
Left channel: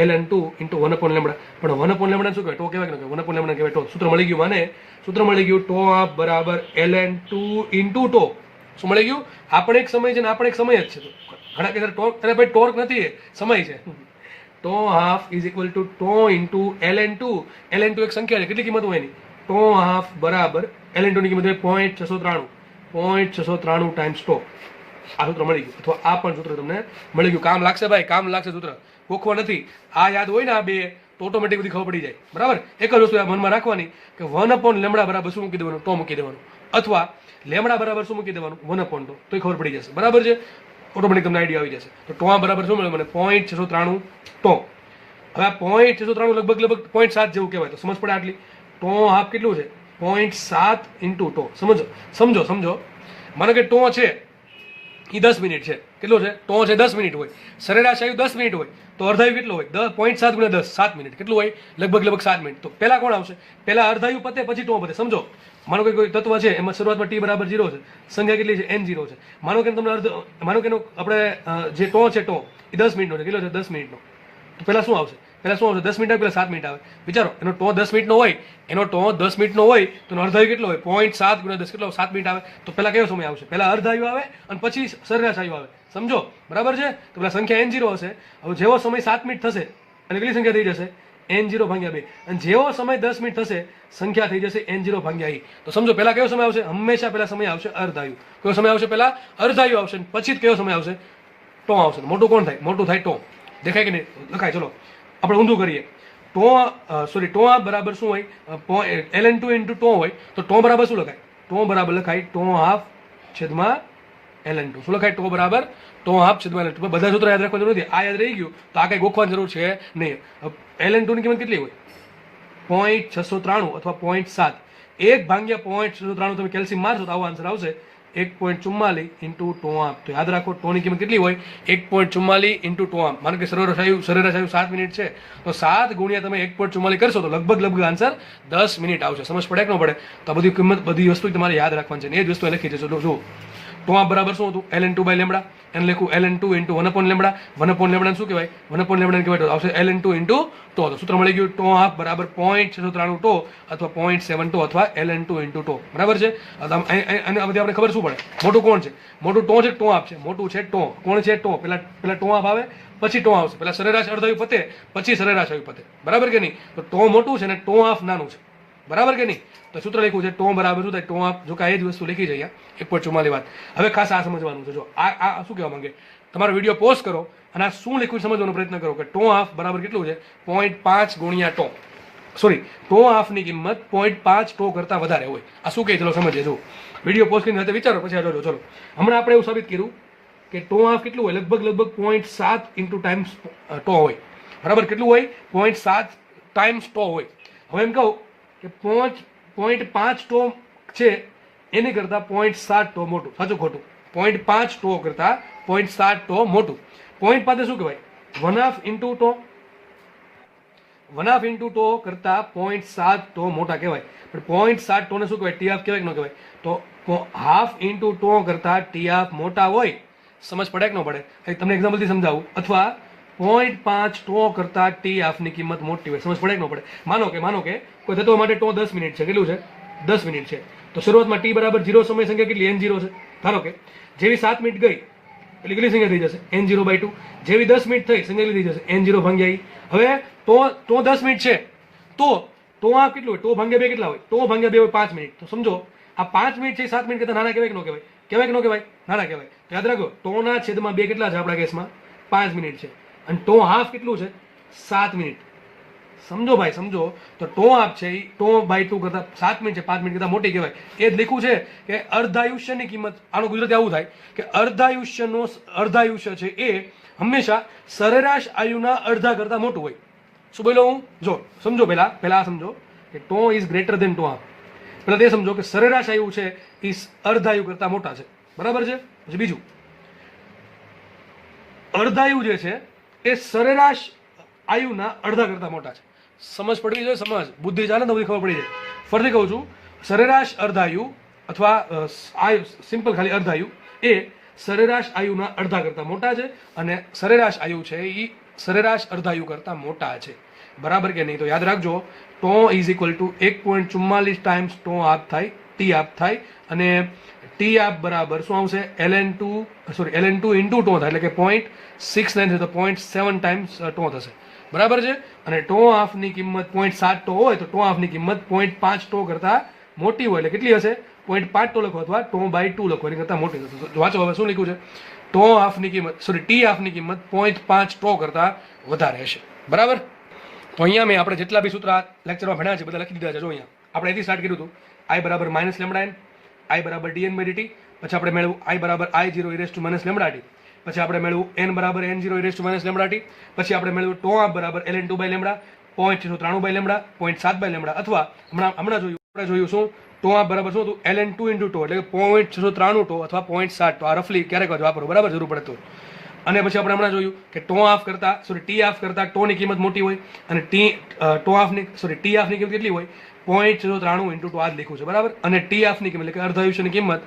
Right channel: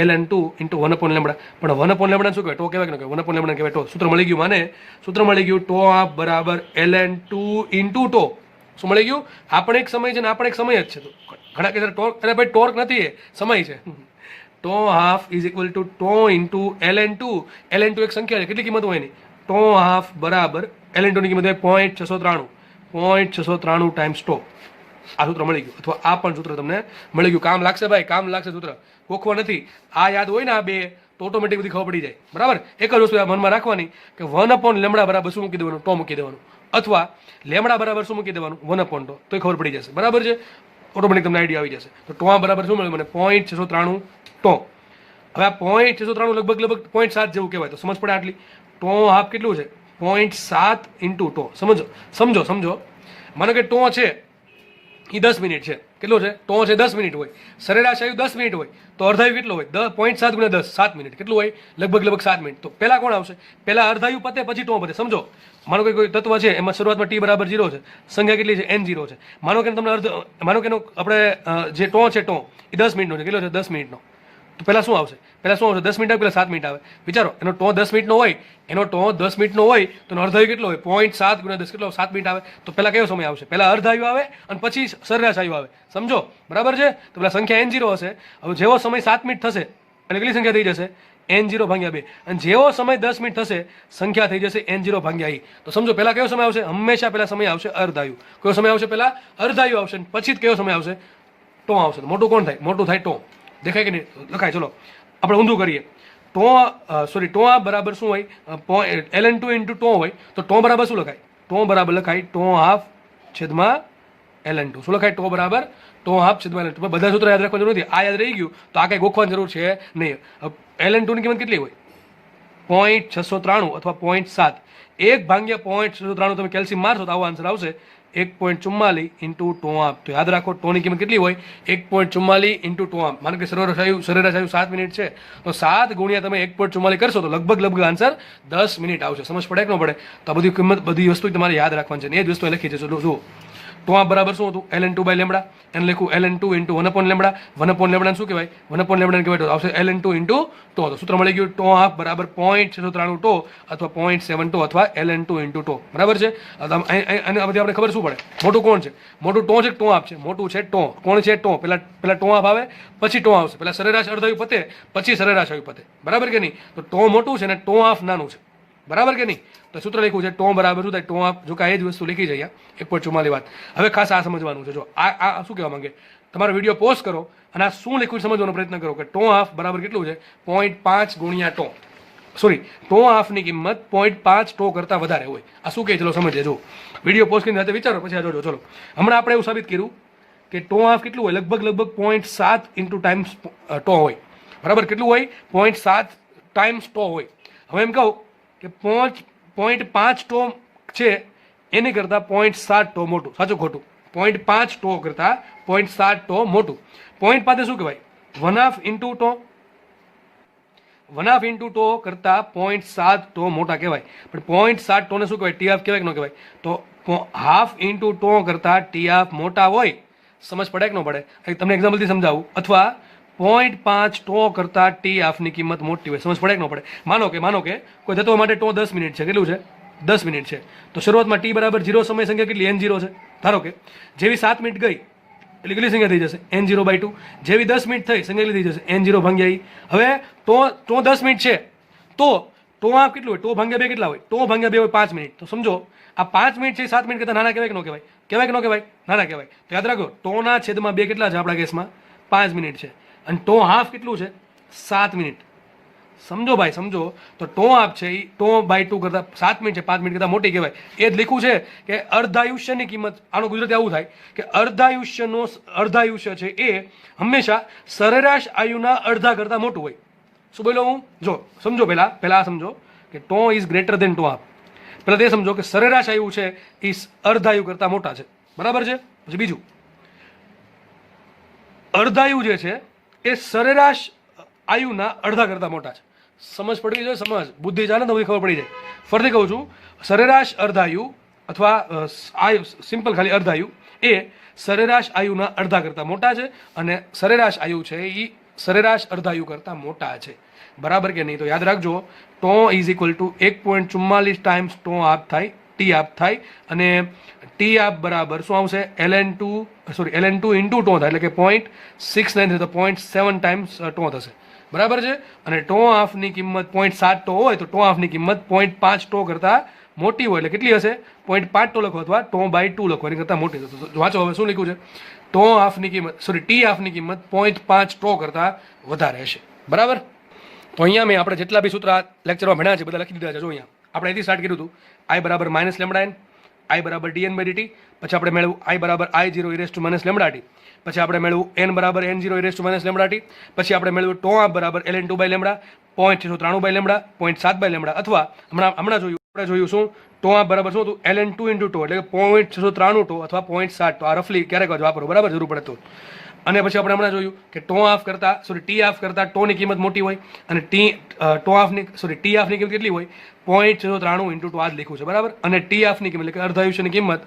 ln2 ઇન્ટુ 1 અપોન લેમ્બડા. પણ 1 અપોન લેમ્બડા શું કહેવાય? ટો કહેવાય કે 1 અપોન લેમ્બડા કહેવાય ટો. સૂત્ર મળી ગયું મને. સૂત્ર મળી ગયું ટો હાફ બરાબર ln2 ઇન્ટુ ટો. શું મળી ગયું? આપણે એક સમય છે ને આપણે એક સમય જ છે. તો ઘણા કહેતા ટોર્ક, અરે ભાઈ ટોર્ક નથી, એ સમય છે. Tau half is equal to tau into ln2. ln2 એક સંખ્યા છે. કેટલી કિંમત હોય એની? ટો હાફ બરાબર ln2 ની કિંમત હોય 0.693. 0.693 ટાઈમ્સ ટો. આ સૂત્ર મળી ગયું. અથવા આ પણ સૂત્ર તમને મળી ગયું. કામ લાગશે ભાઈ, કામ લાગશે સૂત્ર. ગોખવા નથી. આ યાદ હોય ને આ બે તો ઓટોમેટિક બધી ખબર પડી જાય, બરાબર. એક જ વસ્તુ આ મનમાં રાખવાની કે 1 અપોન લેમ્બડા બરાબર શું મૂકી દેવાનું? ટો મૂકી દેવાનું. અથવા લેમ્બડા બરાબર શું મૂકી દેવાનું? 1 અપોન ટો. તો ખબર પડી જશે, બરાબર છે. ઓટોમેટિક તમને આઈડિયા આવી જશે. તો ટો બરાબર શું મળે મને? 0.693 ટો. હવે આ 0.693 લગભગ 0.7 જેવું કહેવાય. તો સમજ પડે આટલી. ટો હાફ કેટલું છે? 0.7 ઇન્ટુ ટો. સમજો માનો કે ટો છે એ 10 મિનિટ છે. કેટલો છે? ટો છે 10 મિનિટ હોય. સરેરાશ આયુ 10 મિનિટ હોય તો અર્ધાયુ કેટલો હોય? 0.7 ગુણ્યા 10, 7 મિનિટ. કેટલું હોય? લગભગ 7 મિનિટ. તો પહેલા કોણ આવશે? પહેલા અર્ધાયુ પતે પછી ટો પતે. સમજો માનો કે કોઈ તત્વ છે એમાં શરૂઆતમાં ટી બરાબર 0 છે. સંખ્યા કેટલી છે? n0 છે. માનો કે તમને માનો કે આપણે જે ટો છે ટો એ 10 મિનિટનો છે. કેટલો છે? 10 મિનિટનો. તો પહેલા શું આવશે? 10 મિનિટ આવે, પહેલા 7 મિનિટ આવે. વિચારો એનો ટો 10 મિનિટનો હોય, એનો ટો 10 મિનિટનો હોય તો અર્ધાયુ કેટલો હોય? 0.7 ગુણ્યા 10 કેટલો? 7 મિનિટ આવે. તો પહેલા કયો સમય આવશે? પહેલા અર્ધાયુ આવે અને પછી સરેરાશ આયુ આવે. સમજો, બરાબર છે. તો પેલા સંખ્યા n0 હશે. હવે જેવો સમય 7 મિનિટ થશે એટલે કેટલી સંખ્યા થઈ જશે? n0 ભાગ્યા 2. અને જેવો સમય 10 મિનિટ થશે સંખ્યા થઈ જશે n0 ભાગ્યા i. તો સમજો પહેલા કયો સમય આવશે? હંમેશા પહેલા સમય આવશે અર્ધાયુ. કયો સમય આવશે? પહેલા અર્ધાયુ આવશે, પછી કયો સમય આવશે? ટો આવશે. મોટું કોણ થાય? મોટું થાય ટો. દેખાય કે નહીં? લખાય. ચલો આપણે ઊંધું કરીએ. ટો બરાબર શું હોય? ln2 ઇન્ટુ ટો હોય તો ટો બરાબર શું લખાય? ટો બરાબર લખાય ટો હાફ છેદમાં ln2. શું લખાય? ટો બરાબર ટો હાફ છેદમાં ln2. બધા સૂત્ર યાદ રાખવાની જરૂર નથી. આ યાદ રહી ગયું તો આ કઈ ગોખવાની જરૂર છે નહીં. ln2 ની કિંમત કેટલી હોય? 0.693 અથવા 0.7. 1 ભાગ્યા 0.693 તમે કેલ્શિયમ મારશો તો આવો આન્સર આવશે 1.44 ઇન્ટુ ટો હાફ. તો યાદ રાખો ટોની કિંમત કેટલી હોય? 1.44 ઇન્ટુ ટો હાફ. માનો કે સરેરાશ આયુ 7 મિનિટ છે તો 7 ગુણ્યા તમે 1.44 કરશો તો લગભગ આન્સર 10 મિનિટ આવશે. સમજ પડે કે ન પડે? તો આ બધી કિંમત, બધી વસ્તુ તમારે યાદ રાખવાની છે. એ જ વસ્તુ લખી છે. જો ટો હાફ બરાબર શું હતું? ln2 by lambda. એને લખ્યું ln2 into 1 upon lambda. 1 upon lambda શું કહેવાય? 1 અપોન લેમ્બડા કહેવાય તો આવશે ln2 ઇન્ટુ ટો. તો સૂત્ર મળી ગયું ટો હાફ બરાબર 0.693 ટો અથવા 0.7 ટો અથવા ln2 ઇન્ટુ ટો. બરાબર છે. અને આ બધી આપણે ખબર શું પડે? મોટું કોણ છે? મોટું ટો છે, ટો હાફ છે. મોટું છે ટો. કોણ છે? ટો. પહેલા ટો હાફ આવે પછી ટો આવશે. પહેલા સરેરાશ અર્ધાયુ પતે પછી સરેરાશ આયુ પતે. બરાબર કે નહીં? તો ટો મોટું છે ને ટો હાફ નાનું છે. બરાબર કે નહીં? તો સૂત્ર લખ્યું છે ટો બરાબર શું થાય? ટો હાફ. જો કાંઈ જ વસ્તુ લખી છે અહીંયા 1.44 વાત. હવે ખાસ આ સમજવાનું છે. જો આ શું કહેવા માંગે? તમારો વિડીયો પોઝ કરો અને આ શું લખ્યું સમજવાનો પ્રયત્ન કરો કે ટો હાફ બરાબર કેટલું છે? 0.5 ગુણ્યા ટો. ટો હાફની કિંમત 0.5 ટો કરતાં વધારે હોય. આ શું કહે? ચલો સમજીએ. જો વિડીયો પોઝ કરીને સાથે વિચારો પછી આ જોજો. ચલો હમણાં આપણે એવું સાબિત કર્યું કે ટો હાફ કેટલું હોય? લગભગ 0.7 ઇન્ટુ ટાઈમ્સ ટો હોય. બરાબર કેટલું હોય? 0.7 ટાઈમ્સ ટો હોય. હવે એમ કહું કે 0.5 ટો છે એની કરતાં 0.7 ટો મોટું. સાચું ખોટું? 0.5 ટો કરતાં 0.7 ટો મોટું. 0.5 શું કહેવાય? 1/2 ઇન્ટુ ટો. 1/2 ઇન્ટુ ટો કરતાં 0.7 ટો મોટા કહેવાય. પણ 0.7 ટોને શું કહેવાય? ટી હાફ કહેવાય કે ન કહેવાય? તો હાફ ઇન્ટુ ટો કરતાં ટી હાફ મોટા હોય. સમજ પડે કે ન પડે? તમને એક્ઝામ્પલથી સમજાવું. અથવા 0.5 ટો કરતાં ટી હાફની કિંમત મોટી હોય. સમજ પડે કે ન પડે? માનો કે કોઈ થતો માટે ટો 10 મિનિટ છે. કેટલું છે? 10 મિનિટ છે. તો શરૂઆતમાં ટી બરાબર 0 સમય સંખ્યા કેટલી? n0 છે. ધારો કે જેવી 7 મિનિટ ગઈ એટલે કેટલી સંખ્યા થઈ જશે? n0/2. જેવી 10 મિનિટ થઈ સંખ્યા કેટલી થઈ જશે? n0 ભાગ્યા ઈ. હવે ટો 10 મિનિટ છે તો ટો આ કેટલું હોય? ટો ભાગ્યા 2 કેટલા હોય? ટો ભાગ્યા 2 હોય 5 મિનિટ. તો સમજો આ 5 મિનિટ છે 7 મિનિટ કરતાં નાના કહેવાય કે ન કહેવાય? કહેવાય કે ન કહેવાય? નાના કહેવાય. તો યાદ રાખો, ટોના છેદમાં 2 કેટલા છે આપણા કેસમાં? 5 મિનિટ છે. અને ટો હાફ કેટલું છે? 7 મિનિટ. સમજો ભાઈ, સમજો. તો ટો હાફ છે એ ટો/2 કરતાં 7 મિનિટ છે, 5 મિનિટ કરતાં મોટી કહેવાય. એ જ લખ્યું છે કે અર્ધાયુષ્યની કિંમત, આનું ગુજરાતી આવું થાય કે અર્ધાયુષ્ય છે એ હંમેશા સરેરાશ આયુના અડધા કરતાં મોટું હોય. શું બોલ્યો હું? જો સમજો, પહેલા સમજો કે tau is greater than tau half. પહેલા તે સમજો કે સરેરાશ આયુ છે એ અર્ધાયુ કરતાં મોટા છે. બરાબર છે? પછી બીજું, અર્ધાયુ જે છે એ સરેરાશ આયુના અડધા કરતાં મોટા છે. સમજ પડી છે? સમજ બુદ્ધિ ચાલે તો ખબર પડી જાય. ફરીથી કહું છું, સરેરાશ અર્ધાયુ અથવા સિમ્પલ ખાલી અર્ધાયુ એ સરેરાશ આયુના અડધા કરતાં મોટા છે અને સરેરાશ આયુ છે એ સરેરાશ અર્ધાયુ કરતાં મોટા છે. બરાબર કે નહીં? તો યાદ રાખજો, tau is equal to 1.44 times tau half થાય, ટી હાફ થાય. અને ટી હાફ બરાબર શું આવશે? ln2 ઇન્ટુ ટો થાય, એટલે કે 0.69 તો 0.7 ટાઈમ્સ ટો થશે. બરાબર છે? અને ટો હાફની કિંમત 0.7 ટો હોય તો ટો હાફની કિંમત 0.5 ટો કરતાં મોટી હોય એટલે કેટલી હશે? 0.5 ટો લખો અથવા ટો/2 લખો, એની કરતાં મોટી થશે. વાંચો હવે શું લખ્યું છે? ટો હાફની કિંમત ટી હાફની કિંમત 0.5 ટો કરતાં વધારે હશે. બરાબર? તો અહીંયા મેં આપણે જેટલા બી સૂત્ર લેક્ચરમાં ભણ્યા છે બધા લખી દીધા છે. જો અહીંયા આપણે અહીંથી સ્ટાર્ટ કર્યું હતું. I બરાબર -λn, I બરાબર dn/dt. પછી આપણે મેળવ્યું I બરાબર I0 e - λt. પછી આપણે મેળવ્યું n બરાબર n0 e - λt. પછી આપણે મેળવ્યું ટો હાફ બરાબર ln2/λ, 0.93/λ, 0.7/λ. અથવા હમણાં જોયું શું? ટો હાફ બરાબર શું હતું? ln2 ઇન્ટુ ટો, એટલે કે 0.93 ટો અથવા 0.7 ટો. આ રફલી ક્યારેક વાપરો, બરાબર? જરૂર પડે તો. અને પછી આપણે હમણાં જોયું કે ટી હાફ કરતાં ટોની કિંમત મોટી હોય અને ટી હાફની કિંમત કેટલી હોય? 0.93 ઇન્ટુ ટો. આ જ લખ્યું છે. બરાબર? અને ટી હાફની કિંમત એટલે કે અર્ધાયુષ્યની કિંમત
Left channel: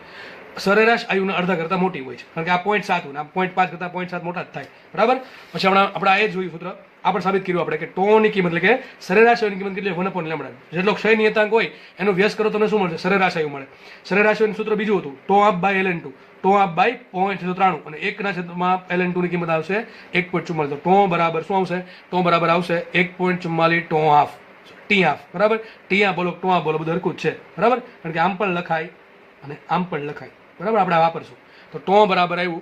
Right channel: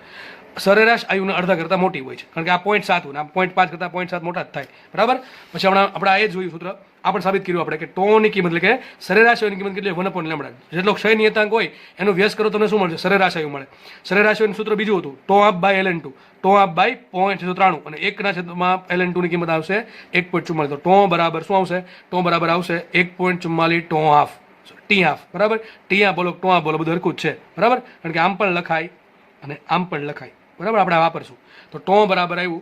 સરેરાશ આયુના અડધા કરતાં મોટી હોય છે. કારણ કે આ 0.7 આ 0.5 કરતાં 0.7 મોટા જ થાય. બરાબર? પછી હમણાં આપણે આ એ જોયું સૂત્ર, આપણે સાબિત કર્યું આપણે કે ટોની કિંમત એટલે કે સરેરાશ આયુની કિંમત કેટલી? 1/λ. જેટલો ક્ષય નિયતાંક હોય એનો વ્યસ્ત કરો તમને શું મળશે? સરેરાશ આયુ મળે. સરેરાશ આયુનું સૂત્ર બીજું હતું, tau half by ln2, tau half by 0.93 અને 1/માં ln2 ની કિંમત આવશે 1.44. તો ટો બરાબર શું આવશે? ટો બરાબર આવશે 1.44 ટો હાફ, ટી હાફ. બરાબર? ટી હાફ બોલો, ટો હાફ બોલો, બધું હરખું જ છે. બરાબર? કારણ કે આમ પણ લખાય અને આમ પણ લખાય. બરાબર? આપણે વાપરશું. તો ટો બરાબર આવ્યું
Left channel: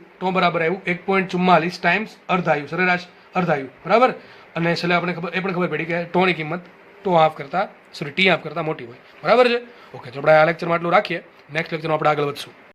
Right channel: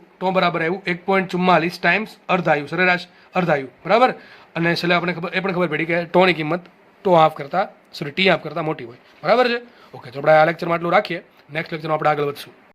1.44 ટાઈમ્સ અર્ધાયુ, સરેરાશ અર્ધાયુ. બરાબર? અને છેલ્લે આપણે એ પણ ખબર પડી કે ટોની કિંમત ટી હાફ કરતાં મોટી હોય. બરાબર છે? ઓકે, તો આપણે આ લેક્ચરમાં આટલું રાખીએ. નેક્સ્ટ લેક્ચરમાં આપણે આગળ વધશું.